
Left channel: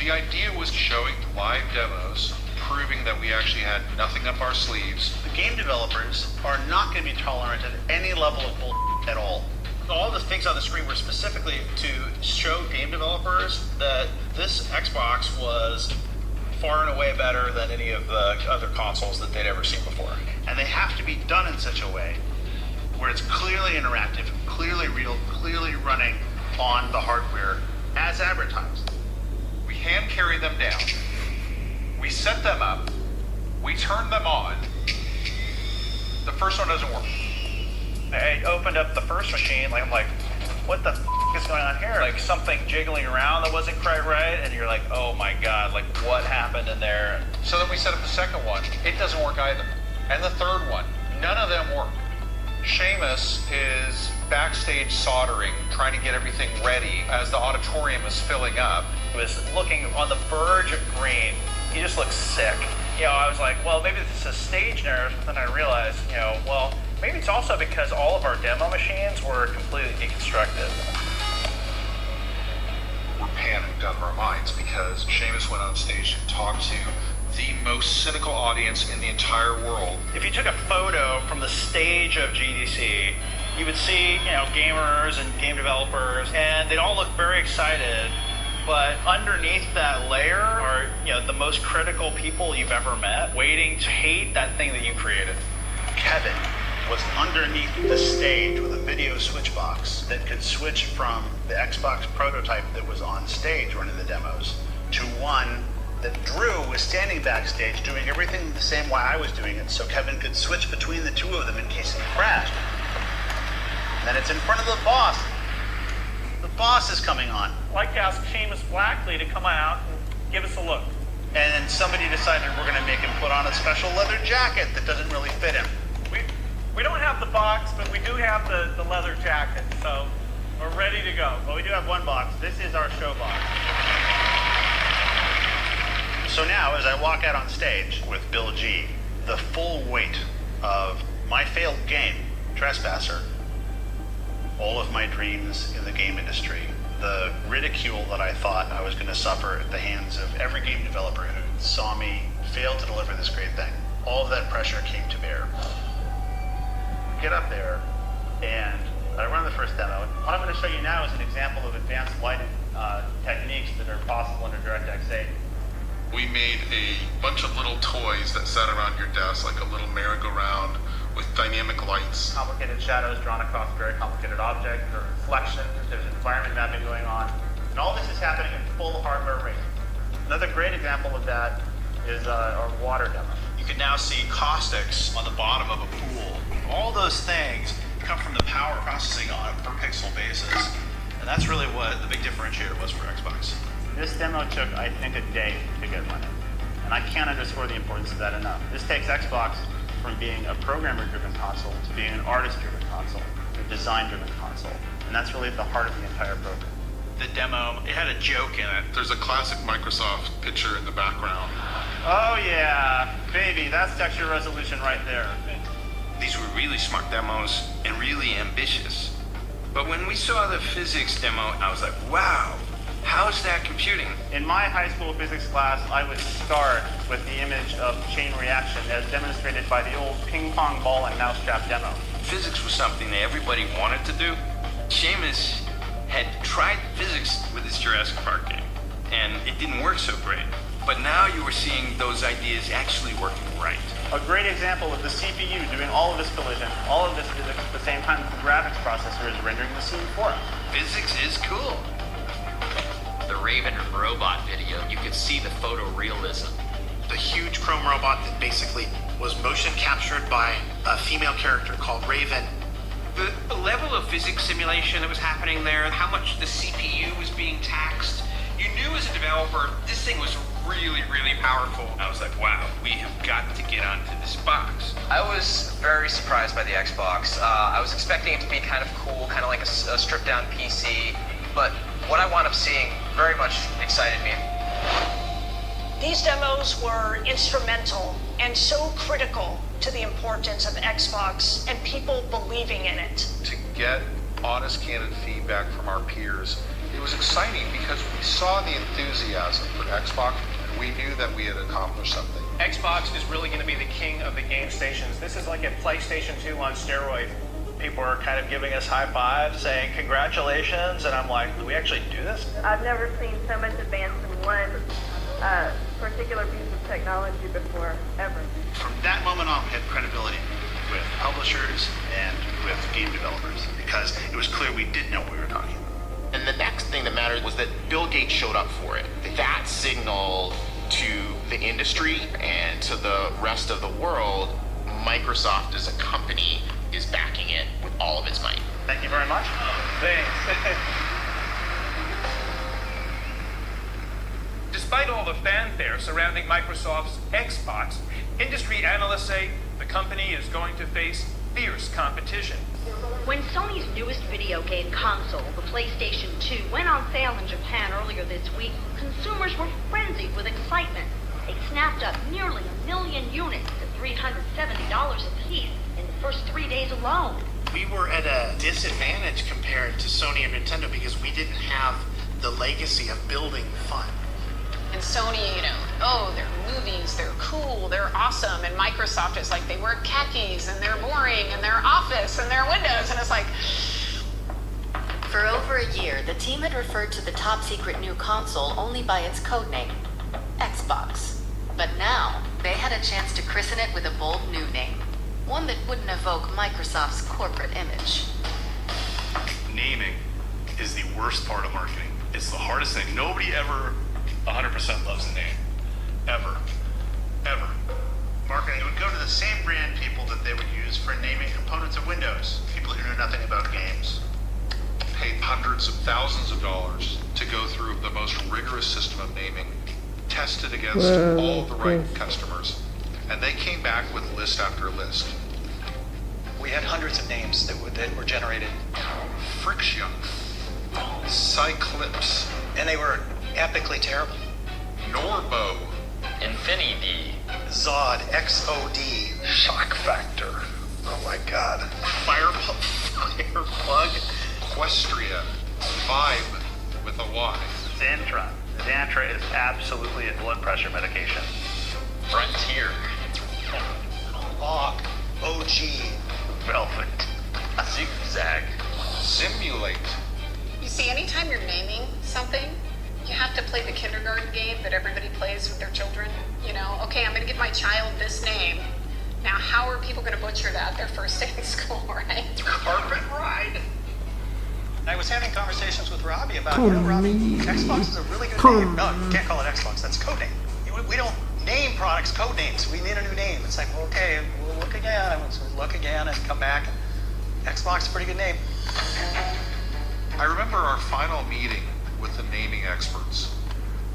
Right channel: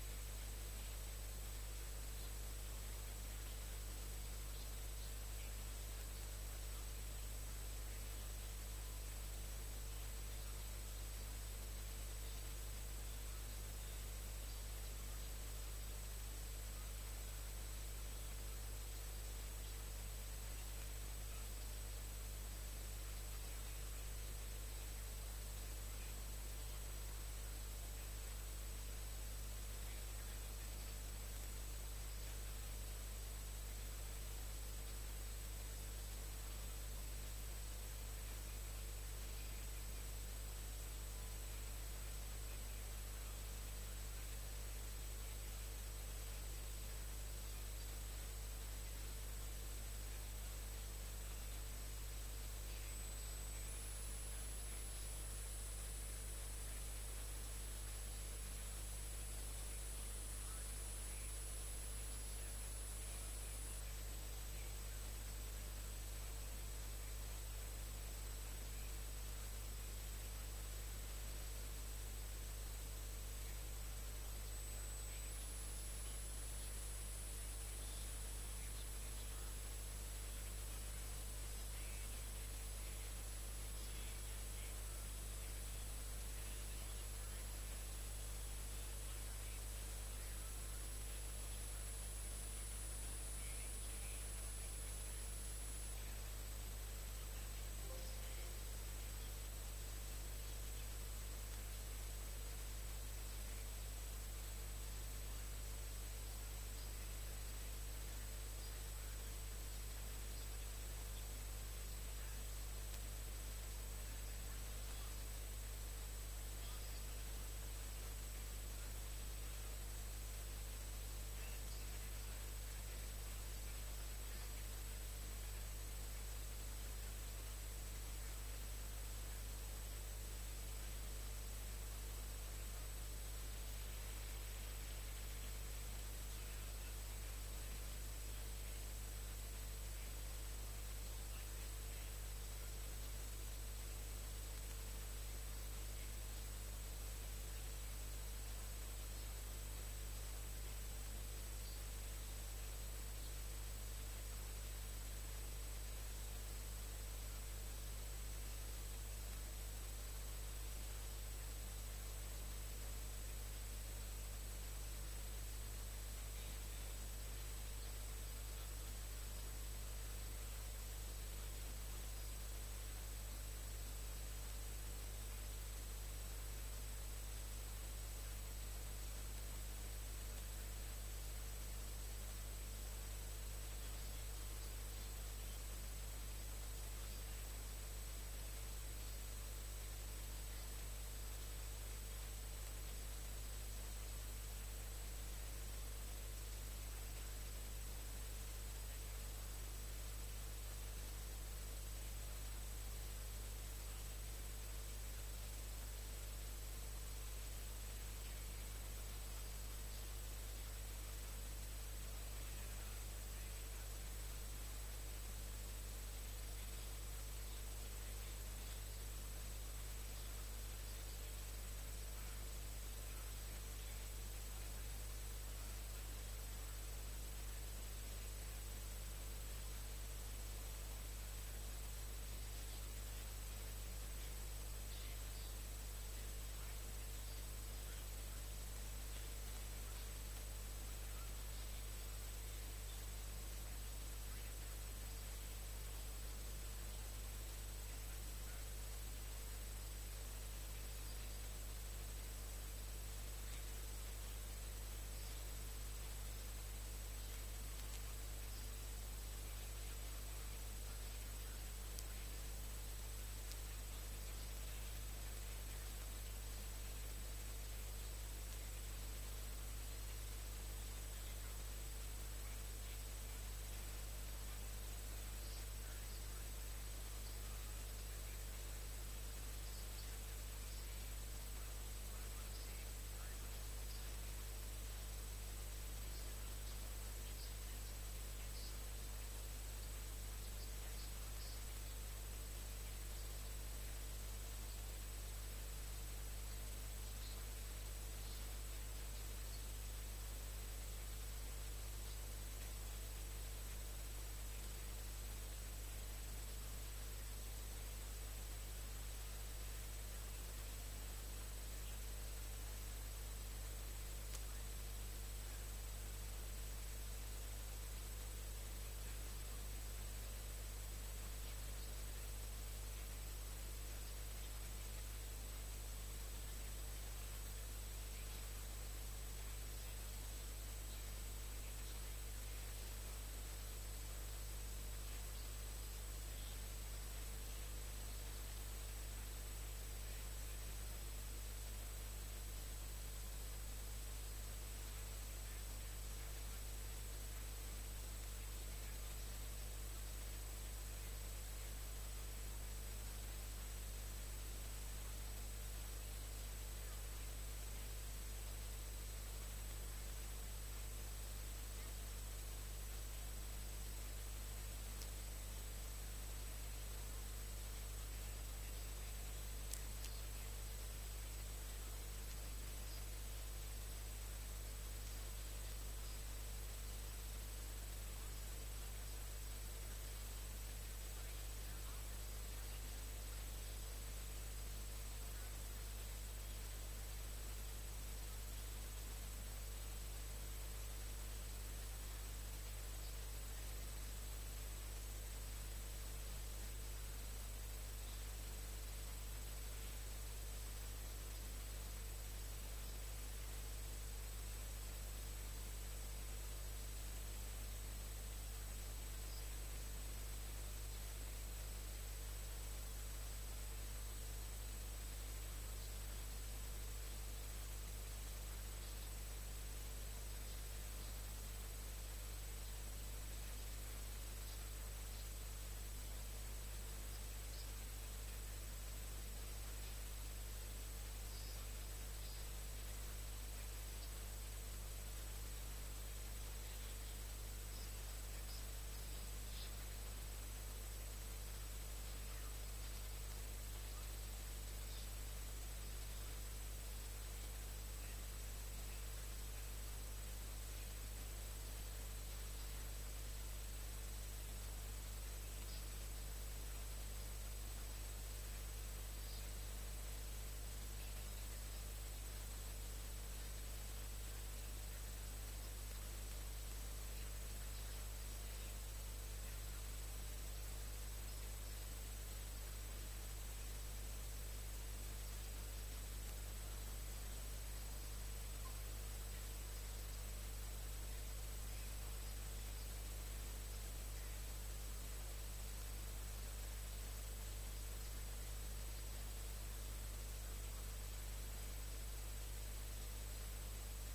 The idea was showing live demos, proving that we actually had nothing up our sleeves. The game developers are not going to be tolerant of any level of bull at all. All the things on the screen were specifically to show game developers that this Xbox was far and away better than any of the other consoles that they'd ever seen before. And they have to be done in such a way where it's clearly interactive, clearly real, clearly running on the hardware as advertised. We hand carry them down. We set them up. We turn them on. The first one doesn't work. I opened up the first machine, I'm like, what the is going on here? Like something jiggling around that wasn't quite right, and you're like, oh my god, like what happened in there? So then we set up the second one. It doesn't work either. And the third one. None of them work. Seamus is backstage soldering, trying to get everything ready as the auditorium is filling up. He was looking on the verge of green. He just looked sick. I was like, well, maybe this is stage nerves, but then I realized, well, maybe it's also because all of our demo machines were completely deconstructed. We're panicked out of our minds because Seamus went on stage and talked to the most cynical audience in the entire world. If you took a photo from the stage of GDC, you would see, gamers and game developers, and they'd all look very excited. But underneath that layer are, the most critical people you've ever met, waiting to hate that thing that you created. Kevin was underneath the stage with a video switch box that could switch from the Xbox prototype that was on stage running the demos to one that Drew was standing backstage doing everything the same way I was doing it, so Kevin could switch between the two of them in case he crashed. And then it's in front of the boss. The boss is coming on. I'd like to ask Seamus Blackley to come out and give us a look. And then somebody decided we're going to make him put on a special leather jacket that doesn't really fit him. We don't have the box, but we do have the leather jacket, so we're ready to go. Well, we do have one box. This is our show box. So now, as I walk out on stage with Bill G, the full weight of my failed game, Trespasser, all of my dreams in the game industry, the ridicule that I thought I was going to suffer at the hands of every game developer who saw me fail to deliver this great thing, all of that pressure came to bear. Get up there, and I run the first demo. What I'm going to show you now is an example of advanced lighting techniques that are possible under DirectX 8. We made a bunch of little toys that sat around your desk, like a little merry-go-round with dynamic lights. Complicated shadows drawn across very complicated objects. There are reflections, there's environment mapping going on. And all this is happening at full hardware rate. Another great example of that is our water demo. You can now see caustics on the bottom of a pool. All those things come from the power processing on a per pixel basis. And that's really what the big differentiator was for Xbox. This demo took, I think, a day to get running. And I can't underscore the importance of that enough. This takes Xbox from being a programmer-driven console to being an artist-driven console, a design-driven console. And that's really at the heart of the entire program. The demo, it had a joke in it. There's a classic Microsoft picture in the background. Oh yeah, baby, that's texture resolution right there. These were really smart demos and really ambitious. But when we saw the physics demo, I was like, wow, how's that computing? In my high school physics class, I would start with the image of chain reaction as demonstrated by the old ping pong ball and mousetrap demo. Physics was something that everybody wanted to do. Seamus had tried physics with his Jurassic Park game, and it didn't work so great. But now you were seeing those ideas actually working right. A great example of the CPU doing all of this collision, all of this physics at the same time the graphics processor is rendering the scene for us. Physics is cool. The Raven robot video, you could see the photorealism. The huge chrome robot that basically was motion captured by a female character called Raven. The level of physics simulation that was happening there, how much the CPU was being taxed, you knew as a developer this thing was really, really powerful. I was like, wow, we have got to get onto this box. I was very surprised by the Xbox. I was expecting it to be kind of cool, kind of like a stripped down PC, but what I wound up seeing very much excited me. These demos were instrumental and so critical to the importance of Xbox and people believing in it. To get honest, candid feedback from our peers, it was exciting because we saw the enthusiasm for Xbox and we knew that we had accomplished something. Xbox is really going to be the king of the game stations. This is like a PlayStation 2 on steroid. People are kind of giving us high fives, saying congratulations, and I'm like, do we actually do this? I've never seen so much advance in one particular piece of technology before, ever. From that moment on, we had credibility with publishers and with game developers because it was clear we did know what we were talking about. And the next thing that mattered was that Bill Gates showed up for it. That signaled to the industry and to the rest of the world, Microsoft as a company is backing it with all of its might. Thank you very much. Thanks. Despite all the fanfare surrounding Microsoft's Xbox, industry analysts say the company is going to face fierce competition. When Sony's newest video game console, the PlayStation 2, went on sale in Japan earlier this week, consumers were frenzied with excitement. They snapped up nearly 1 million units at $370 a piece in the first 3 days alone. We were at a disadvantage compared to Sony and Nintendo because we didn't have the legacy of building fun. And Sony, you know, oh, their movies, they're cool, they're awesome. And Microsoft is like, they wear khakis and they're boring and their Office and their Windows. And it's like... For over a year, the team had referred to the top-secret new console only by its codename, Xbox. But now, they had a chance to christen it with a bold new name, one that wouldn't evoke Microsoft's corporate image. Naming is the worst part of marketing. It's the hardest thing. Nobody ever 100% loves a name. Ever. Ever. Marketing would go to the same brand people that they would use for naming components of Windows. People who knew nothing about games. Paid hundreds of thousands of dollars to go through the most rigorous system of naming, tested against all the right customers, and they came back with list after list. We had hundreds of names that were generated. Friction, Cyclips, and they were epically terrible. Norbo, Infinity, Zod, XOD, Shock Factor, oh my god, Fireplug, Equestria, Vibe with a Y. Xantra. Xantra is absolutely a blood pressure medication. Frontier, Log, OG, Velvet, Zigzag, Simulate. You see, anytime you're naming something, you have to play the kindergarten game that everybody plays with their children. You know, okay, I'm going to give my child this name. Now, how are people going to butcher that their first day in school, right? Carpet Ride. I was having conversations with Robbie about, you know, Robbie, Xbox is a really good name. No, you can't call it Xbox. That's code name. We don't name products code names. We need a new name. It's like, well, okay, we'll look again. So we look again and come back. Xbox is a pretty good name. I remember our final meeting with the naming experts.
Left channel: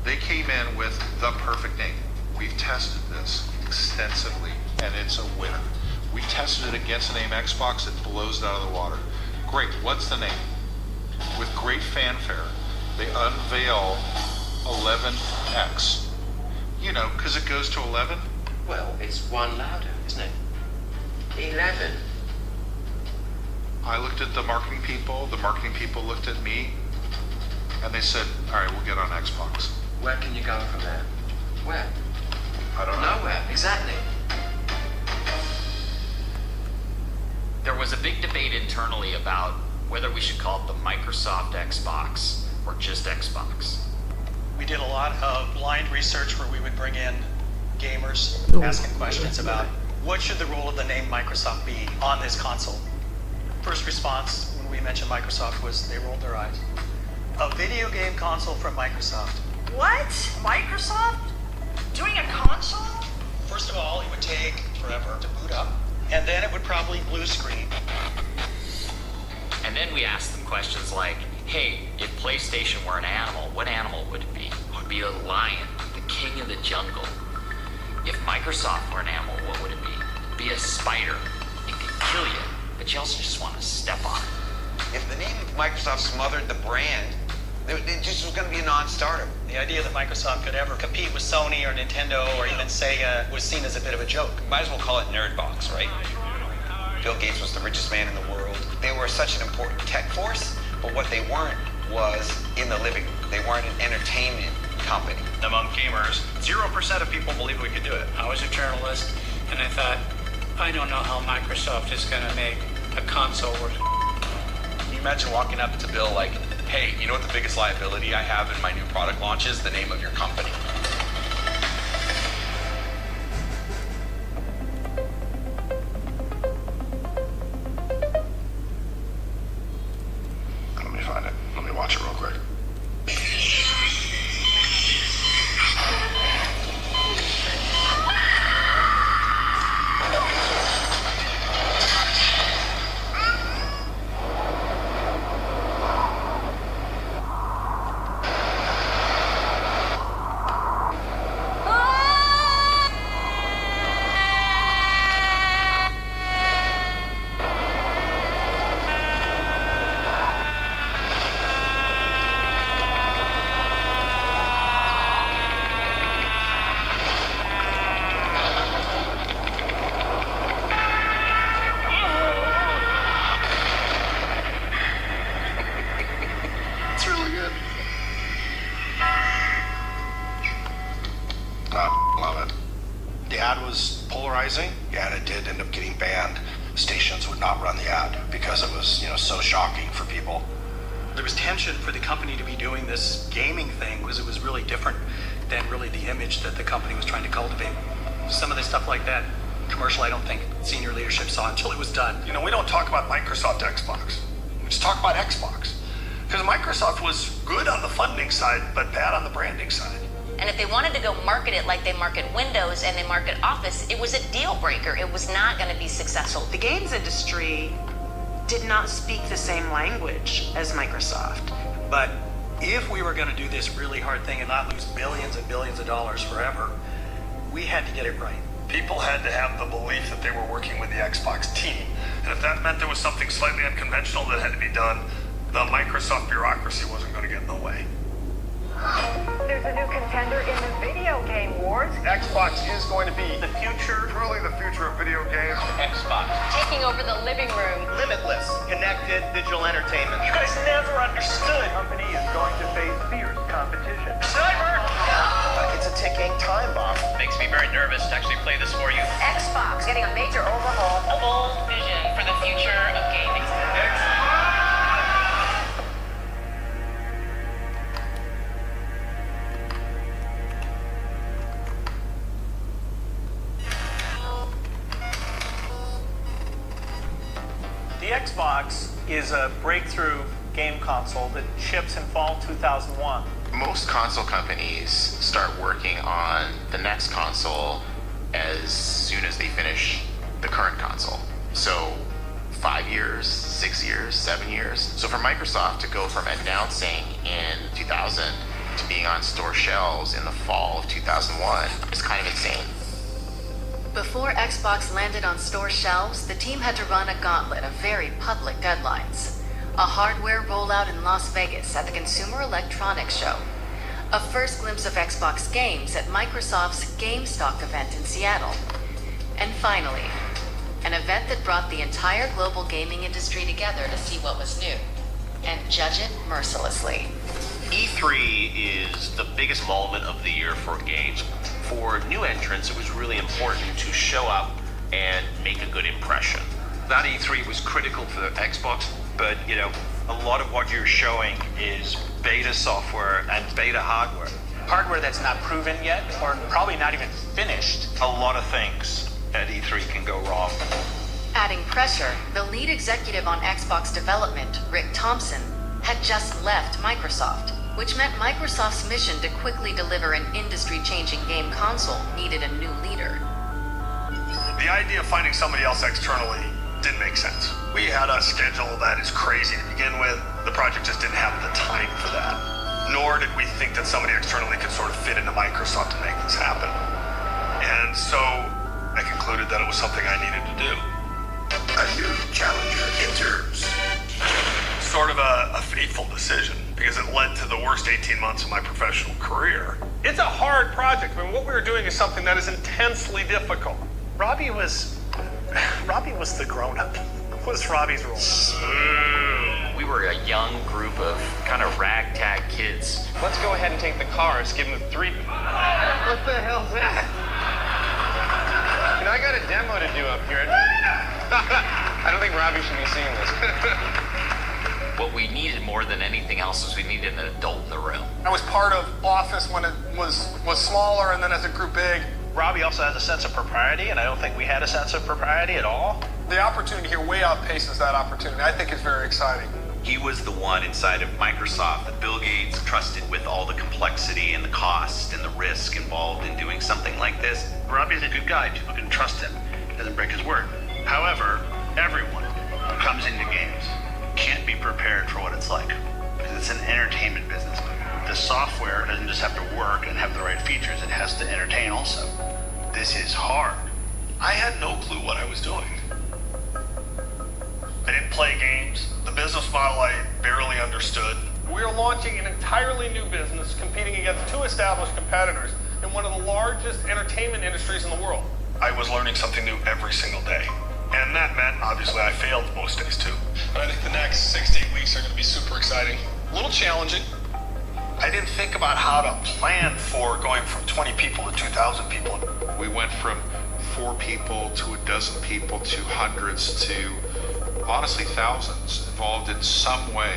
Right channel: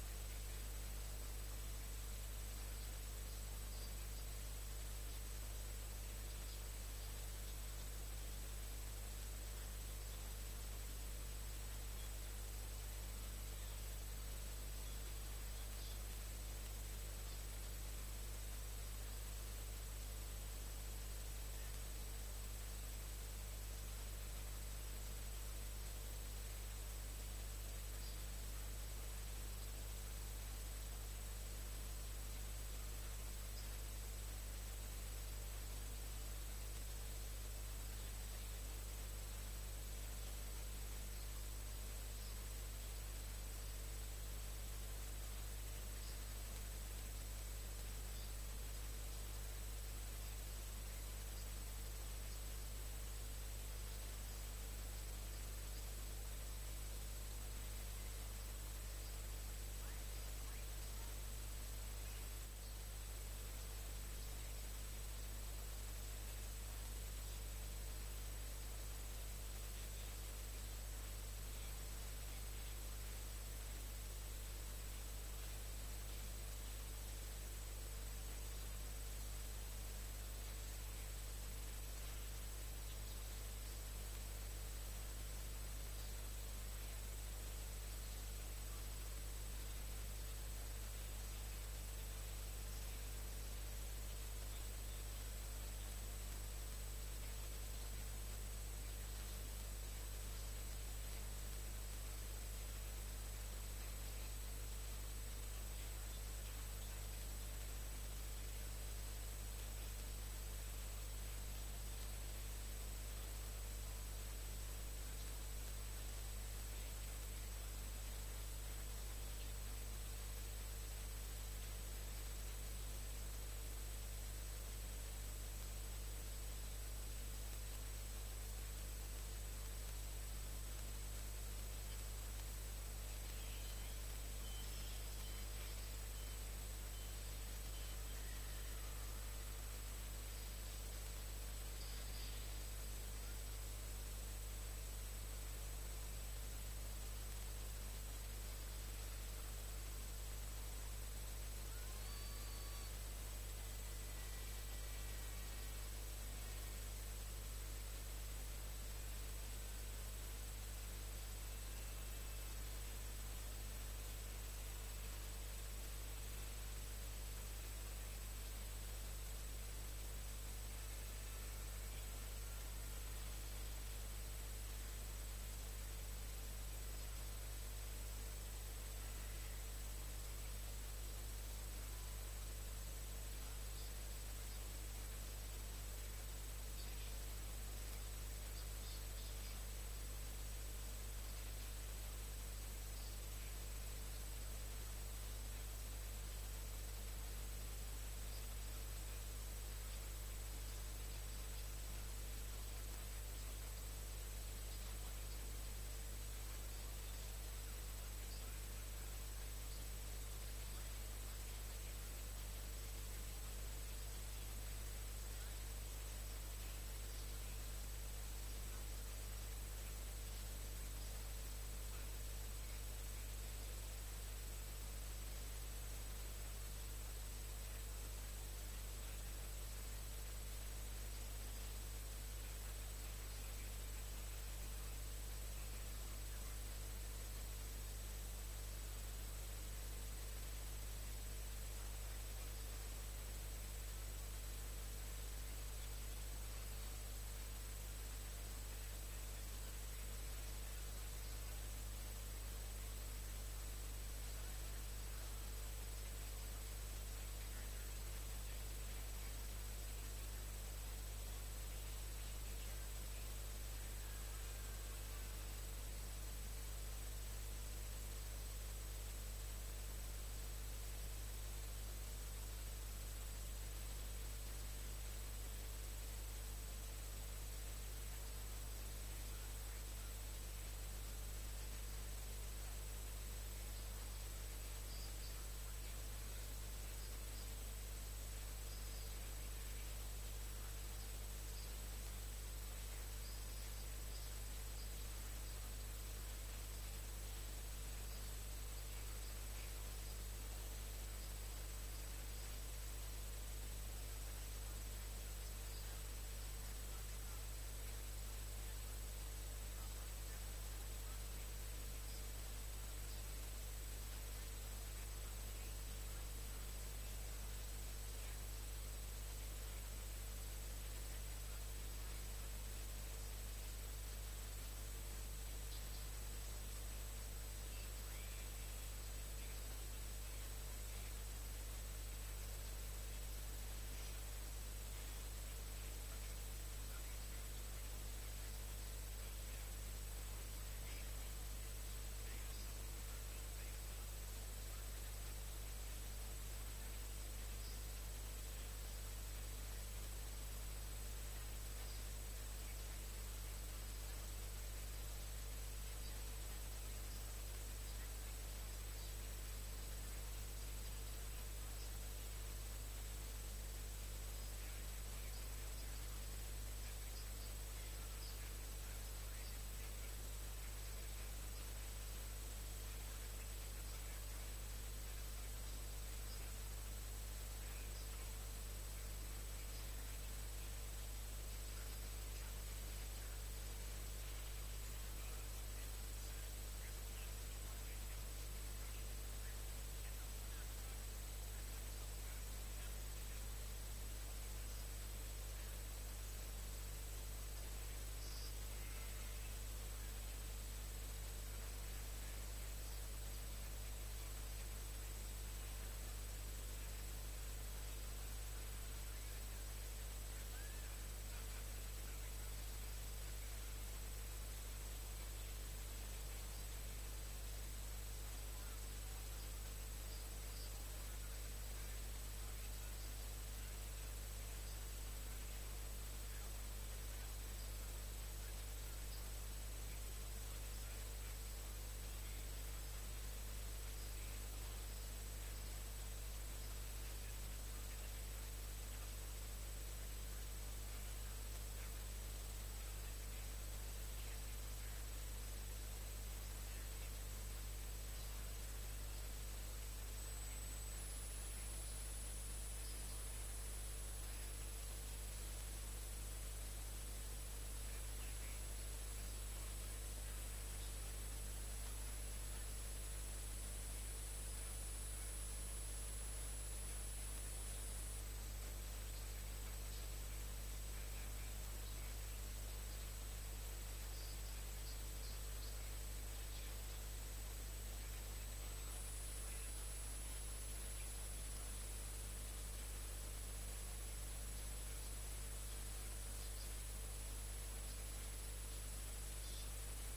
They came in with the perfect name. We've tested this extensively, and it's a winner. We tested it against the name Xbox. It blows it out of the water. Great. What's the name? With great fanfare, they unveil 11X. You know, because it goes to 11. Well, it's one louder, isn't it? 11. I looked at the marketing people looked at me, and they said, all right, we'll get on Xbox. Where can you go from there? Where? I don't know. Nowhere, exactly. There was a big debate internally about whether we should call it the Microsoft Xbox or just Xbox. We did a lot of blind research where we would bring in gamers asking questions about what should the role of the name Microsoft be on this console. First response when we mentioned Microsoft was they rolled their eyes. A video game console from Microsoft. What? Microsoft? Doing a console? First of all, it would take forever to boot up, and then it would probably blue screen. And then we asked them questions like, hey, if PlayStation were an animal, what animal would it be? It would be a lion, the king of the jungle. If Microsoft were an animal, what would it be? It'd be a spider. It could kill you, but you also just want to step on it. If the name of Microsoft smothered the brand, it just was going to be a non-starter. The idea that Microsoft could ever compete with Sony or Nintendo or even Sega was seen as a bit of a joke. Might as well call it Nerdbox, right? Bill Gates was the richest man in the world. They were such an important tech force, but what they weren't was in the living room. They weren't an entertainment company. Among gamers, 0% of people believe we could do it. I was a journalist, and I thought, I don't know how Microsoft is going to make a console work. Can you imagine walking up to Bill like, hey, you know what the biggest liability I have in my new product launch is? The name of your company. Let me find it. Let me watch it real quick. because it was, so shocking for people. There was tension for the company to be doing this gaming thing because it was really different than really the image that the company was trying to cultivate. Some of the stuff like that, commercial, I don't think senior leadership saw until it was done. We don't talk about Microsoft Xbox. We just talk about Xbox. Because Microsoft was good on the funding side, but bad on the branding side. And if they wanted to go market it like they market Windows and they market Office, it was a deal breaker. It was not going to be successful. The games industry did not speak the same language as Microsoft. But if we were going to do this really hard thing and not lose billions and billions of dollars forever, we had to get it right. People had to have the belief that they were working with the Xbox team. And if that meant there was something slightly unconventional that had to be done, the Microsoft bureaucracy wasn't going to get in the way. There's a new contender in the video game wars. Xbox is going to be the future, truly the future of video games. Xbox. Taking over the living room. Limitless, connected digital entertainment. You guys never understood. The company is going to face fierce competition. Cyber! It's a ticking time bomb. Makes me very nervous to actually play this for you. Xbox getting a major overhaul. A bold vision for the future of gaming. The Xbox is a breakthrough game console that ships in fall 2001. Most console companies start working on the next console as soon as they finish the current console. So 5 years, 6 years, 7 years. So for Microsoft to go from announcing in 2000 to being on store shelves in the fall of 2001 is kind of insane. Before Xbox landed on store shelves, the team had to run a gauntlet of very public deadlines. A hardware rollout in Las Vegas at the Consumer Electronics Show. A first glimpse of Xbox games at Microsoft's GameStop event in Seattle. And finally, an event that brought the entire global gaming industry together to see what was new and judge it mercilessly. E3 is the biggest moment of the year for games. For new entrants, it was really important to show up and make a good impression. That E3 was critical for the Xbox, but a lot of what you're showing is beta software and beta hardware. Hardware that's not proven yet, or probably not even finished. A lot of things at E3 can go wrong. Adding pressure, the lead executive on Xbox development, Rick Thompson, had just left Microsoft, which meant Microsoft's mission to quickly deliver an industry-changing game console needed a new leader. The idea of finding somebody else externally didn't make sense. We had a schedule that is crazy to begin with. The project just didn't have the time for that. Nor did we think that somebody externally could sort of fit into Microsoft to make this happen. And so I concluded that it was something I needed to do. A new challenger enters. Sort of a fateful decision, because it led to the worst 18 months of my professional career. It's a hard project. I mean, what we were doing is something that is intensely difficult. Robbie was the grown-up. What was Robbie's role? We were a young group of kind of ragtag kids. Let's go ahead and take the cars, give them 3... What the hell's that? I got a demo to do up here. I don't think Robbie should be seeing this. What we needed more than anything else was we needed an adult in the room. I was part of Office when it was smaller, and then as it grew big. Robbie also has a sense of propriety, and I don't think we had a sense of propriety at all. The opportunity here way outpaces that opportunity. I think it's very exciting. He was the one inside of Microsoft that Bill Gates trusted with all the complexity and the cost and the risk involved in doing something like this. Robbie's a good guy. People can trust him. He doesn't break his word. However, everyone who comes into games can't be prepared for what it's like. Because it's an entertainment business. The software doesn't just have to work and have the right features. It has to entertain also. This is hard. I had no clue what I was doing. I didn't play games. The business model I barely understood. We are launching an entirely new business competing against 2 established competitors in one of the largest entertainment industries in the world. I was learning something new every single day. And that meant, obviously, I failed most days too. But I think the next 6 to 8 weeks are going to be super exciting. A little challenging. I didn't think about how to plan for going from 20 people to 2,000 people. We went from 4 people to a dozen people to hundreds to honestly thousands, involved in some way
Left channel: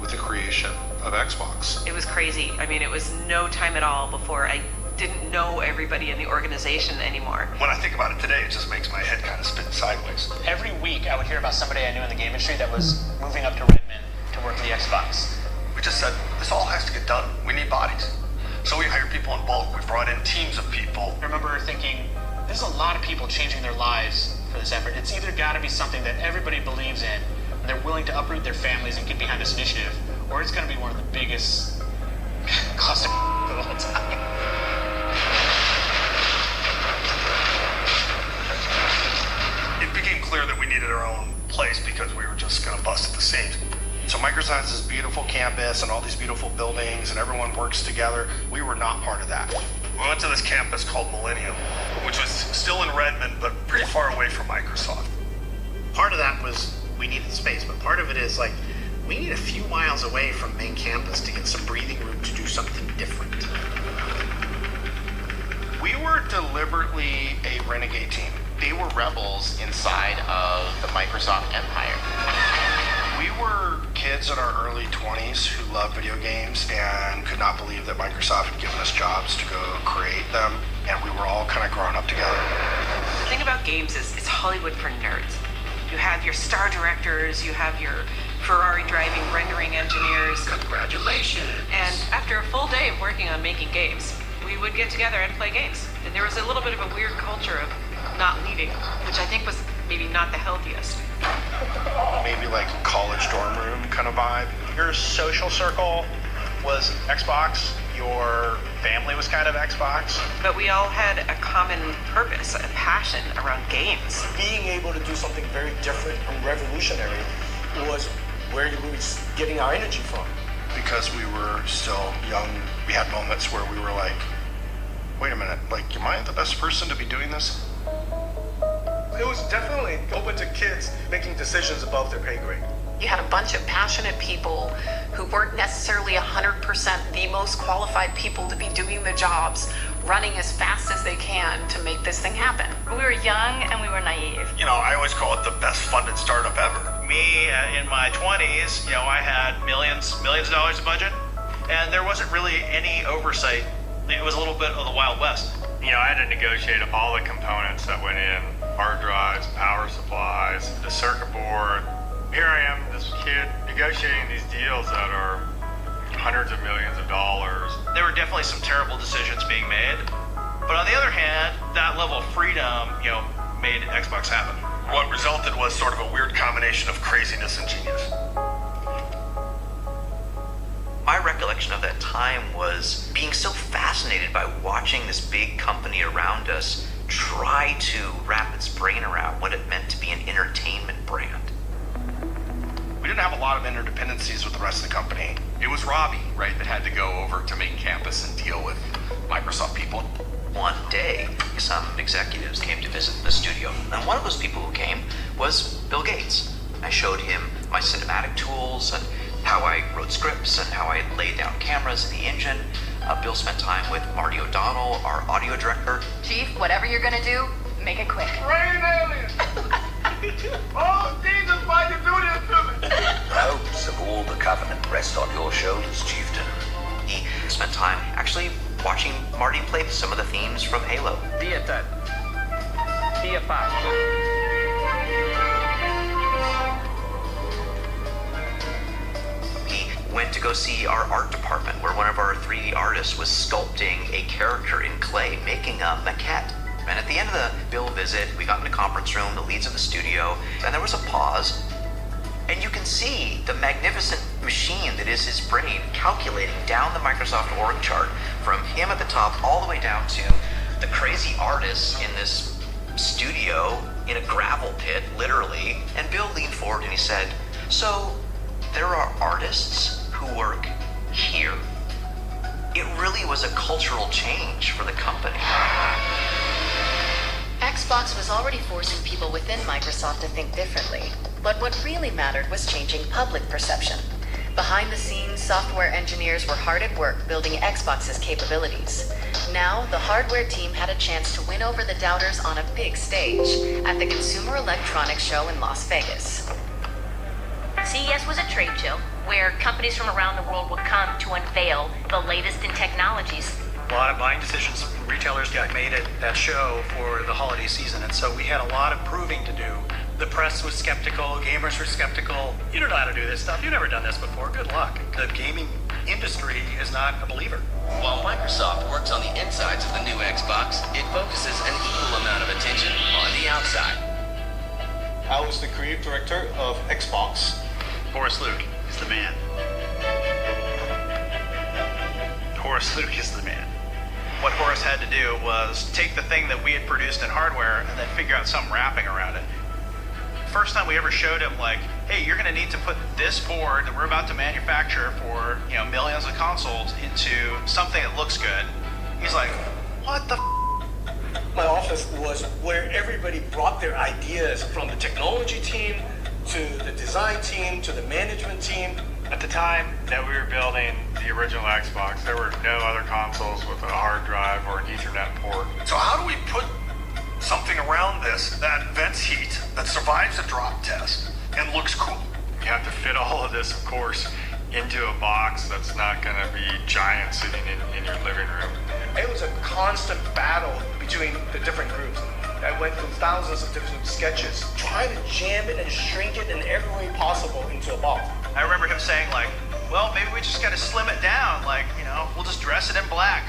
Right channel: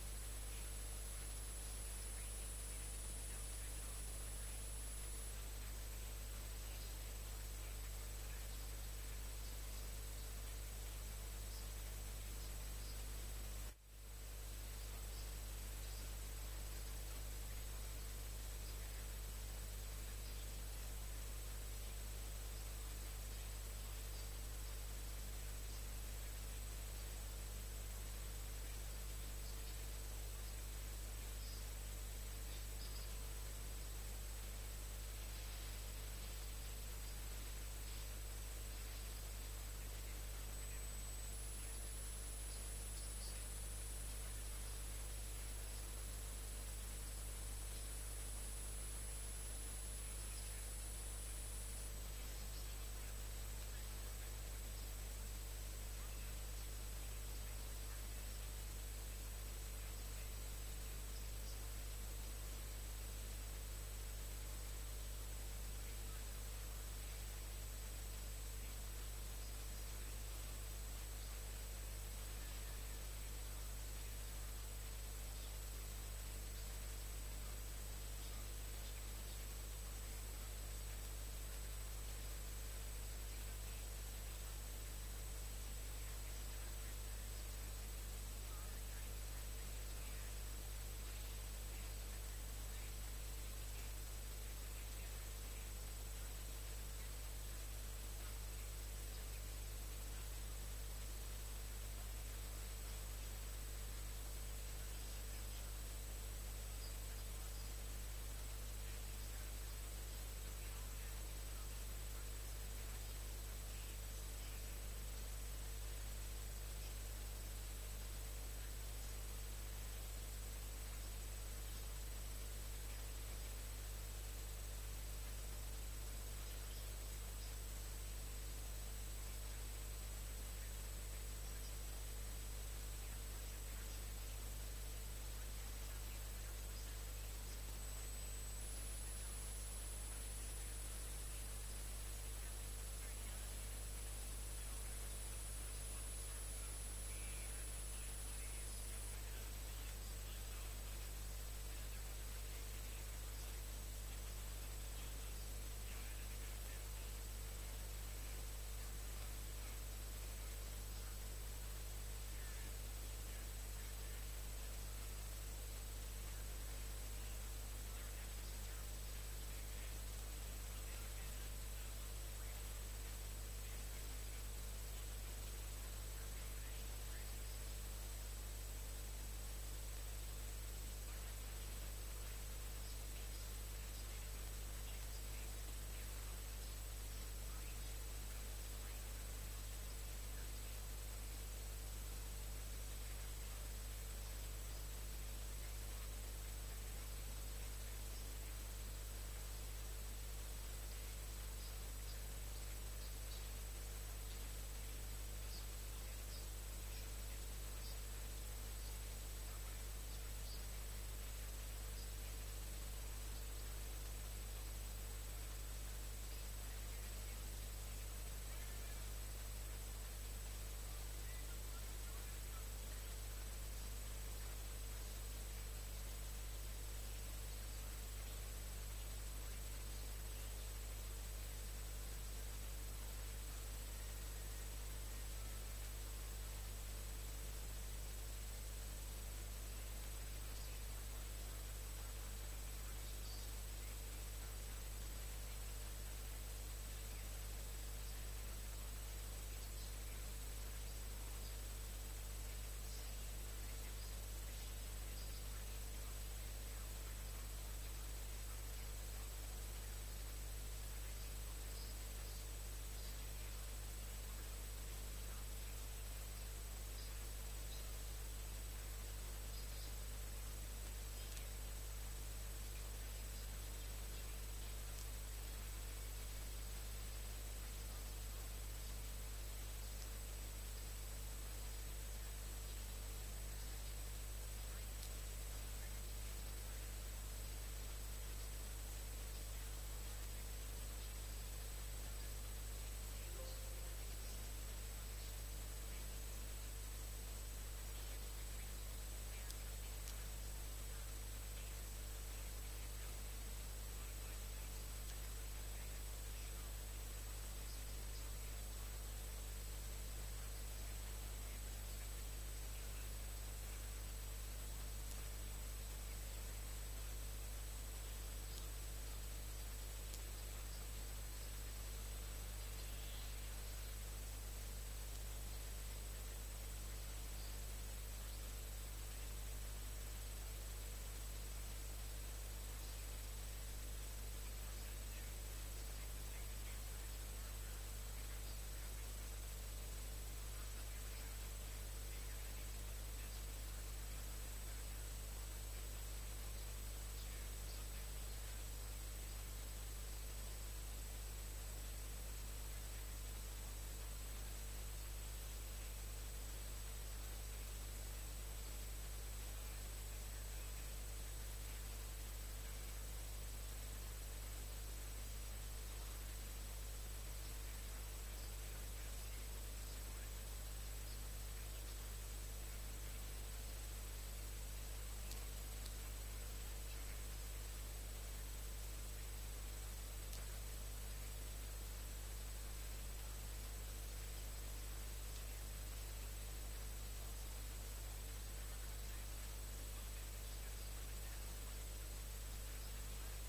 with the creation of Xbox. It was crazy. I mean, it was no time at all before I didn't know everybody in the organization anymore. When I think about it today, it just makes my head kind of spin sideways. Every week I would hear about somebody I knew in the game industry that was moving up to Redmond to work for the Xbox. We just said, this all has to get done. We need bodies. So we hired people in bulk. We brought in teams of people. I remember thinking, there's a lot of people changing their lives for this effort. It's either got to be something that everybody believes in, and they're willing to uproot their families and get behind this initiative, or it's going to be one of the biggest cluster of all time. It became clear that we needed our own place because we were just going to bust at the seams. So Microsoft has this beautiful campus and all these beautiful buildings and everyone works together. We were not part of that. We went to this campus called Millennium, which was still in Redmond, but pretty far away from Microsoft. Part of that was we needed space, but part of it is like, we need a few miles away from main campus to get some breathing room to do something different. We were deliberately a renegade team. They were rebels inside of the Microsoft empire. We were kids in our early 20s who loved video games and could not believe that Microsoft had given us jobs to go create them, and we were all kind of growing up together. The thing about games is it's Hollywood for nerds. You have your star directors, you have your Ferrari driving rendering engineers. Congratulations. And after a full day of working on making games, we would get together and play games. And there was a little bit of a weird culture of not leaving, which I think was maybe not the healthiest. Maybe like a college dorm room kind of vibe. Your social circle was Xbox, your family was kind of Xbox. But we all had a common purpose, a passion around games. Being able to do something very different and revolutionary was where we were getting our energy from. Because we were still young, we had moments where we were like, wait a minute, like, am I the best person to be doing this? It was definitely open to kids making decisions above their pay grade. You had a bunch of passionate people who weren't necessarily 100% the most qualified people to be doing the jobs, running as fast as they can to make this thing happen. We were young and we were naive. You know, I always call it the best funded startup ever. Me, in my 20s, I had millions of dollars of budget, and there wasn't really any oversight. It was a little bit of the Wild West. I had to negotiate all the components that went in, hard drives, power supplies, the circuit board. Here I am, this kid, negotiating these deals that are hundreds of millions of dollars. There were definitely some terrible decisions being made, but on the other hand, that level of freedom, made Xbox happen. What resulted was sort of a weird combination of craziness and genius. My recollection of that time was being so fascinated by watching this big company around us try to wrap its brain around what it meant to be an entertainment brand. We didn't have a lot of interdependencies with the rest of the company. It was Robbie, right, that had to go over to main campus and deal with Microsoft people. One day, some executives came to visit the studio, and one of those people who came was Bill Gates. I showed him my cinematic tools and how I wrote scripts and how I laid down cameras in the engine. Bill spent time with Marty O'Donnell, our audio director. Chief, whatever you're gonna do, make it quick. Rain aliens! Oh, Jesus, why'd you do this to me? The hopes of all the Covenant rest on your shoulders, Chieftain. He spent time actually watching Marty play some of the themes from Halo. Dietat. Dia 5. He went to go see our art department where one of our 3D artists was sculpting a character in clay, making a maquette. And at the end of the Bill visit, we got in the conference room, the leads of the studio, and there was a pause. And you can see the magnificent machine that is his brain calculating down the Microsoft org chart from him at the top all the way down to the crazy artists in this studio in a gravel pit, literally. And Bill leaned forward and he said, so there are artists who work here. It really was a cultural change for the company. Xbox was already forcing people within Microsoft to think differently, but what really mattered was changing public perception. Behind the scenes, software engineers were hard at work building Xbox's capabilities. Now, the hardware team had a chance to win over the doubters on a big stage at the Consumer Electronics Show in Las Vegas. CES was a trade show where companies from around the world would come to unveil the latest in technologies. A lot of buying decisions from retailers got made at that show for the holiday season, and so we had a lot of proving to do. The press was skeptical, gamers were skeptical. You don't know how to do this stuff. You've never done this before. Good luck. The gaming industry is not a believer. While Microsoft works on the insides of the new Xbox, it focuses an equal amount of attention on the outside. I was the creative director of Xbox. Horace Luke is the man. Horace Luke is the man. What Horace had to do was take the thing that we had produced in hardware and then figure out some wrapping around it. First time we ever showed him, like, hey, you're going to need to put this board that we're about to manufacture for, you know, millions of consoles into something that looks good. He's like, what the My office was where everybody brought their ideas, from the technology team to the design team to the management team. At the time that we were building the original Xbox, there were no other consoles with a hard drive or an Ethernet port. So how do we put something around this that vents heat, that survives a drop test, and looks cool? You have to fit all of this, of course, into a box that's not going to be giant sitting in your living room. It was a constant battle between the different groups. I went through thousands of different sketches, trying to jam it and shrink it in every way possible into a box. I remember him saying, like, well, maybe we just got to slim it down. Like, you know, we'll just dress it in black.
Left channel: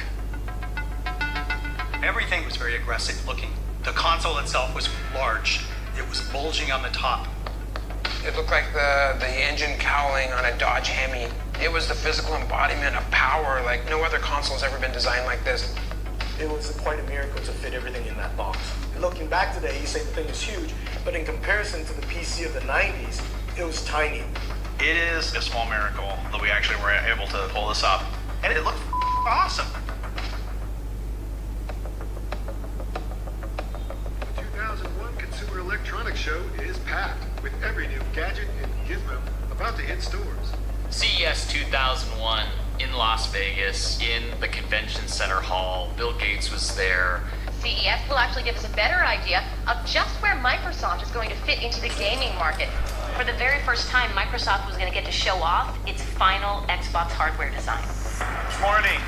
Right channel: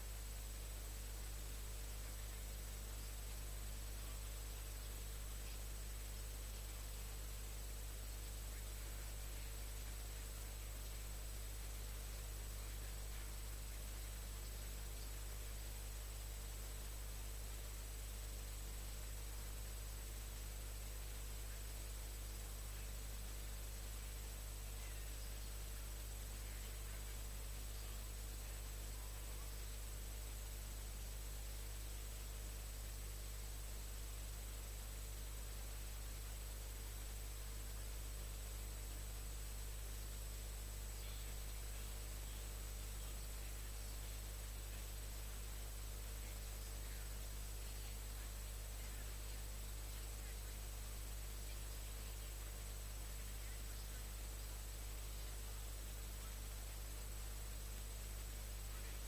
Everything was very aggressive looking. The console itself was large. It was bulging on the top. It looked like the engine cowling on a Dodge Hemi. It was the physical embodiment of power like no other console's ever been designed like this. It was quite a miracle to fit everything in that box. Looking back today, you say the thing is huge, but in comparison to the PC of the 90s, it was tiny. It is a small miracle that we actually were able to pull this up. And it looked awesome. The 2001 Consumer Electronics Show is packed with every new gadget and gizmo about to hit stores. CES 2001 in Las Vegas, in the convention center hall. Bill Gates was there. CES will actually give us a better idea of just where Microsoft is going to fit into the gaming market. For the very first time, Microsoft was going to get to show off its final Xbox hardware design. Good morning.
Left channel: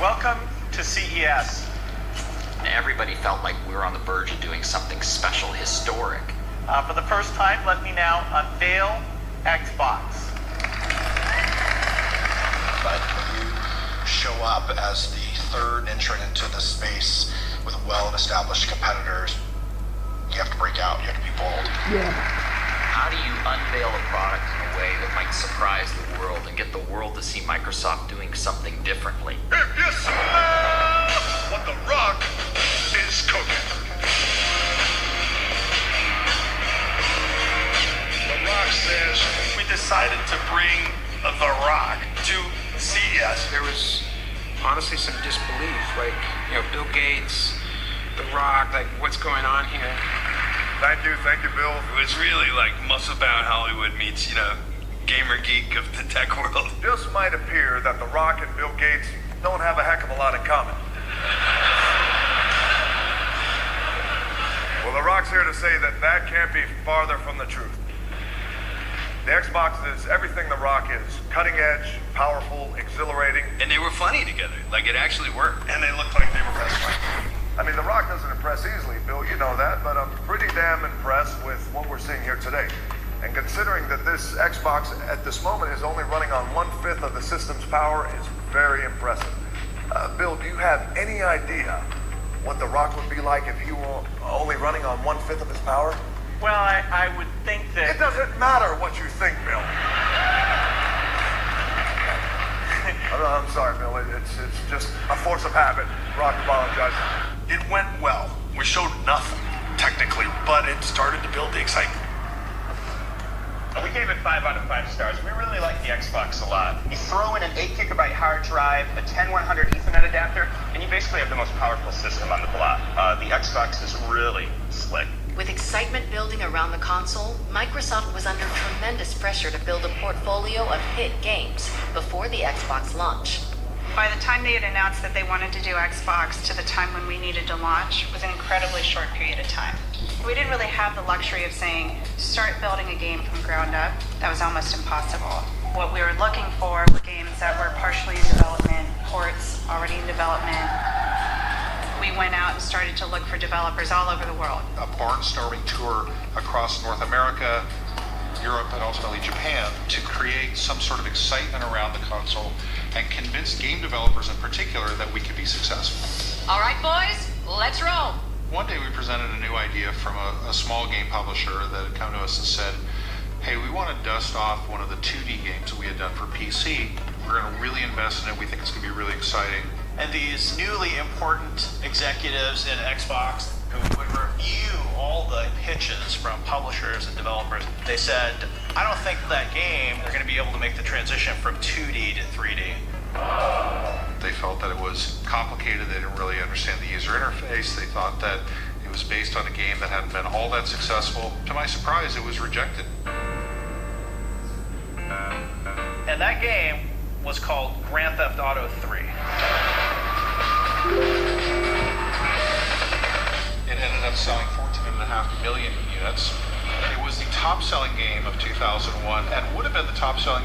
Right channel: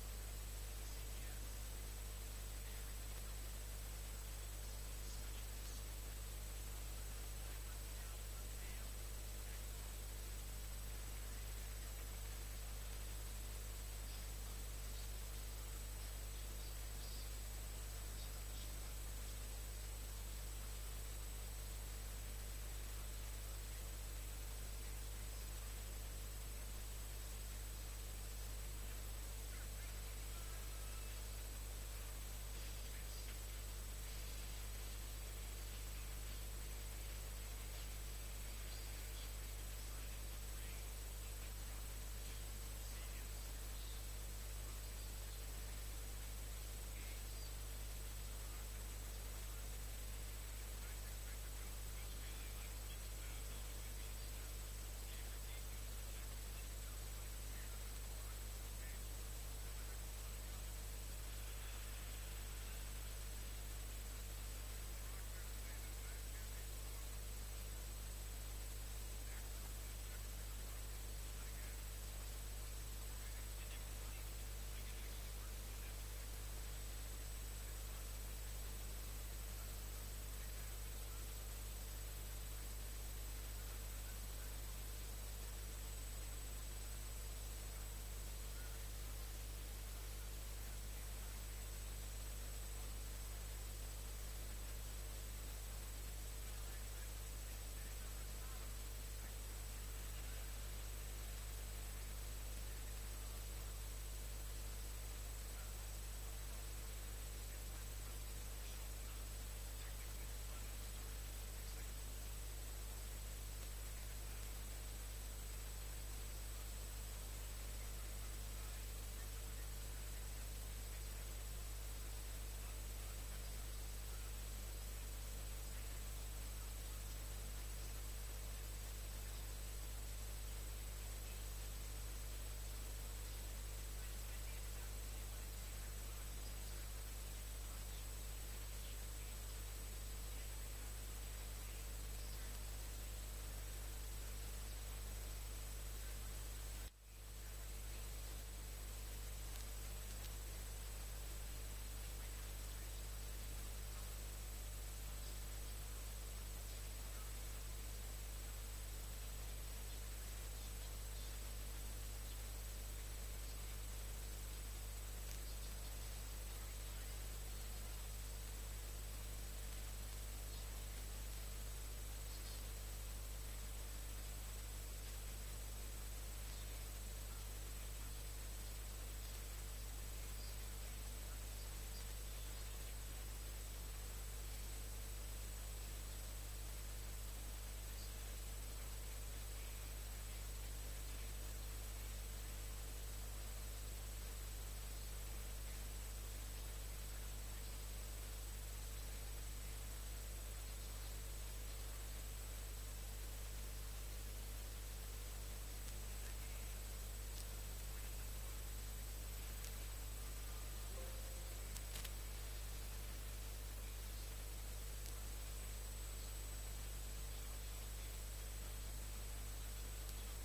Welcome to CES. Everybody felt like we were on the verge of doing something special, historic. For the first time, let me now unveil Xbox. But when you show up as the third entrant into the space with well-established competitors, you have to break out. You have to be bold. Yeah. How do you unveil a product in a way that might surprise the world and get the world to see Microsoft doing something differently? If you smell what the Rock is cooking. The Rock says we decided to bring the Rock to CES. There was honestly some disbelief, like, you know, Bill Gates, The Rock, like, what's going on here? Thank you, Bill. It was really like Muscle-Bound Hollywood meets, gamer geek of the tech world. Just might appear that The Rock and Bill Gates don't have a heck of a lot in common. Well, The Rock's here to say that can't be farther from the truth. The Xbox is everything The Rock is. Cutting edge, powerful, exhilarating. And they were funny together. Like, it actually worked. And they looked like they were best friends. I mean, The Rock doesn't impress easily, Bill, you know that, but I'm pretty damn impressed with what we're seeing here today. And considering that this Xbox at this moment is only running on 1/5 of the system's power is very impressive. Bill, do you have any idea what The Rock would be like if he were only running on 1/5 of his power? Well, I would think that... It doesn't matter what you think, Bill. I'm sorry, Bill. It's just a force of habit. Rock apologizes. It went well. We showed nothing, technically, but it started to build the excitement. We gave it 5 out of 5 stars. We really like the Xbox a lot. You throw in an 8GB hard drive, a 10100 Ethernet adapter, and you basically have the most powerful system on the block. The Xbox is really slick. With excitement building around the console, Microsoft was under tremendous pressure to build a portfolio of hit games before the Xbox launch. By the time they had announced that they wanted to do Xbox to the time when we needed to launch was an incredibly short period of time. We didn't really have the luxury of saying, start building a game from ground up. That was almost impossible. What we were looking for were games that were partially in development, ports already in development. We went out and started to look for developers all over the world. A barnstorming tour across North America, Europe, and ultimately Japan to create some sort of excitement around the console and convince game developers in particular that we could be successful. All right, boys, let's roll. One day we presented a new idea from a small game publisher that had come to us and said, hey, we want to dust off one of the 2D games that we had done for PC. We're going to really invest in it. We think it's going to be really exciting. And these newly important executives in Xbox who would review all the pitches from publishers and developers, they said, I don't think that game they're going to be able to make the transition from 2D to 3D. They felt that it was complicated. They didn't really understand the user interface. They thought that it was based on a game that hadn't been all that successful. To my surprise, it was rejected. And that game was called Grand Theft Auto 3. It ended up selling 14.5 million units. It was the top-selling game of 2001 and would have been the top-selling game